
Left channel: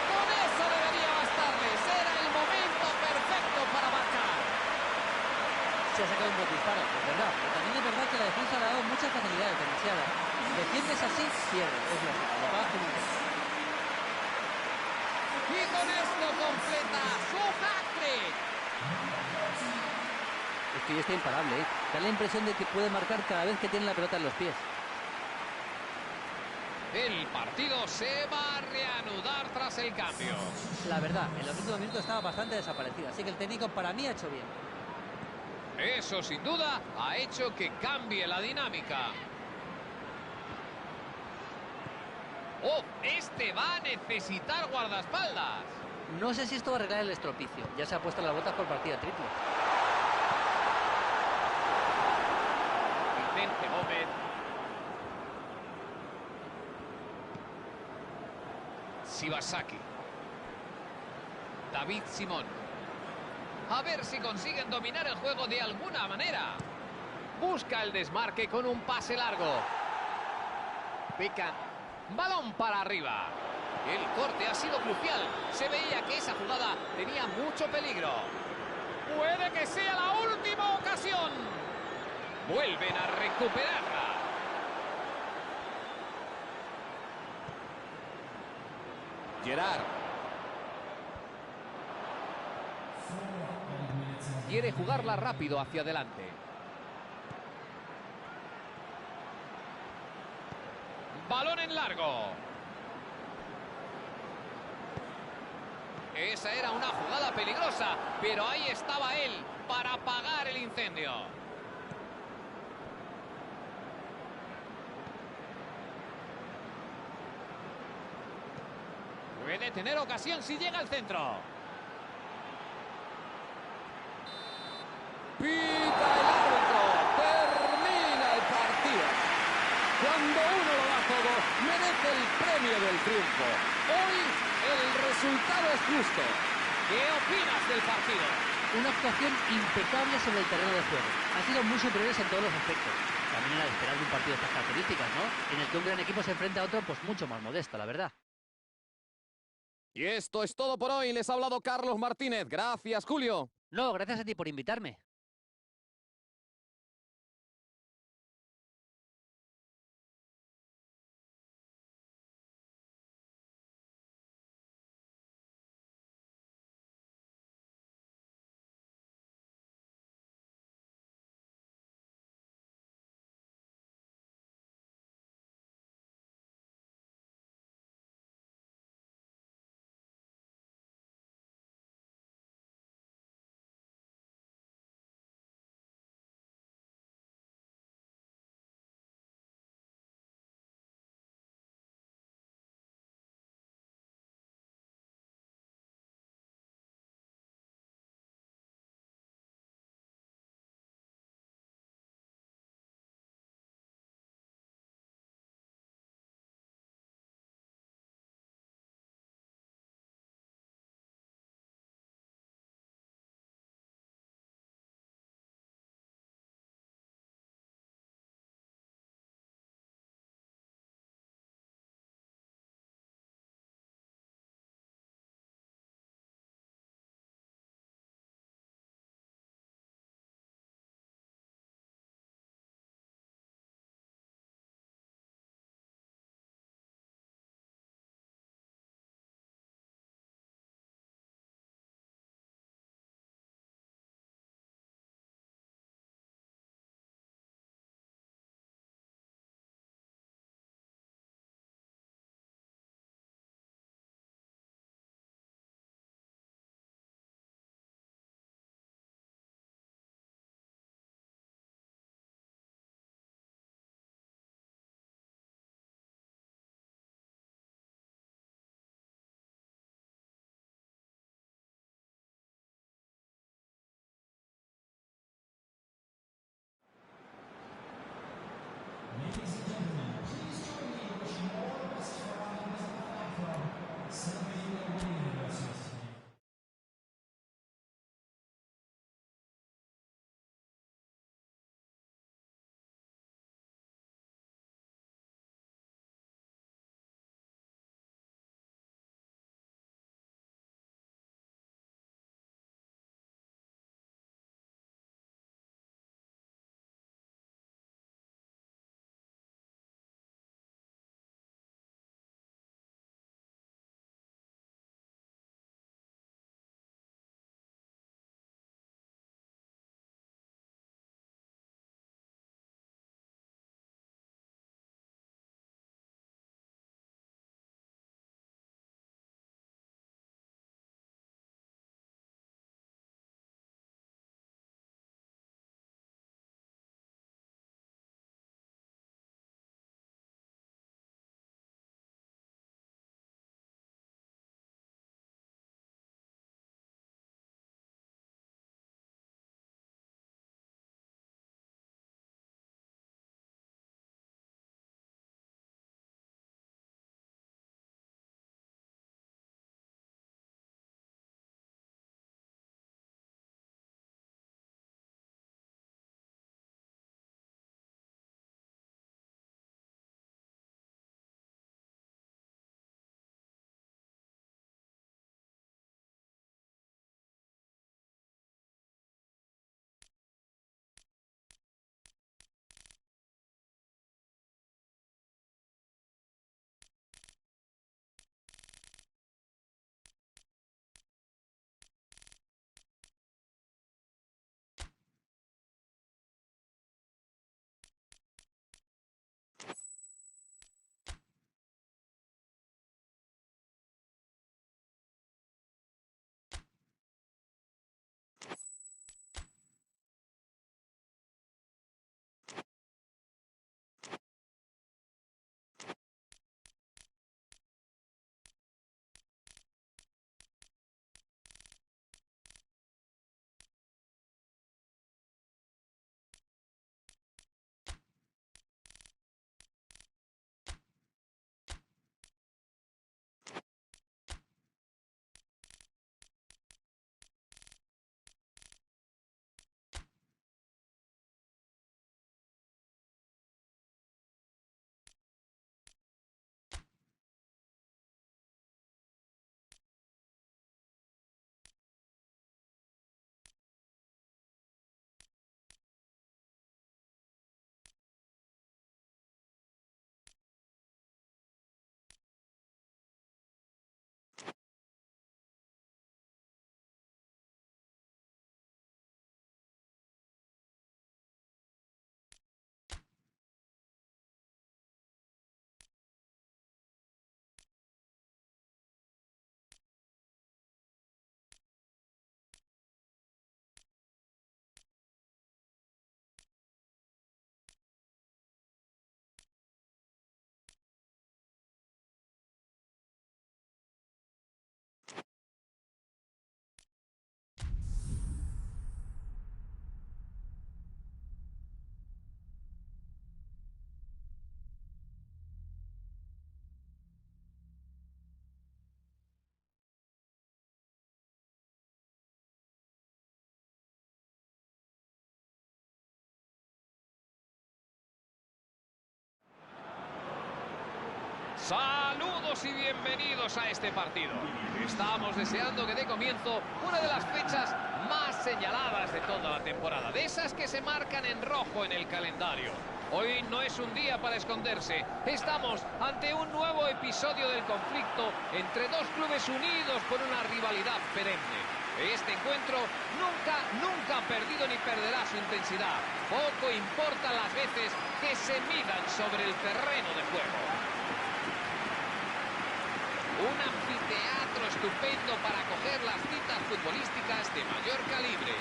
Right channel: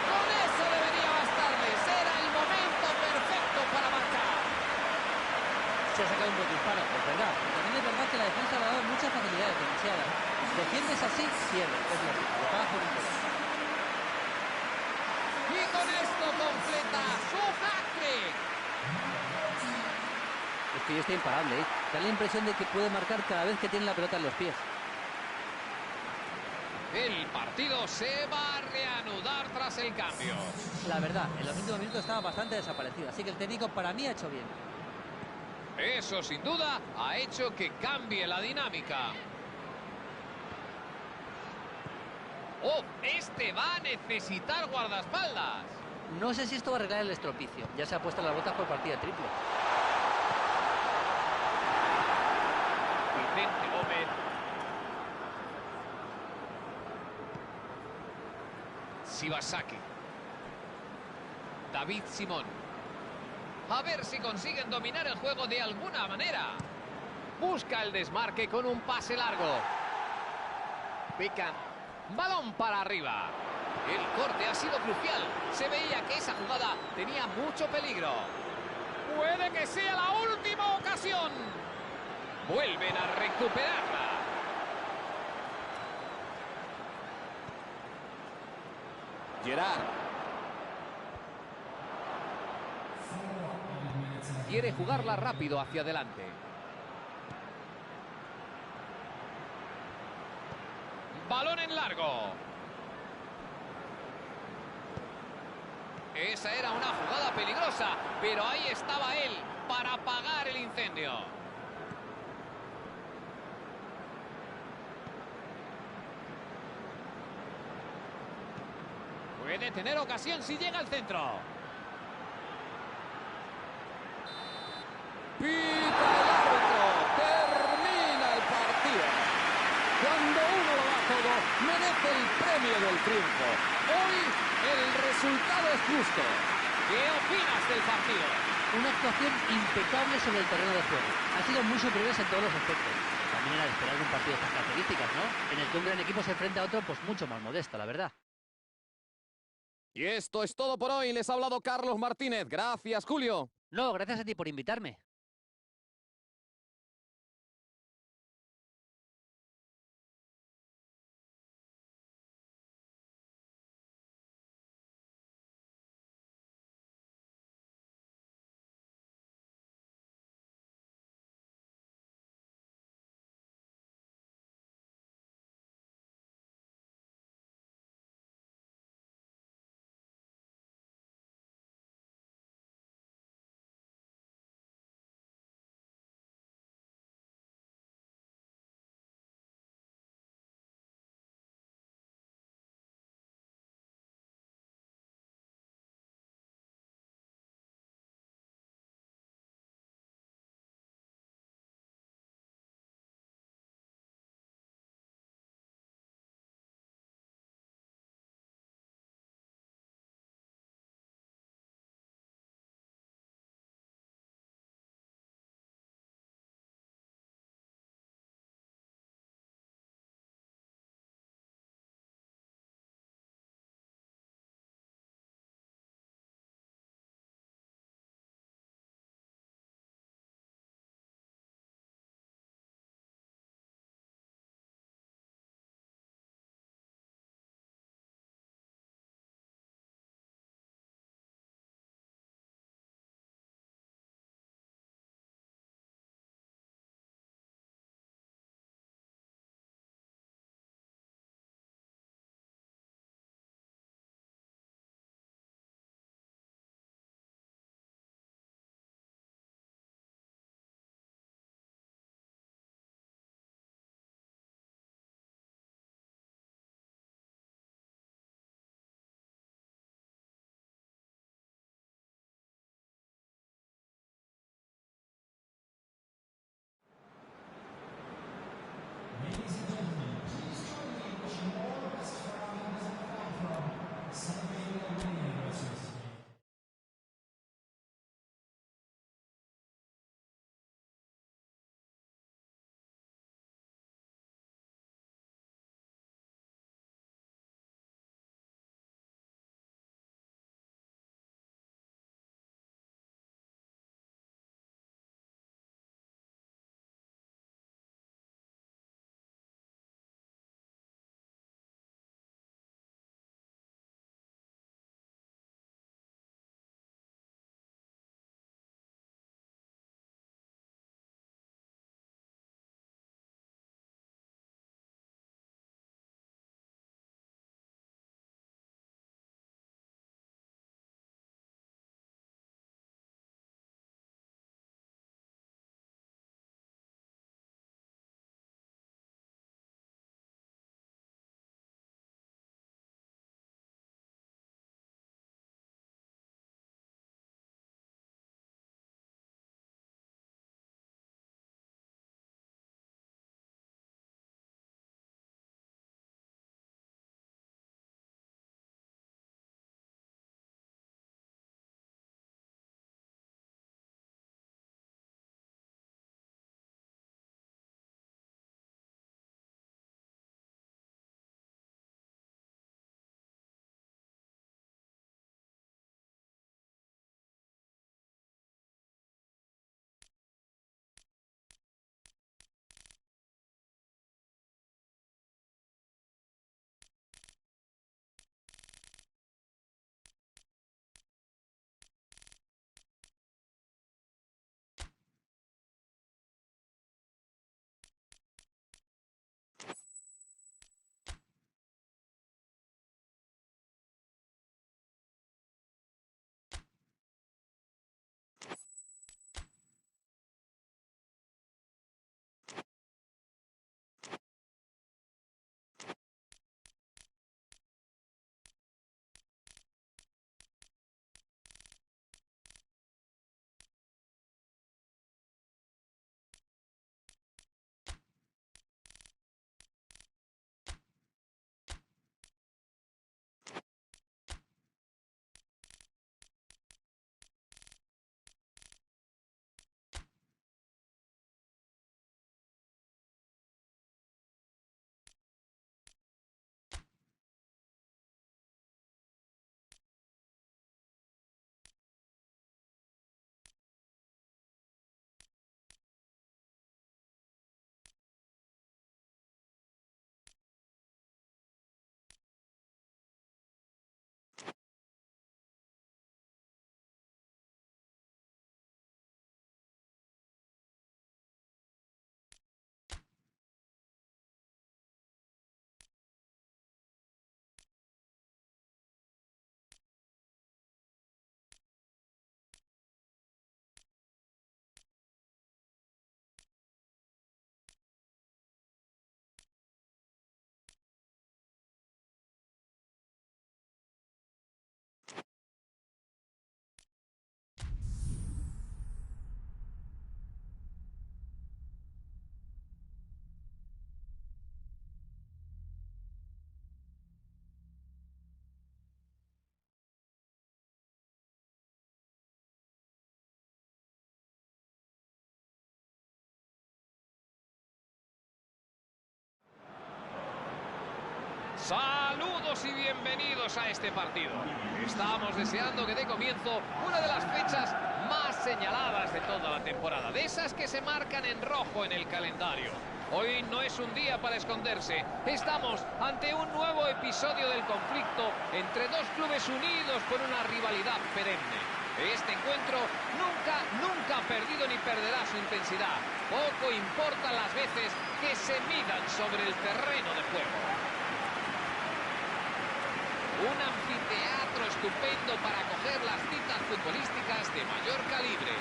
Con eso debería bastarles. Era el momento perfecto para marcar. Se ha sacado un buen disparo, pues verdad. Pero también es verdad que la defensa le ha dado muchas facilidades demasiadas. Defiendes así, pierdes, es lógico. Lo pagas con un gol. Y con esto completa su hat-trick. Es que hoy está imparable, ¿eh? Da la impresión de que puede marcar cada vez que tiene la pelota en los pies. El partido se va a reanudar tras el cambio. La verdad, en los últimos minutos estaba bastante desaparecido, así que el técnico para mí ha hecho bien. Eso sin duda ha hecho que cambie la dinámica. ¡Oh! Este va a necesitar guardaespaldas. No sé si esto va a arreglar el estropicio. Ya se ha puesto las botas por partida triple. Vicente Gómez. Shibasaki. David Simón. A ver si consiguen dominar el juego de alguna manera. Busca el desmarque con un pase largo. Pican. Balón para arriba. El corte ha sido crucial. Se veía que esa jugada tenía mucho peligro. Puede que sea la última ocasión. Vuelven a recuperarla. Gerard. Quiere jugarla rápido hacia adelante. Balón en largo. Esa era una jugada peligrosa, pero ahí estaba él para apagar el incendio. Puede tener ocasión si llega al centro. Pita el árbitro. Termina el partido. Cuando uno lo da todo, merece el premio del triunfo. Hoy el resultado es justo. ¿Qué opinas del partido? Una actuación impecable sobre el terreno de juego. Han sido muy superiores en todos los aspectos. También era de esperar de un partido de estas características, ¿no? En el que un gran equipo se enfrenta a otro, pues mucho más modesto, la verdad. Y esto es todo por hoy. Les ha hablado Carlos Martínez. Gracias, Julio. No, gracias a ti por invitarme. Saludos y bienvenidos a este partido. Estamos deseando que dé comienzo una de las fechas más señaladas de toda la temporada, de esas que se marcan en rojo en el calendario. Hoy no es un día para esconderse. Estamos ante un nuevo episodio del conflicto entre dos clubes unidos por una rivalidad perenne. Este encuentro nunca ha perdido ni perderá su intensidad. Poco importa las veces que se midan sobre el terreno de juego. Un anfiteatro estupendo para acoger las citas futbolísticas de mayor calibre.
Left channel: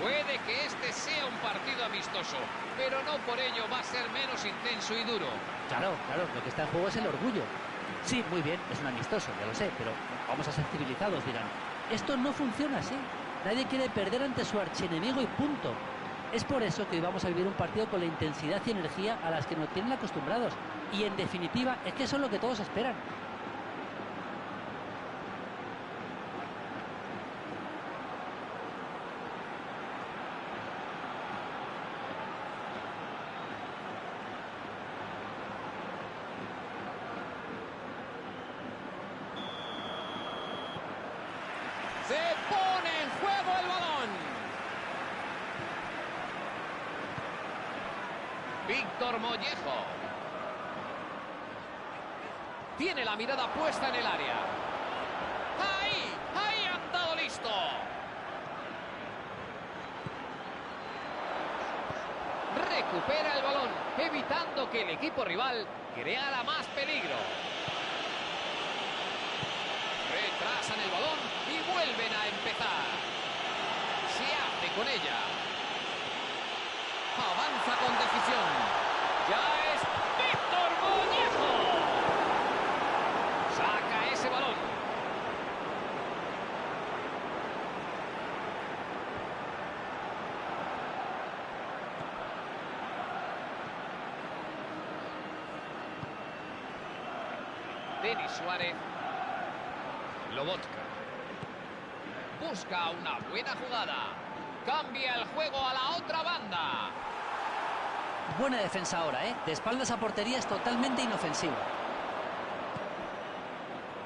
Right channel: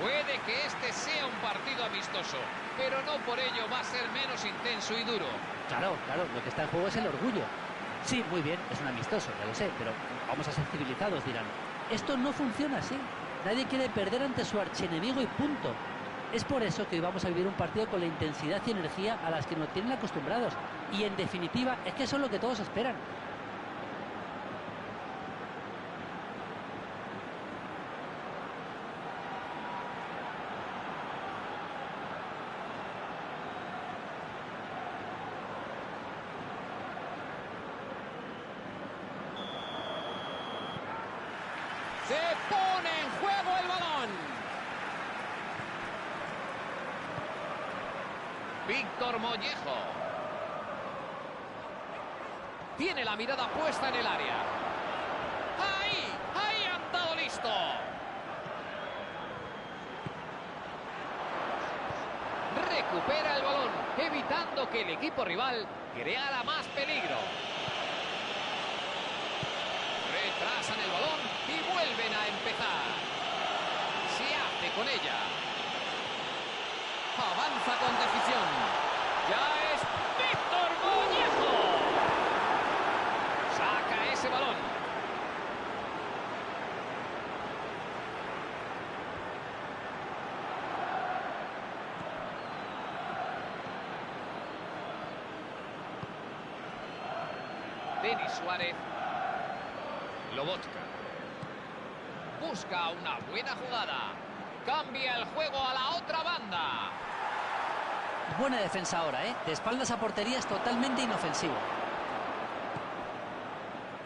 Puede que este sea un partido amistoso, pero no por ello va a ser menos intenso y duro. Claro, lo que está en juego es el orgullo. Sí, muy bien, es un amistoso, ya lo sé, pero vamos a ser civilizados, dirán. Esto no funciona así. Nadie quiere perder ante su archienemigo y punto. Es por eso que hoy vamos a vivir un partido con la intensidad y energía a las que nos tienen acostumbrados. Y en definitiva, es que eso es lo que todos esperan. Se pone en juego el balón. Víctor Mollejo. Tiene la mirada puesta en el área. ¡Ahí han dado listo! Recupera el balón, evitando que el equipo rival creara más peligro. Retrasan el balón y vuelven a empezar. Se hace con ella. Avanza con decisión. Ya es Víctor Mollejo. Saca ese balón. Denis Suárez. Lobotka. Busca una buena jugada. Cambia el juego a la otra banda. Buena defensa ahora, ¿eh? De espaldas a portería es totalmente inofensivo.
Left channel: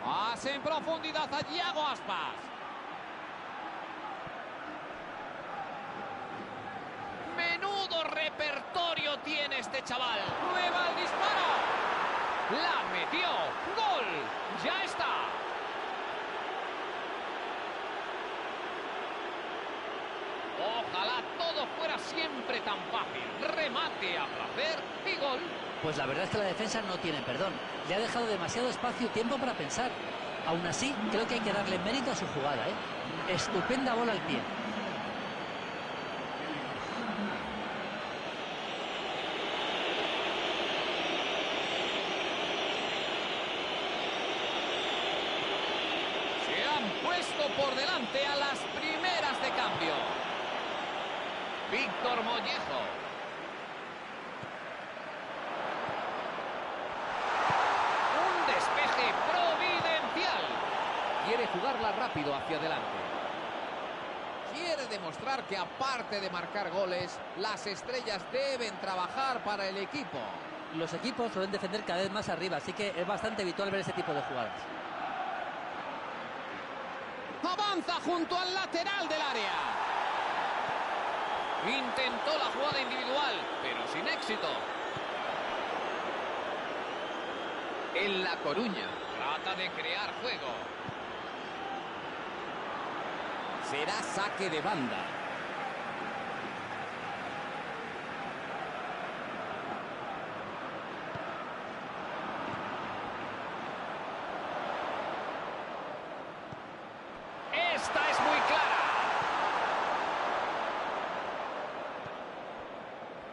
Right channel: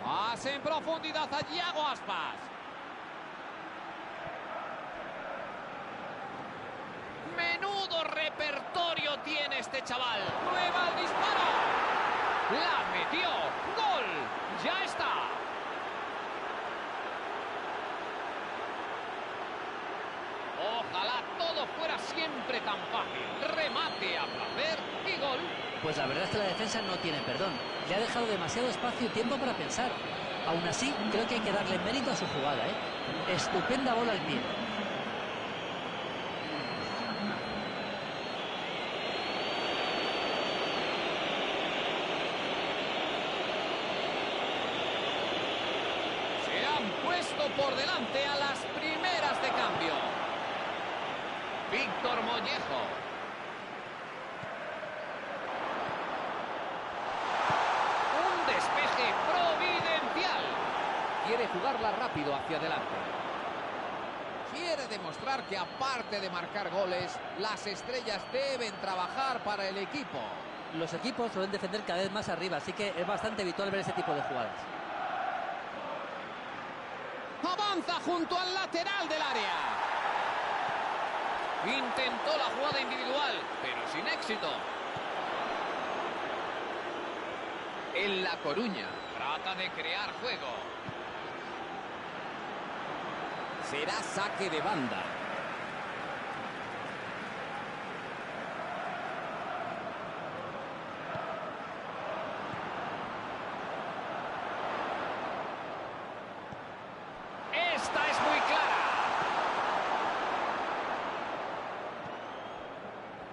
Pase en profundidad a Yago Aspas. Menudo repertorio tiene este chaval. Prueba el disparo. La metió. ¡Gol! ¡Ya está! Ojalá todo fuera siempre tan fácil. Remate a placer y gol. Pues la verdad es que la defensa no tiene perdón. Le ha dejado demasiado espacio y tiempo para pensar. Aún así, creo que hay que darle mérito a su jugada, ¿eh? Estupenda bola al pie. Se han puesto por delante a las primeras de cambio. Víctor Mollejo. Un despeje providencial. Quiere jugarla rápido hacia adelante. Quiere demostrar que aparte de marcar goles, las estrellas deben trabajar para el equipo. Los equipos suelen defender cada vez más arriba, así que es bastante habitual ver ese tipo de jugadas. Avanza junto al lateral del área. Intentó la jugada individual, pero sin éxito. En La Coruña. Trata de crear juego. Será saque de banda. Esta es muy clara.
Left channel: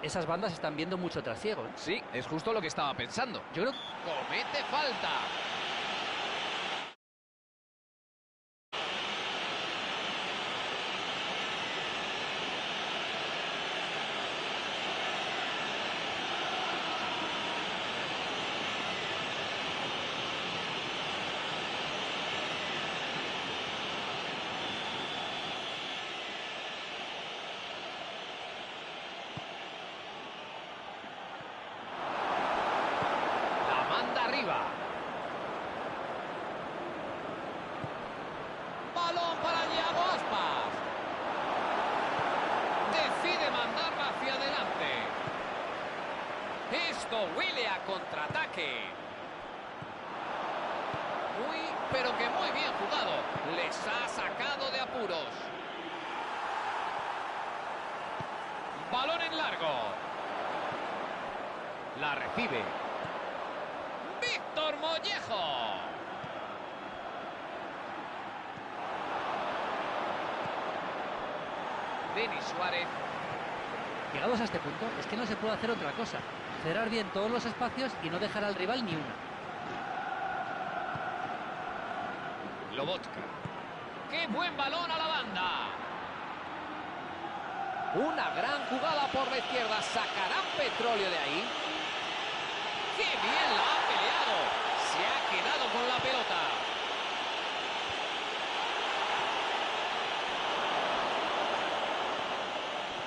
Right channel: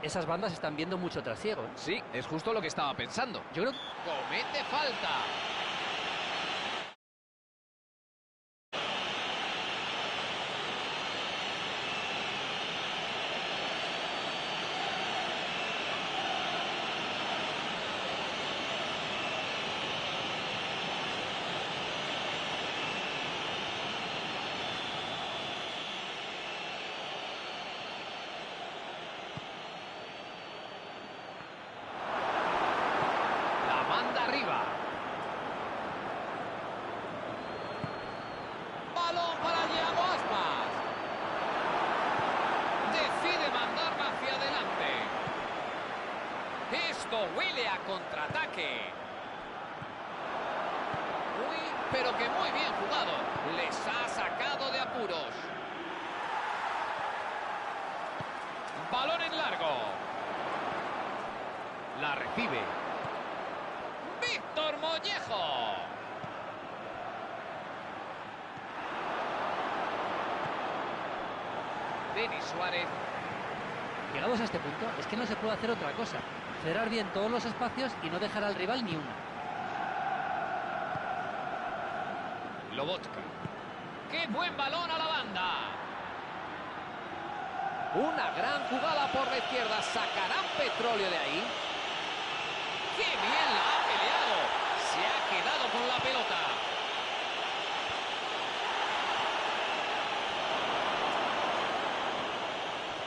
Esas bandas están viendo mucho trasiego, ¿eh? Sí, es justo lo que estaba pensando. Yo creo que Comete falta. Manda arriba. Balón para Thiago Aspas. Decide mandarla hacia adelante. Esto huele a contraataque. Pero que muy bien jugado. Les ha sacado de apuros. Balón en largo. La recibe. Víctor Mollejo. Denis Suárez. Llegados a este punto, es que no se puede hacer otra cosa. Cerrar bien todos los espacios y no dejar al rival ni una. Lobotka. ¡Qué buen balón a la banda! Una gran jugada por la izquierda. ¿Sacarán petróleo de ahí? ¡Qué bien la ha peleado! Se ha quedado con la pelota.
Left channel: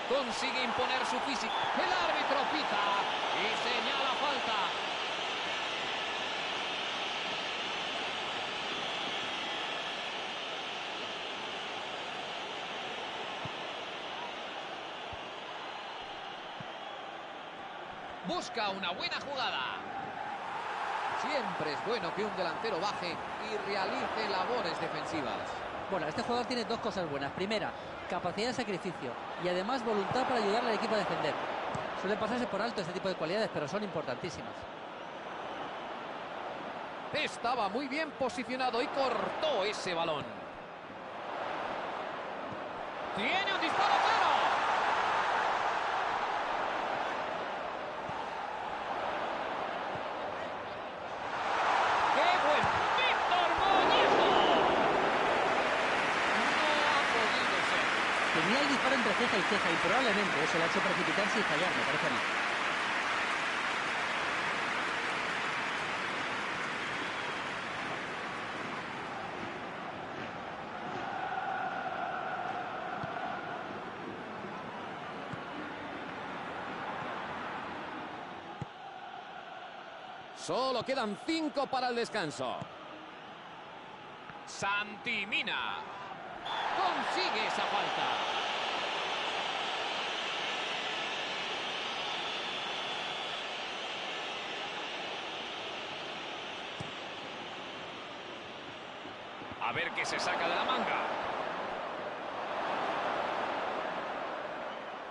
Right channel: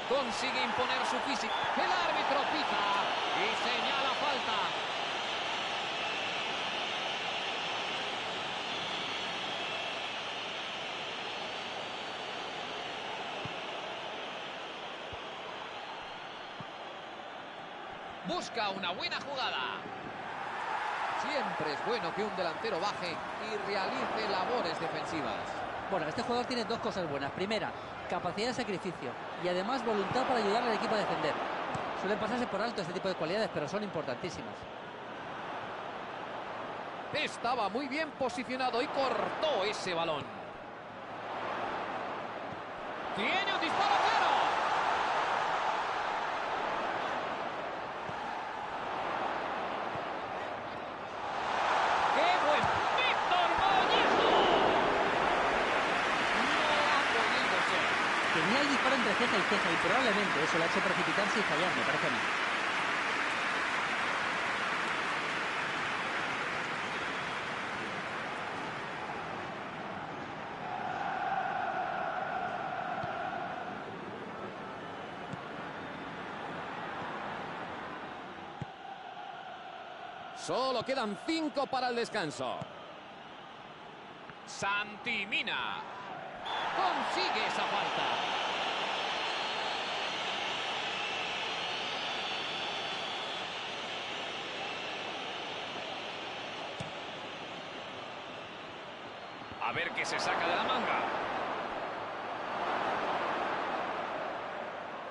Consigue imponer su físico. El árbitro pita y señala falta. Busca una buena jugada. Siempre es bueno que un delantero baje y realice labores defensivas. Bueno, este jugador tiene dos cosas buenas. Primera, capacidad de sacrificio y además voluntad para ayudar al equipo a defender. Suelen pasarse por alto este tipo de cualidades, pero son importantísimas. Estaba muy bien posicionado y cortó ese balón. ¡Tiene un disparo claro! ¡Qué buen Víctor Mollejo! No ha podido ser. Tenía el disparo entre ceja y ceja y probablemente eso le ha hecho precipitarse y fallar, me parece a mí. Solo quedan 5 para el descanso. Santi Mina consigue esa falta. A ver qué se saca de la manga.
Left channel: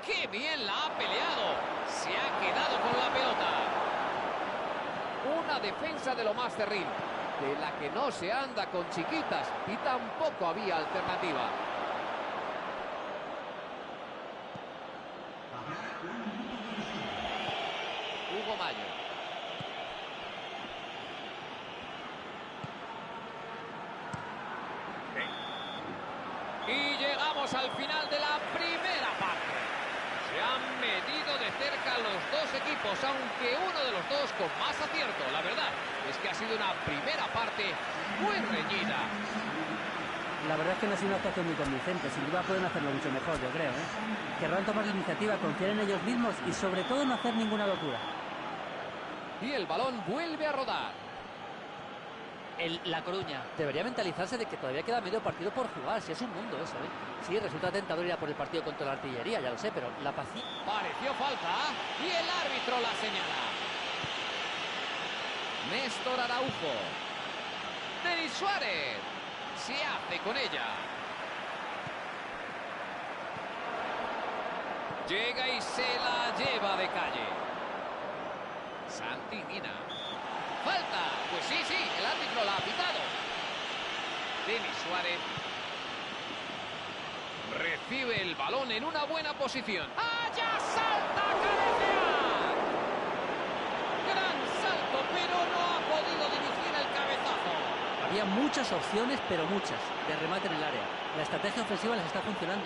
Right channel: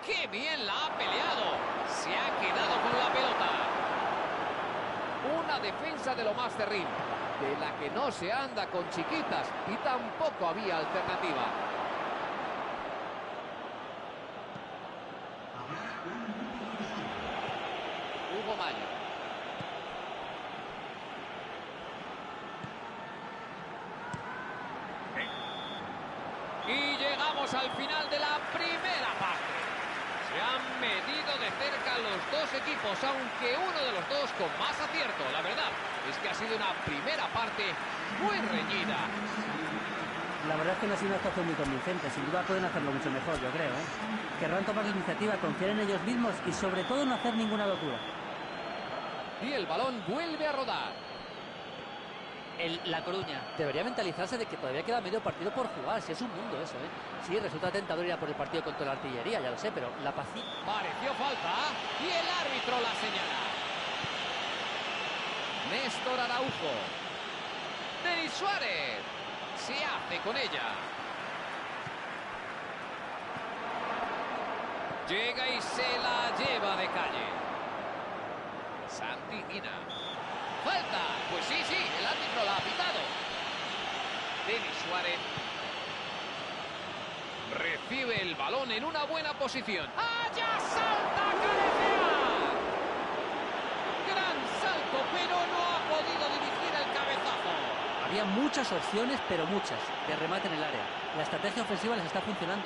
¡Qué bien la ha peleado! Se ha quedado con la pelota. Una defensa de lo más cerril, de la que no se anda con chiquitas y tampoco había alternativa. Hugo Mayo. Y llegamos al final de la primera parte. Se han medido de cerca los dos equipos, aunque uno de los dos con más acierto. La verdad es que ha sido una primera parte muy reñida. La verdad es que no ha sido una actuación muy convincente. Sin duda pueden hacerlo mucho mejor, yo creo, ¿eh? Querrán tomar la iniciativa, confiar en ellos mismos y sobre todo no hacer ninguna locura. Y el balón vuelve a rodar. La Coruña debería mentalizarse de que todavía queda medio partido por jugar. Si es un mundo eso, ¿eh? Sí, resulta tentador ir a por el partido contra la artillería, ya lo sé, pero la paciencia... Pareció falta y el árbitro la señala. Néstor Araujo. Denis Suárez. Se hace con ella. Llega y se la lleva de calle. Santi Mina. ¡Falta! Pues sí, el árbitro la ha pitado. Denis Suárez recibe el balón en una buena posición. ¡Allá salta a cabecear! Gran salto, pero no ha podido dirigir el cabezazo. Había muchas opciones, pero muchas, de remate en el área. La estrategia ofensiva les está funcionando.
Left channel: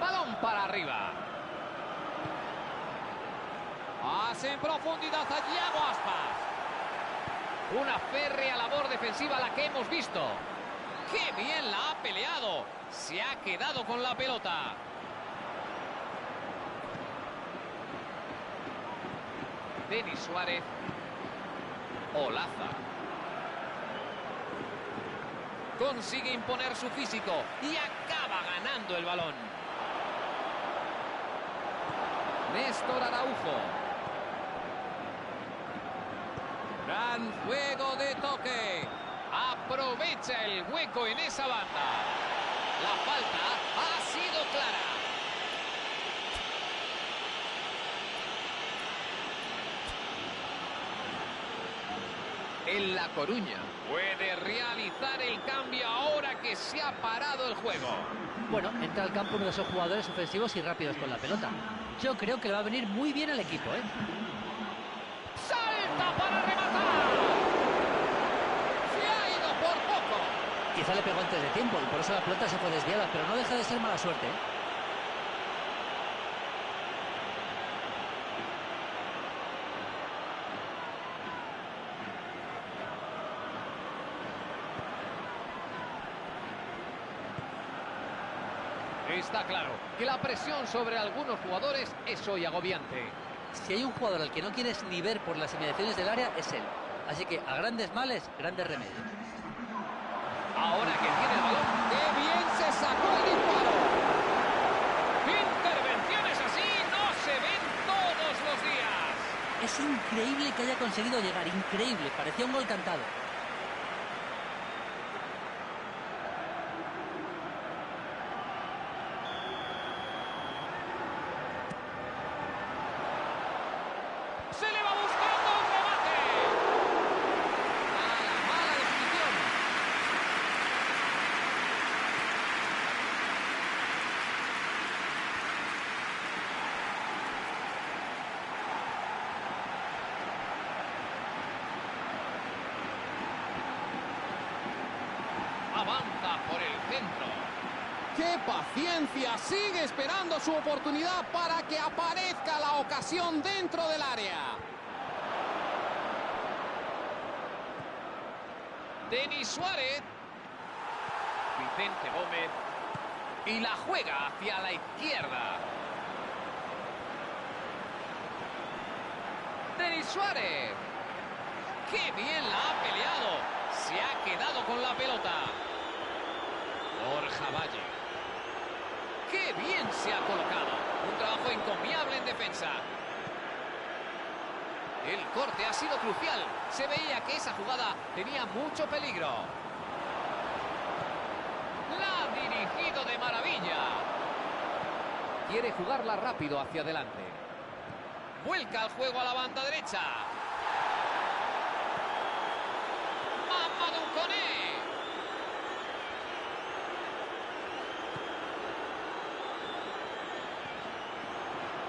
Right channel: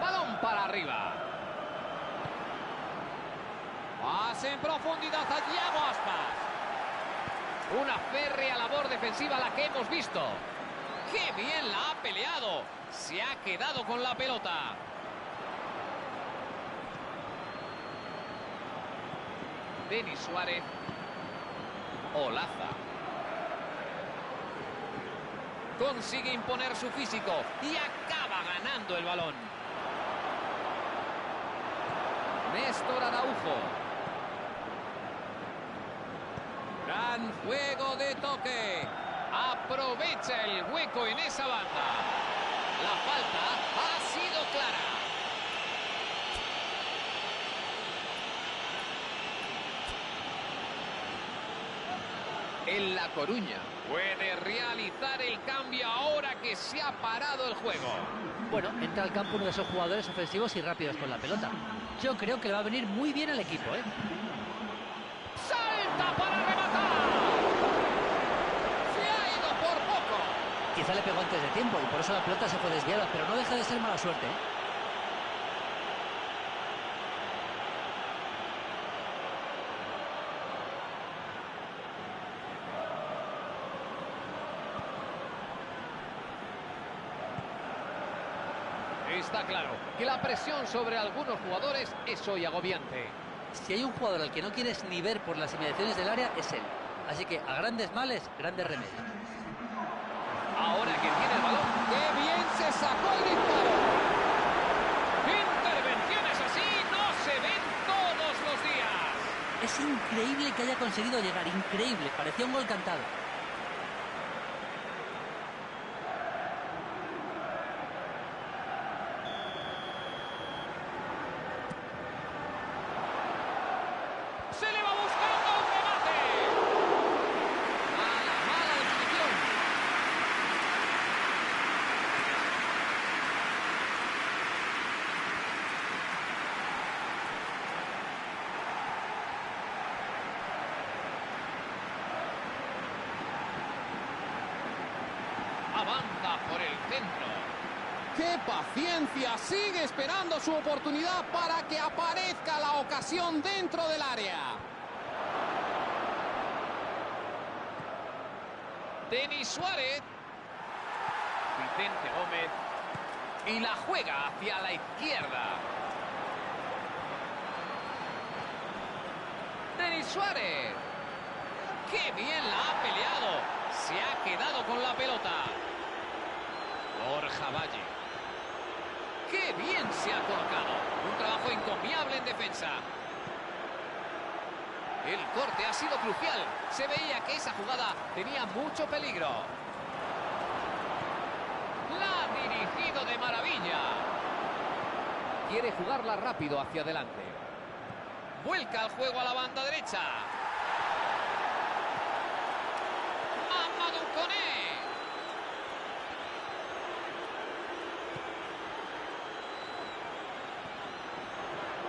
Balón para arriba. Pase en profundidad a Thiago Aspas. Una férrea labor defensiva la que hemos visto. ¡Qué bien la ha peleado! Se ha quedado con la pelota. Denis Suárez. Olaza. Consigue imponer su físico y acaba ganando el balón. Néstor Araujo. Gran juego de toque. Aprovecha el hueco en esa banda. La falta ha sido clara. En La Coruña puede realizar el cambio ahora que se ha parado el juego. Bueno, entra al campo uno de esos jugadores ofensivos y rápidos con la pelota. Yo creo que le va a venir muy bien al equipo, ¿eh? ¡Salta para rematar! Se ha ido por poco. Quizá le pegó antes de tiempo y por eso la pelota se fue desviada, pero no deja de ser mala suerte, ¿eh? Está claro que la presión sobre algunos jugadores es hoy agobiante. Si hay un jugador al que no quieres ni ver por las inmediaciones del área, es él. Así que a grandes males, grandes remedios. Ahora que tiene el balón, ¡Qué bien se sacó el disparo! intervenciones así no se ven todos los días. Es increíble que haya conseguido llegar, increíble. Parecía un gol cantado. Se le va buscando un remate. Mala definición. Avanza por el centro. ¡Qué paciencia! Sigue esperando su oportunidad para que aparezca la ocasión dentro del área. Denis Suárez. Vicente Gómez. Y la juega hacia la izquierda. Denis Suárez. ¡Qué bien la ha peleado! Se ha quedado con la pelota. Borja Valle. ¡Qué bien se ha colocado! Un trabajo encomiable en defensa. El corte ha sido crucial. Se veía que esa jugada tenía mucho peligro. La ha dirigido de maravilla. Quiere jugarla rápido hacia adelante. Vuelca el juego a la banda derecha. Mamadou Koné.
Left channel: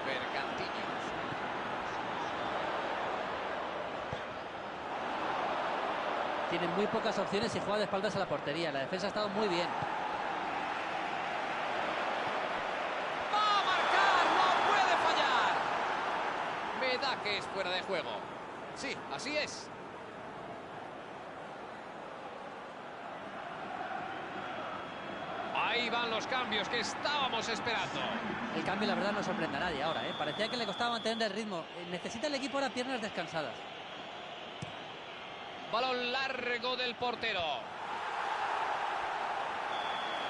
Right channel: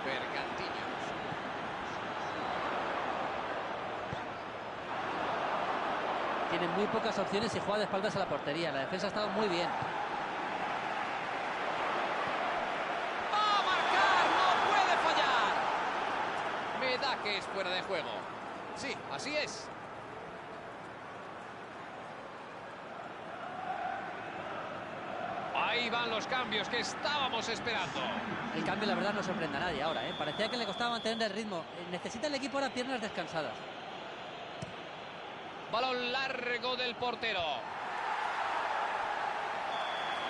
Bergantiños. Tienen muy pocas opciones y juega de espaldas a la portería. La defensa ha estado muy bien. ¡Va a marcar! ¡No puede fallar! Me da que es fuera de juego. Sí, así es. Ahí van los cambios que estábamos esperando. El cambio, la verdad, no sorprende a nadie ahora, ¿eh? Parecía que le costaba mantener el ritmo. Necesita el equipo ahora piernas descansadas. Balón largo del portero.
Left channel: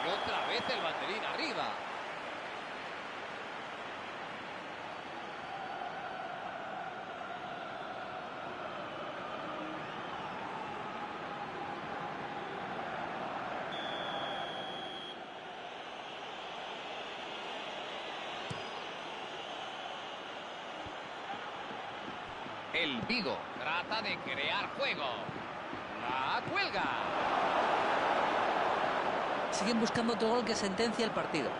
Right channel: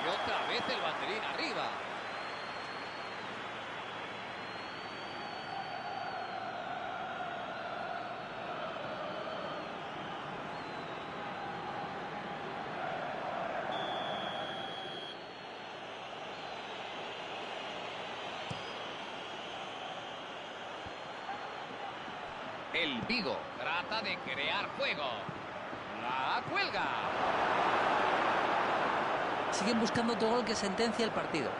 Y otra vez el banderín arriba. El Vigo trata de crear juego. La cuelga. Siguen buscando otro gol que sentencia el partido.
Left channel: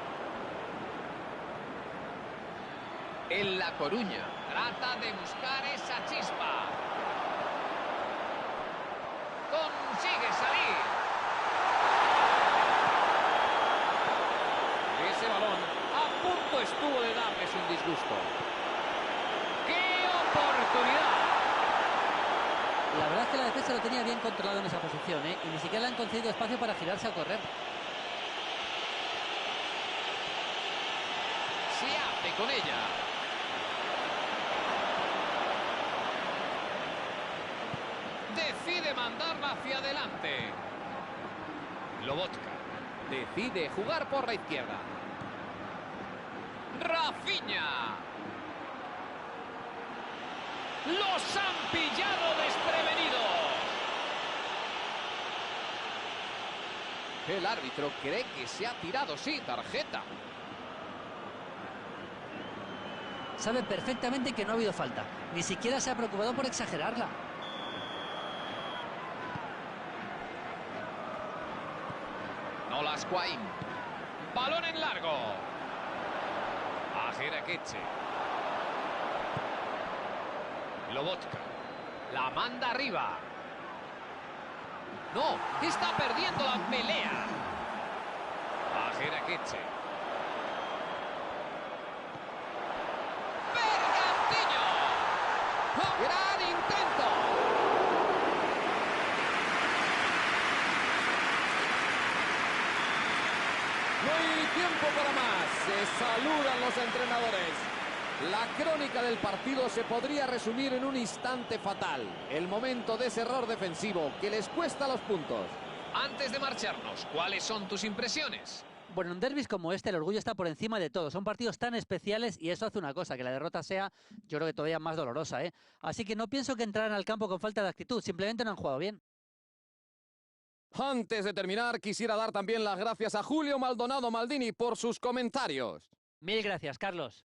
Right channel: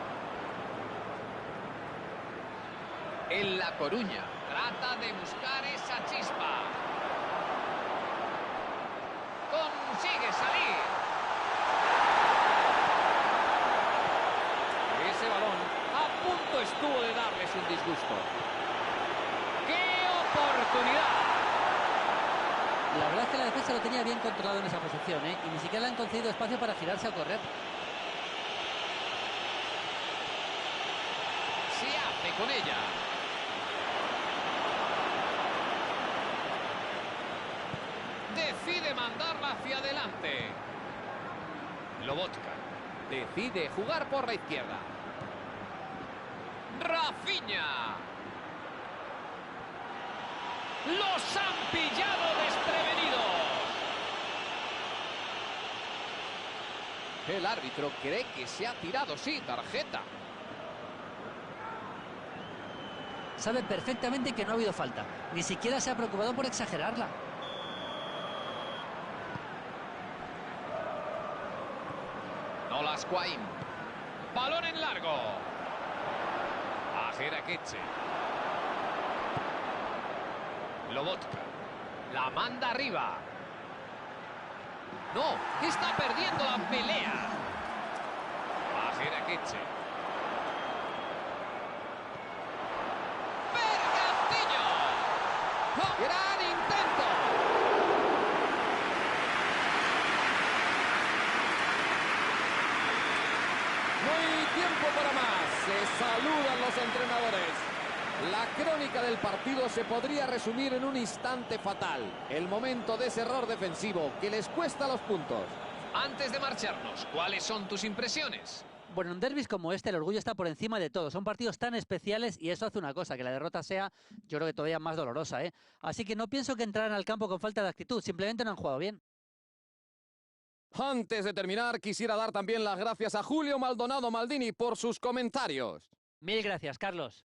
En La Coruña trata de buscar esa chispa. Consigue salir. Ese balón a punto estuvo de darles un disgusto. ¡Qué oportunidad! La verdad es que la defensa lo tenía bien controlado en esa posición, ¿eh? Y ni siquiera le han concedido espacio para girarse a correr. Se hace con ella. Decide mandarla hacia adelante. Lobotka decide jugar por la izquierda. Rafinha. Los han pillado desprevenidos. El árbitro cree que se ha tirado, sí, tarjeta. Sabe perfectamente que no ha habido falta. Ni siquiera se ha preocupado por exagerarla. Nolas Quain. Balón en largo. A Jerakeche. Lobotka. La manda arriba. No, está perdiendo la pelea. A Jerakeche. ¡Bergantiño! ¡Oh! ¡Gran intento! No hay tiempo para más. Se saludan los entrenadores. La crónica del partido se podría resumir en un instante fatal. El momento de ese error defensivo que les cuesta los puntos. Antes de marcharnos, ¿cuáles son tus impresiones? Bueno, en derbis como este el orgullo está por encima de todo. Son partidos tan especiales y eso hace una cosa, que la derrota sea, yo creo que todavía más dolorosa, ¿eh? Así que no pienso que entraran al campo con falta de actitud, simplemente no han jugado bien. Antes de terminar, quisiera dar también las gracias a Julio Maldonado Maldini por sus comentarios. Mil gracias, Carlos.